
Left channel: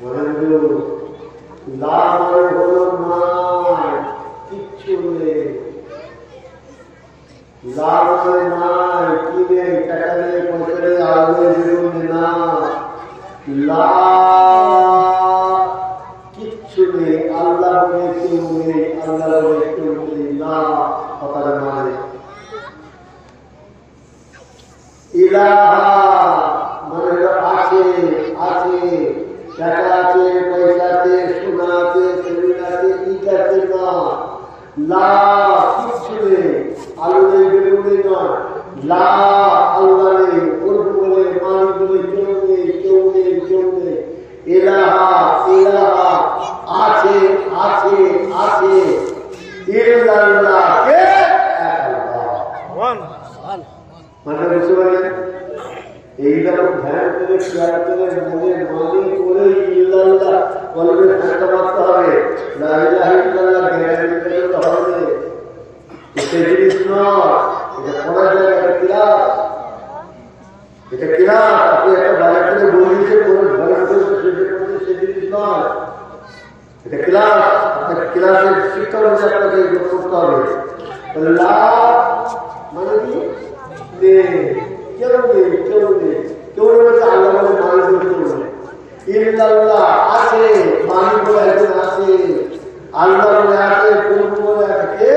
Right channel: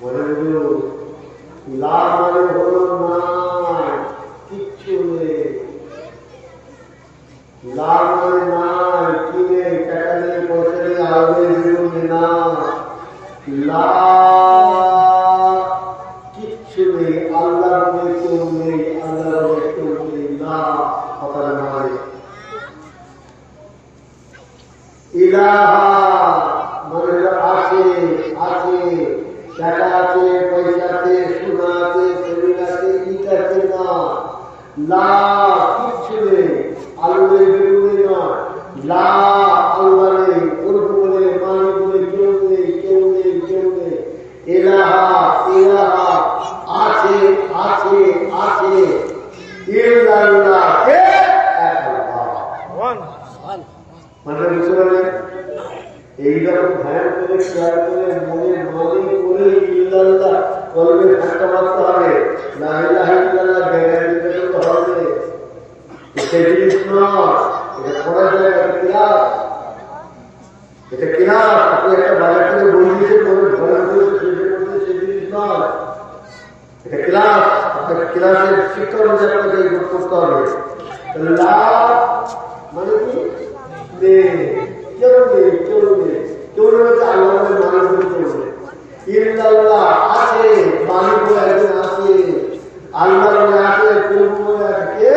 বলেন লা মানে হলো নাই, কিচ্ছু নেই। লা মানে নাই, কি নেই, টাকা নেই, পয়সা নেই, আলো নেই, জীবন না, লা কিচ্ছু নেই, আল্লাহ বলে কেউ নেই, আল্লাহ বলে কেউ নেই, লা কথার মানে। ইলাহা মানে আছে, আছে, টাকা আছে, পয়সা আছে, সোনা আছে, শরীর আছে, ইট আছে না, লা কিচ্ছু নেই, আলো নেই, বেগুন নেই না, লা আল্লাহ নেই, উর্দু বলে মানি বলে কেউ নেই, কেউ নেই, কেউ নেই। ইলাহা ইলাহা আছে, আছে, আছে, ইল্লাল্লাহ কে মানে বুঝতে পারলেন? এইরকম ধ্যান করে খেয়াল করে মনে মানি করে ইল্লাল্লাহ বলবে থাকতে পারতে হবে, লা ইলাহা ইল্লাল্লাহ গ্যারান্টি করতে হবে। এটা জিনিস নয়, এটা পড়া যায়, এটা ক্লাস, এটা ক্লাস। আপনি একটা বাজার থেকে বই দিয়েছে বলে ঘরে বসে শেষে করতে, সে জিনিস নয়, এটা ক্লাস। আপনাকে ক্লাসের শিক্ষা অনুযায়ী আপনাকে যোগ করতে হবে। লা মানে কি নেই, কেউ নেই, কেউ নেই, কেউ নেই হচ্ছে আল্লাহ বলে মালিক বলে কেউ নেই। ইল্লাল্লাহ আছে, মালিক বলে একজন আছে, আল্লাহ বলে আছে, প্রভু বলে আছে,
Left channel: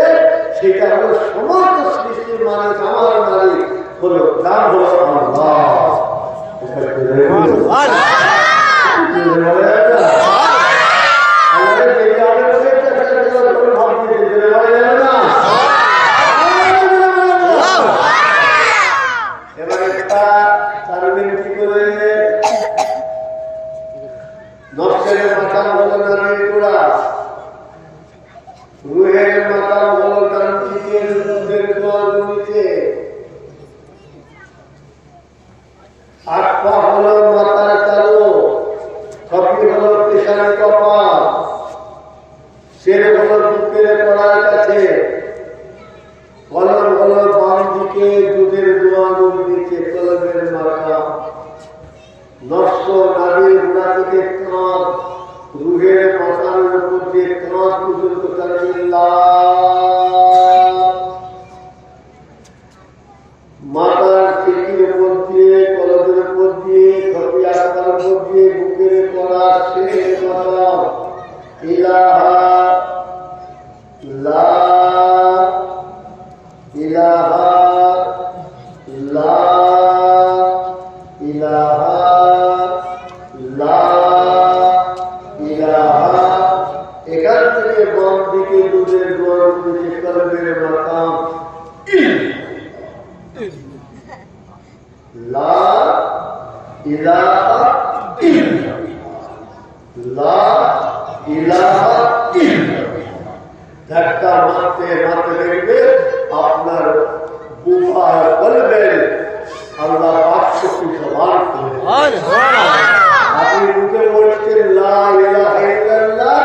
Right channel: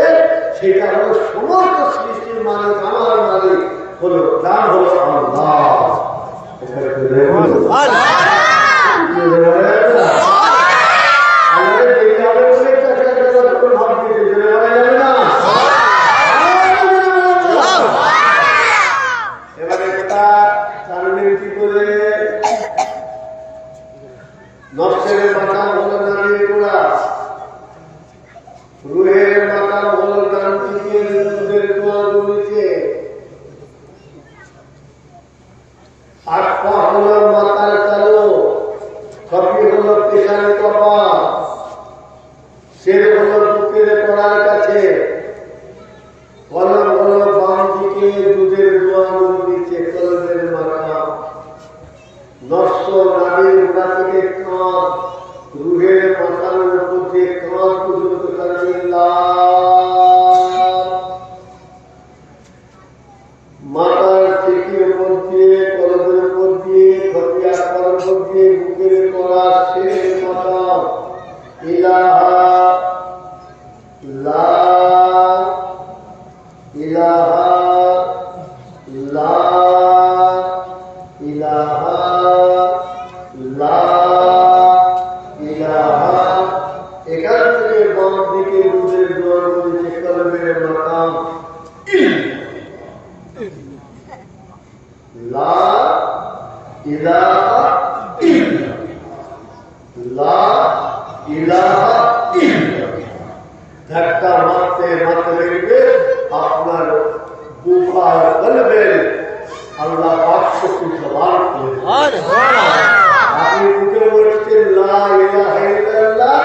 সেটা হলো সমস্ত সৃষ্টির মালিক, আমার মালিক হলো, নাম হলো আল্লাহ। এবারে তারবেন কি করে? নফসের মাকাম হলো নামের গোড়া, রুহের মাকাম হলো ডান দিকে দুধের দোয়ার নিচে, আট পা হলো মাথার তালু, কপি হলো পেশার কপাল, শের হলো বুকের কড়ার কাছে, কলম হলো বাম দিকে দুধের দোয়াগুর নিচে, কলমের মাথা, নফস নাভির গোড়া থেকে কাঁধ, রুহের মাথার উপর দিয়ে কাঁধ পর্যন্ত মাথার টিকির উপর দিয়ে, কলমের উপর দিয়ে, খপি আকার উপর দিয়ে, বুকের কড়া, শের মাথা, ইলাহা লা ইলাহা লা লা ইলাহা ইল্লাল্লাহ, লা ইলাহা ইল্লাল্লাহ। ধাক্কা মারতে মারতে দেখবে আপনার বুফায় বলবেন আল্লাহ পাক শক্তি জবান খুলে। আপনি মুখে বলছেন লা ইলাহা ইল্লাল্লাহ,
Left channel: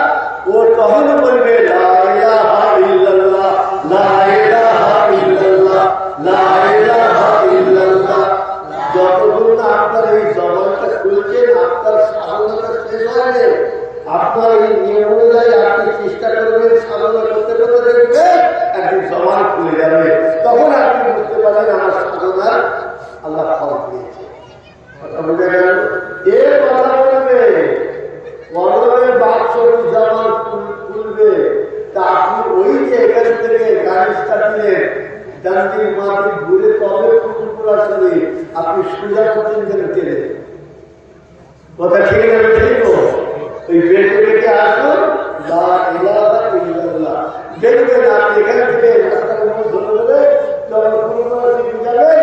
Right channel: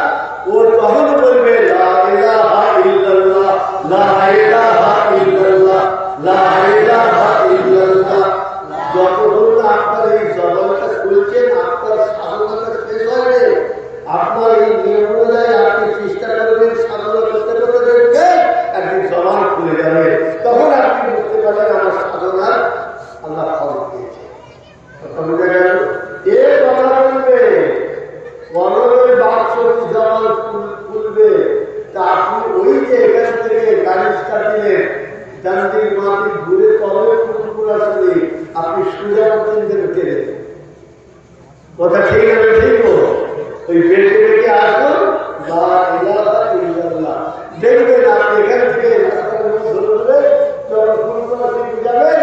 ও তখন বলবে লা ইলাহা ইল্লাল্লাহ, লা ইলাহা ইল্লাল্লাহ, লা ইলাহা ইল্লাল্লাহ। যতক্ষণ না আপনার এই জবানটা খুলছেন আপনার সাধনাটা শেষ হয়ে, আপনার এই নিয়ম অনুযায়ী আপনি চেষ্টা করবেন সাধনা করতে করতে দেখবেন একদিন জবান খুলে যাবে। তখন আপনি বুঝতে পারবেন আমার সাধনার আল্লাহ ফল দিয়েছে। কথা বুঝে গেল? এর কথা বলবে কলমের বাক্স জবান খুলবে, তা আপনি ওই যে এখান থেকে গাড়িটা দিলেন ডান্ডির মাটি ঘুরে তবে কুকুর আসলে আপনি সোজা পর্যন্ত গেলেন। কথা ঠিক আছে? ঠিক ওই বেঁচে বেঁচে আসুন লা ইলাহা ইল্লাল্লাহ, দেখবেন আপনি এখান থেকে রাস্তার উপর ধরে ধরে যখন কুকুর দিকে যাবেন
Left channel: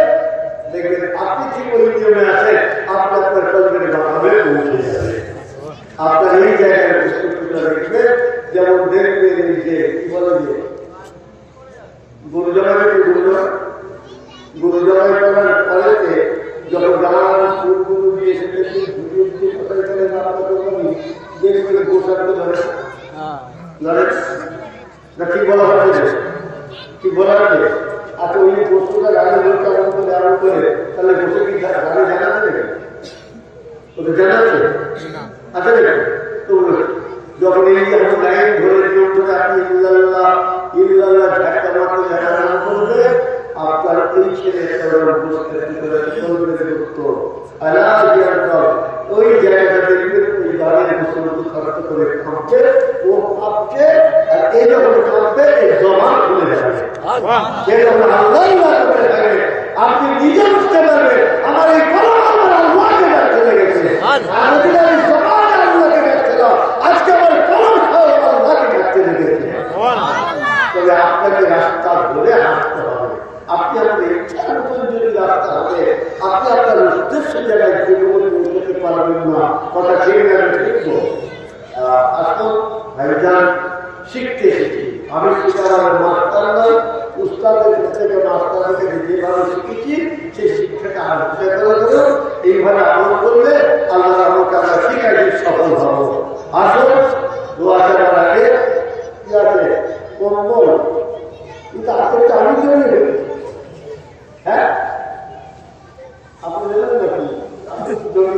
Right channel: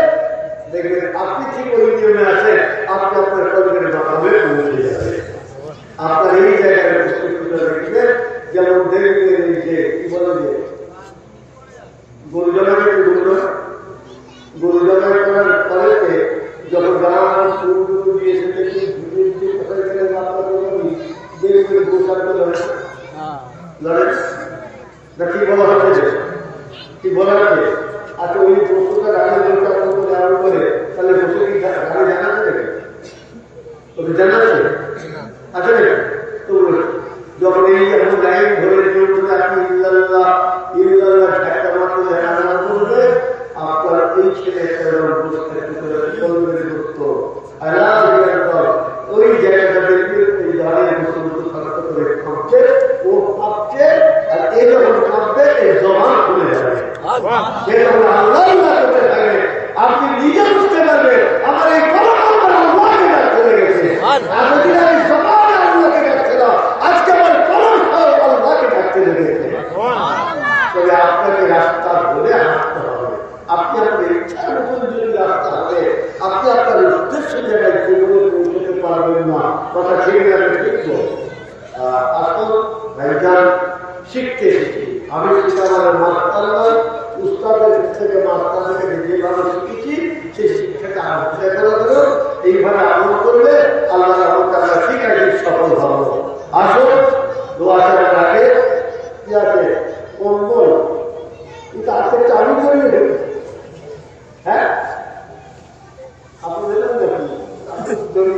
দেখবেন আপনি ঠিক ওই নিয়মে আছেন, আপনি আপনার কলমের মাথাবে পৌঁছে যাবেন। আপনার এই জায়গায় প্রস্তুতটা দেখবেন। যেমন দেখবেন এই যে কি বলে যে গরু জমাই করার পরেতে যখন গান ফুল দিয়ে এসে কথা গেলেন আপনার কোরবানি দেখবেন গোসাকে লড়ে না, ঠিক বলা হচ্ছে, ঠিক বলা হচ্ছে। আচ্ছা ওই বস্তুটা গাড়ি লোকটা এমন করে এমন করে তাহলে বসে কি গাড়ি জানাচ্ছে নাকি? ওদের জানাচ্ছে আচ্ছা নাকি? তো যখন এই এমন লাইন ধরে নিয়ম করে আপনি ইল্লাল্লাহ ইল্লাল্লাহ ধাক্কা মারতে জানা করবে, আপনার এই ছেলেটা ওই জায়গাটা দেখবে ওই গাড়ির মুসলমান খরচ করে খাচ্ছে, ও খাচ্ছে, আর এই যখন খাচ্ছে এই জবান খুলে যাবে। সে যখন আল্লাহ করতে থাকে আপনি নিজে বুঝতে পারবেন আমার এই কলম আমার আল্লাহকে ডাক চলে গেছে। এতদিন আমি জবান আল্লাহকে ডাকছিলাম, আজকে আমার কলম খাও আল্লাহকে ডাকতে লেগেছে। তবে আপনাকে রাস্তা ধরে হাঁটতে হবে, আপনি আপনার ইচ্ছার মতন যদি রাস্তা হবে, আপনি আপনার উদ্দেশ্য জায়গায় জীবনে পৌঁছতে পারবেন না। কথা ঠিক না? ঠিক। আসুন ভাইজান, শিখতে শিখি। আমি শিখাবার মাস্টার নয়, উস্তাদের থেকে মাস্টারদের থেকে যেভাবে শিখেছি সেই শিক্ষাটা আলোচনা করে ধরুন। এইভাবে আমল করলে আল্লাহর আমলকে আমরা ঠিক আছে সফল হব। আসুন দোয়া করার আগে কি আছে কম্বল, কিন্তু আজকে আমি তৈরি হয়ে, হ্যাঁ আপনি দেবেন নাকি? আপনি জমি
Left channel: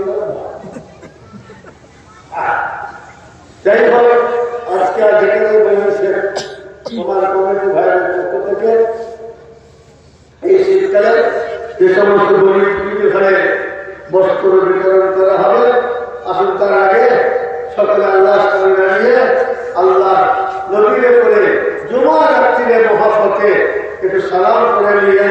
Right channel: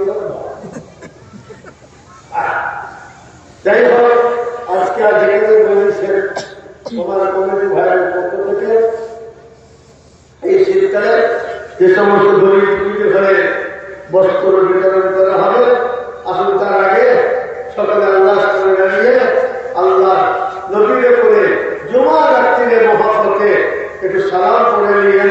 যাই হোক, আজকে যেখানে বলেছেন তোমার কমিটি ভাইয়ের পক্ষ থেকে এই শীতকালে যে সমস্ত গরিব ঘরে বস্ত্র বিতরণ করা হবে, আসুন তার আগে সকালে আল্লাহ সামনে দাঁড়িয়ে আল্লাহ নবীরে করে জুমা রাত্রিরে মহাব্বতে একটু সালাম করে নিয়ে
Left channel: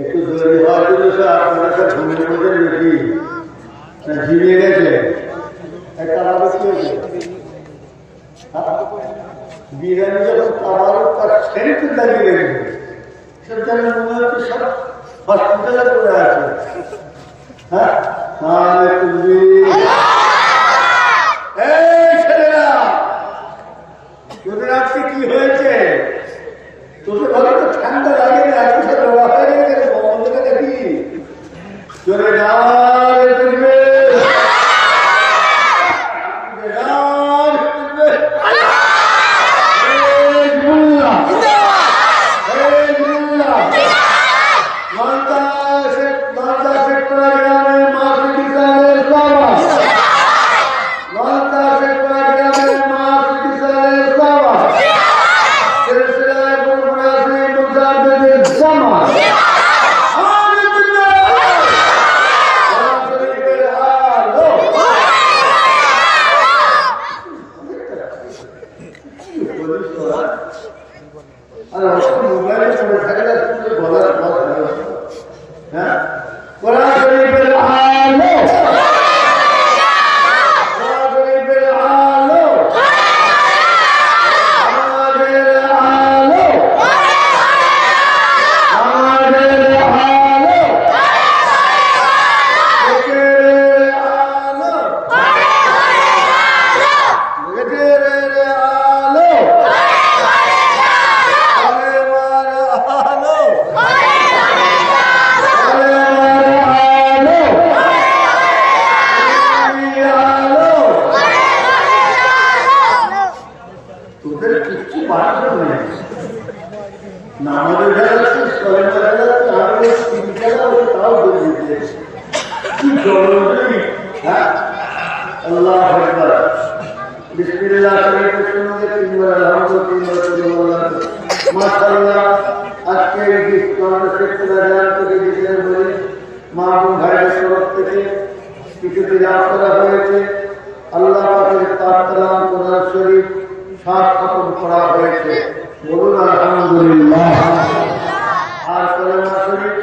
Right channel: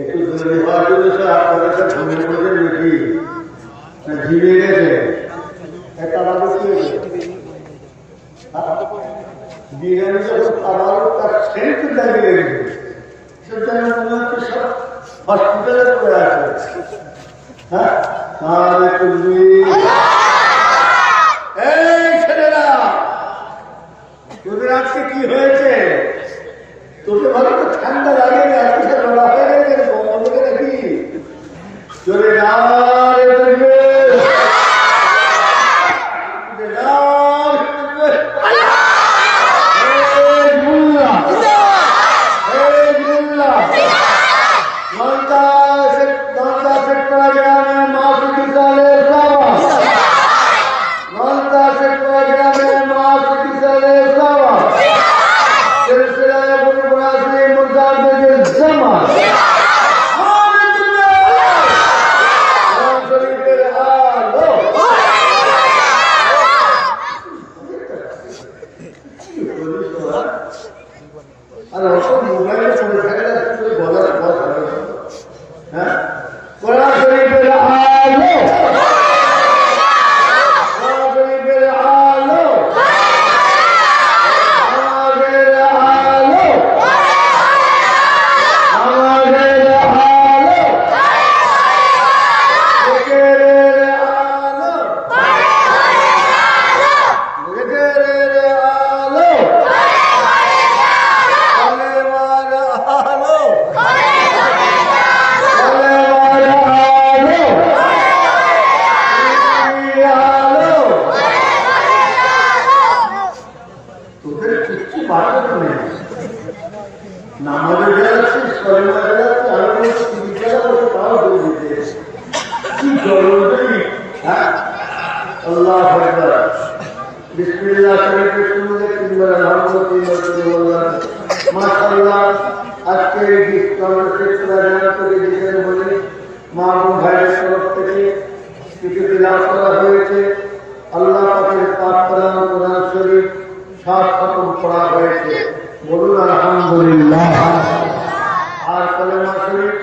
একটু দৌড়ে হওয়ার জন্য আপনাদের সব ঘুমের মধ্যে নাকি না ঝিমিয়ে গেছে একটা আমাদের বিরিয়ানি যখন খাবার তার সেন্ট লাগিয়ে রেখেছে সব জানি মনে হচ্ছে সব হসপিটালে পড়ে আছে। হ্যাঁ তুমি এই ছেলেরা তোদের আজকে কি হয়েছে? তোদের ভাবে তো ঠান্ডা লাগেনি, আজকে সে লড়া হয়ে গেছে বন্ধুকে দেখি জোরে দেখবে আর অসব মোবাইলে পড়ে থাকে না বলার পর হ্যাঁ বলা শরীফের আলো শরীফের আলো আমাদের আলো আমাদের আলো লোকের আলো লোকের আলো তোদের কিচ্ছু বাড়ানো নেই নামাজে যাচ্ছিস কলেমা যাচ্ছিস আমি তাও দৌড় দিতে কি জল হ্যাঁ আল্লাহ আকবার বিসমিল্লাহ শরীফের সঙ্গে তিনবার আলহামদুলিল্লাহ মাশাআল্লাহ। আজকে এই বিশ্বরা জানতে বিষয়ে বলি মাহবুব ভাইয়ের তরফ থেকে কিছু তিলাওয়াত করা হয়েছে। আল্লাহ পাকের পাক কালাম কোরআন শরীফ 7 খতম করা হয়েছে, বলুন আলহামদুলিল্লাহ। আর কলেমা শরীফ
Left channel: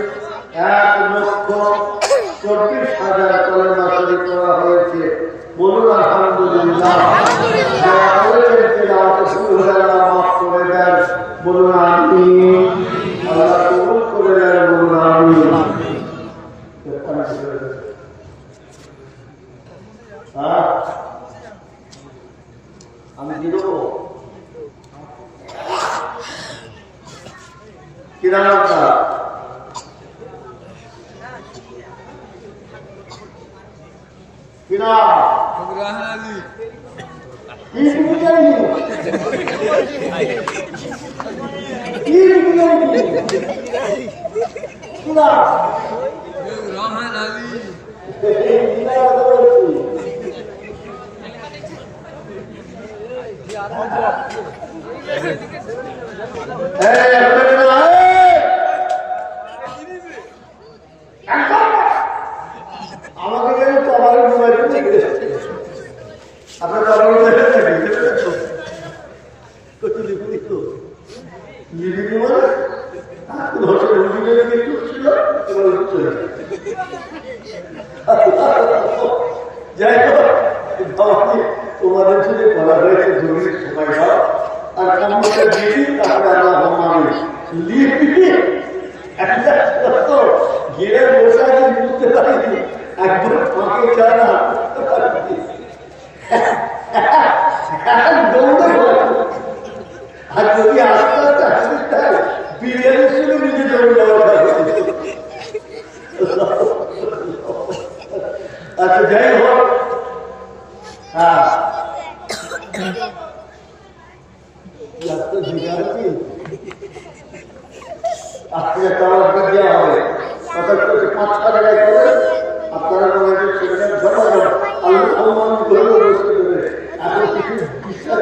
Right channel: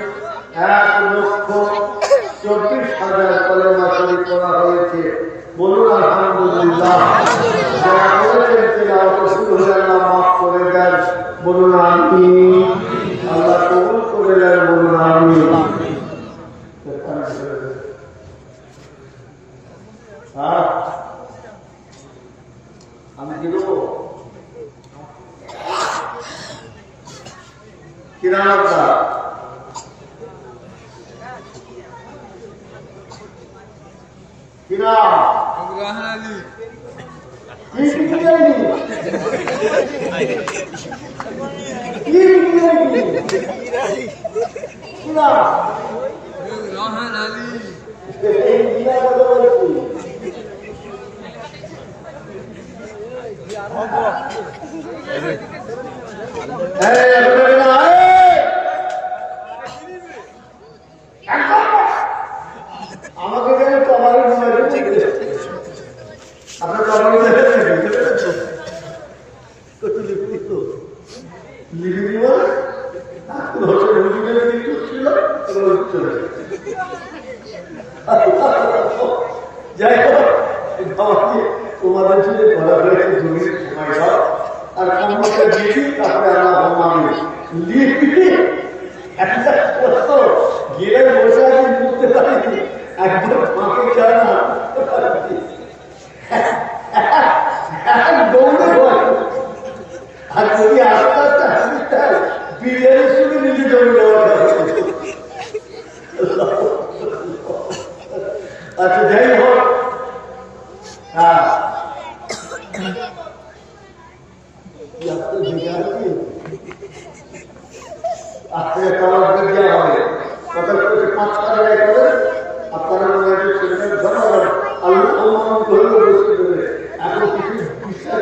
1,24,000 কলেমা শরীফ করা হয়েছে, বলুন আলহামদুলিল্লাহ। যারা করেছেন তেলাওয়াত শুরু হলে আল্লাহ মাফ করে দেন, বলুন আমিন। আল্লাহ কবুল করে দেন, বলুন আমিন। আমি কি দেবো কি নাম আপনার? কি নাম? আমাকে কেন তো আমার আপনার যাই হোক তোমাদের যদি করা হয়েছে জমির সময় দাও আর কম্পিউটার দিবি, তারপরে আল্লাহ মামি লিখবি। একটা গেলে বসে আছে বুঝতে পারিনি, একবার ফাঁকে যায় না দৌড়ে আর যদি আস্তে আস্তে আসতে বিরিয়ানি শুনে নিজে দৌড়ে যাওয়া যাবে। আচ্ছা যাই হোক, হ্যাঁ আজকে দেওয়া হবে কথা 5-6 জায়গায় করে আপনারা মনে হয় জমা আল্লাহ করলেও বসতে দেবে। এখন কিছু বিশ্বাস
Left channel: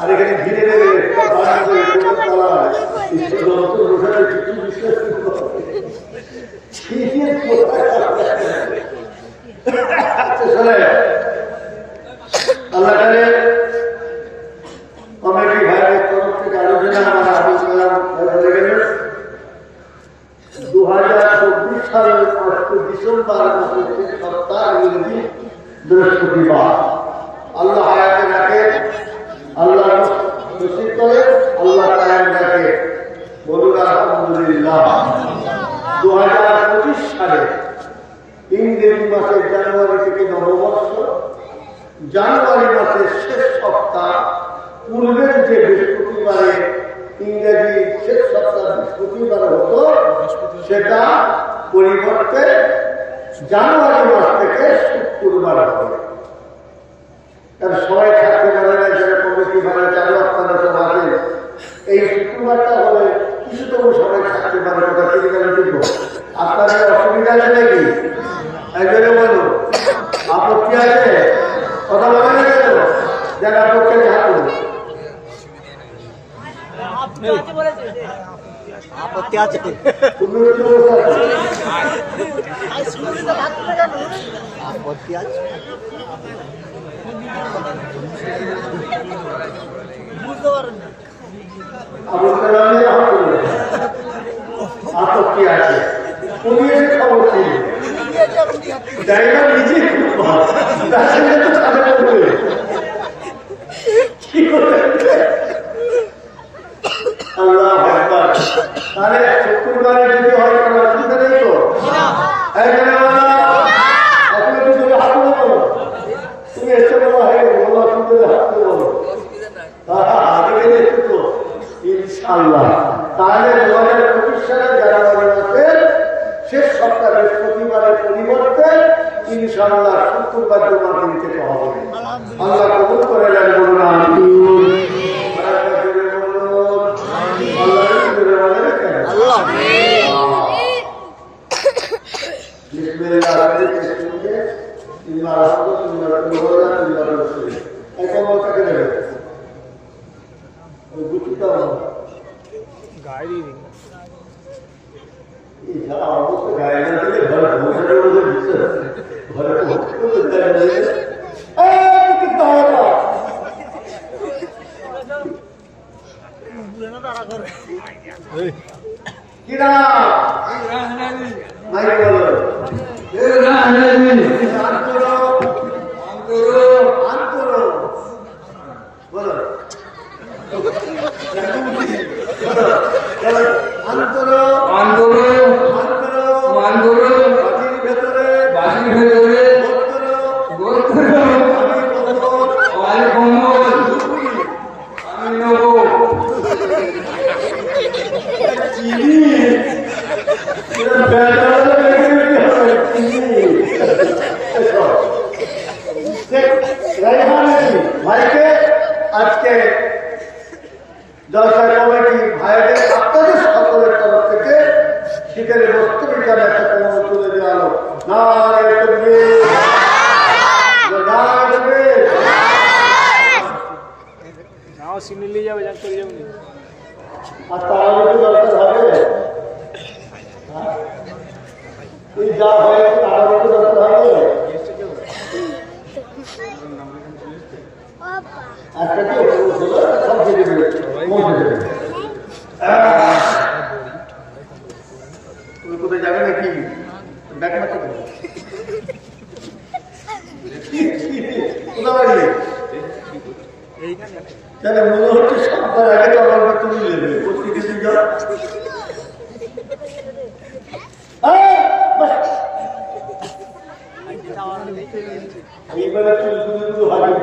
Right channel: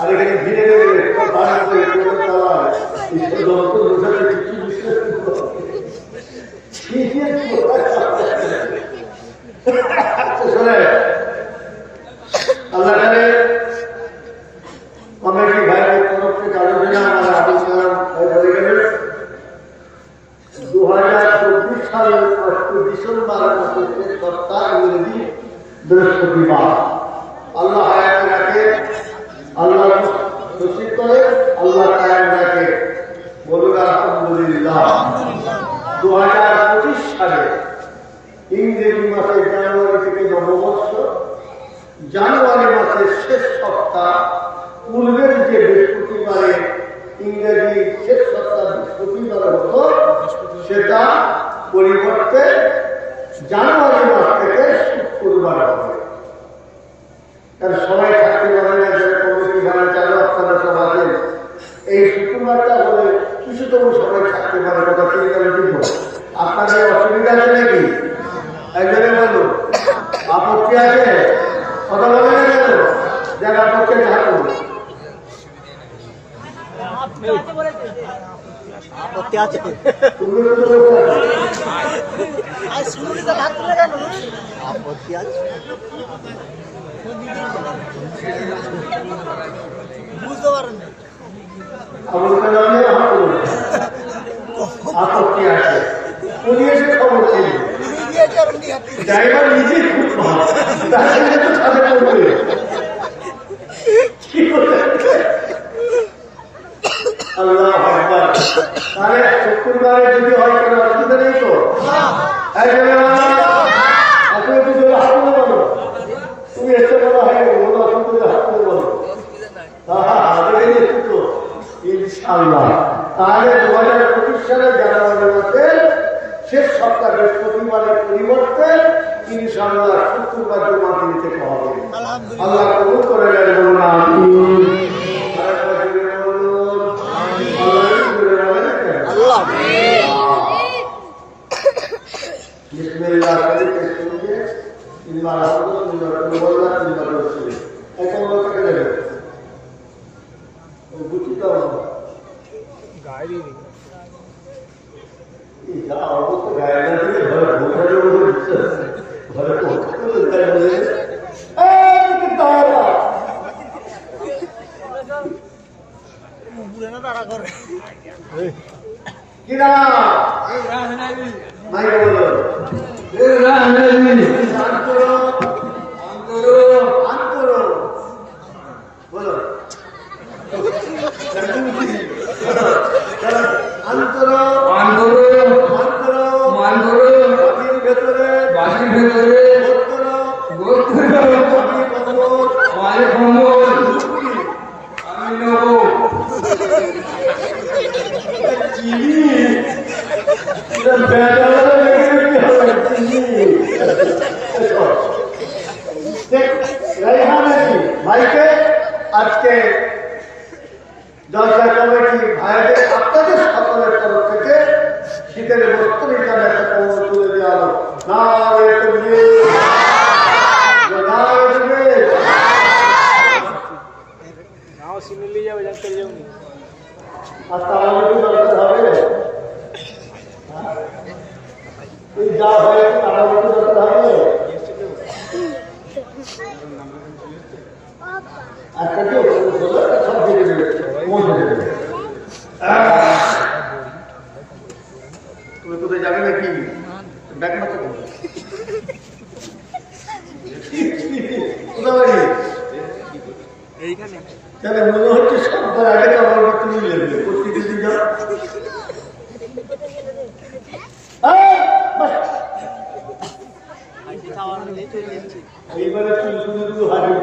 আর এখানে ঘিরে দেবে বোঝাতে কিছু বিশ্বাস আল্লাহ কমিটি ভাইয়ের তরফ থেকে আলোচনা আমার আবুল কালাম ভাই বলে গেলেন 2024 সালের 8 ডিসেম্বর সপ্তাহ ইংরেজি বৃহস্পতিবার। আল্লাহ হায়াতে রাখে, আল্লাহ খুশি করে, আল্লাহ কায়েম রাখে, বলুন আলহামদুলিল্লাহ। 2025 সালে ইংরেজি মাসের জানুয়ারি থেকে নববর্ষ, জানুয়ারি মাসের শেষ সপ্তাহ পূর্বের যে বৃহস্পতিবারে ইংরেজি শেষ সপ্তাহ বৃহস্পতিবারে হতো, সেটা পরিবর্তে জানুয়ারি মাস থেকে শুক্রবার হবে। কারণ সবাই থাকতে পারে না, যারা কমিটি ভাড়া চালু আপনারা সব আছেন, এই শুক্রবারটা হলে কিছুতম সবাই থাকতে পারে, কথা ঠিক দিব। আপনাদের অসুবিধা আছে নাকি? একজনে বলুন, আপত্তি আছে? কথা বলে না কেন? যারা আপত্তি থাকুন, আপত্তি আছে আপত্তি আছে আপত্তি আছে। উনি এসে খবর ছিল ড্রাইভার নিজে খুব ভালো, কি করে আল্লাহ একবার। তাহলে শুক্রবারে যদি হয় কোনো অসুবিধা নেই তো? একজনে বলো, আপনি যদি হাত তুলে বলো, তুমি এসে বলো হয় বলো, অসুবিধা হাত তুলে বলো। ইনশাআল্লাহ তাহলে 2025 সালের জানুয়ারি মাসের শেষ সপ্তাহ বৃহস্পতিবারের পরিবর্তে ইনশাআল্লাহ শুক্রবার জমা দিতে হবে। আল্লাহ কবুল করে নেন, বলুন আমিন। আল্লাহ তিনবার আনন্দ, তিনবার বললা, তিনবার এই কম্বল কাকে দেবে? বুঝি তো যা অবস্থা গায়ে না দিলে ঘরে বসানোর মধ্যে দিচ্ছে, ঘরে কিনা মাইকে বলো আন করো বলো আন্তরো বাড়ির ভেতরে আমি নেবো ভাইকে আজকে জলসা কমিটি ভাইদের আপনাদের সকলের তরফ থেকে শীতের বস্ত্র হিসাবে একটা কম্বল তুলে দেওয়া হলো। আচ্ছা আমাদের কি দরকার হবে? তুই যা হয়েছে আমাদের কি দরকার হবে? আচ্ছা কি সব দিয়ে দেবে, পৌঁছে দেবে। তুমি কোথায় যাবে নাকি? ব্যাগ মারতে দেবে কোথা বাড়ি? তাহলে মনে হচ্ছে সববার আগে তো আমার তুমি নেবে কোথায় কিছু যাও। এইবারে চুল হাজির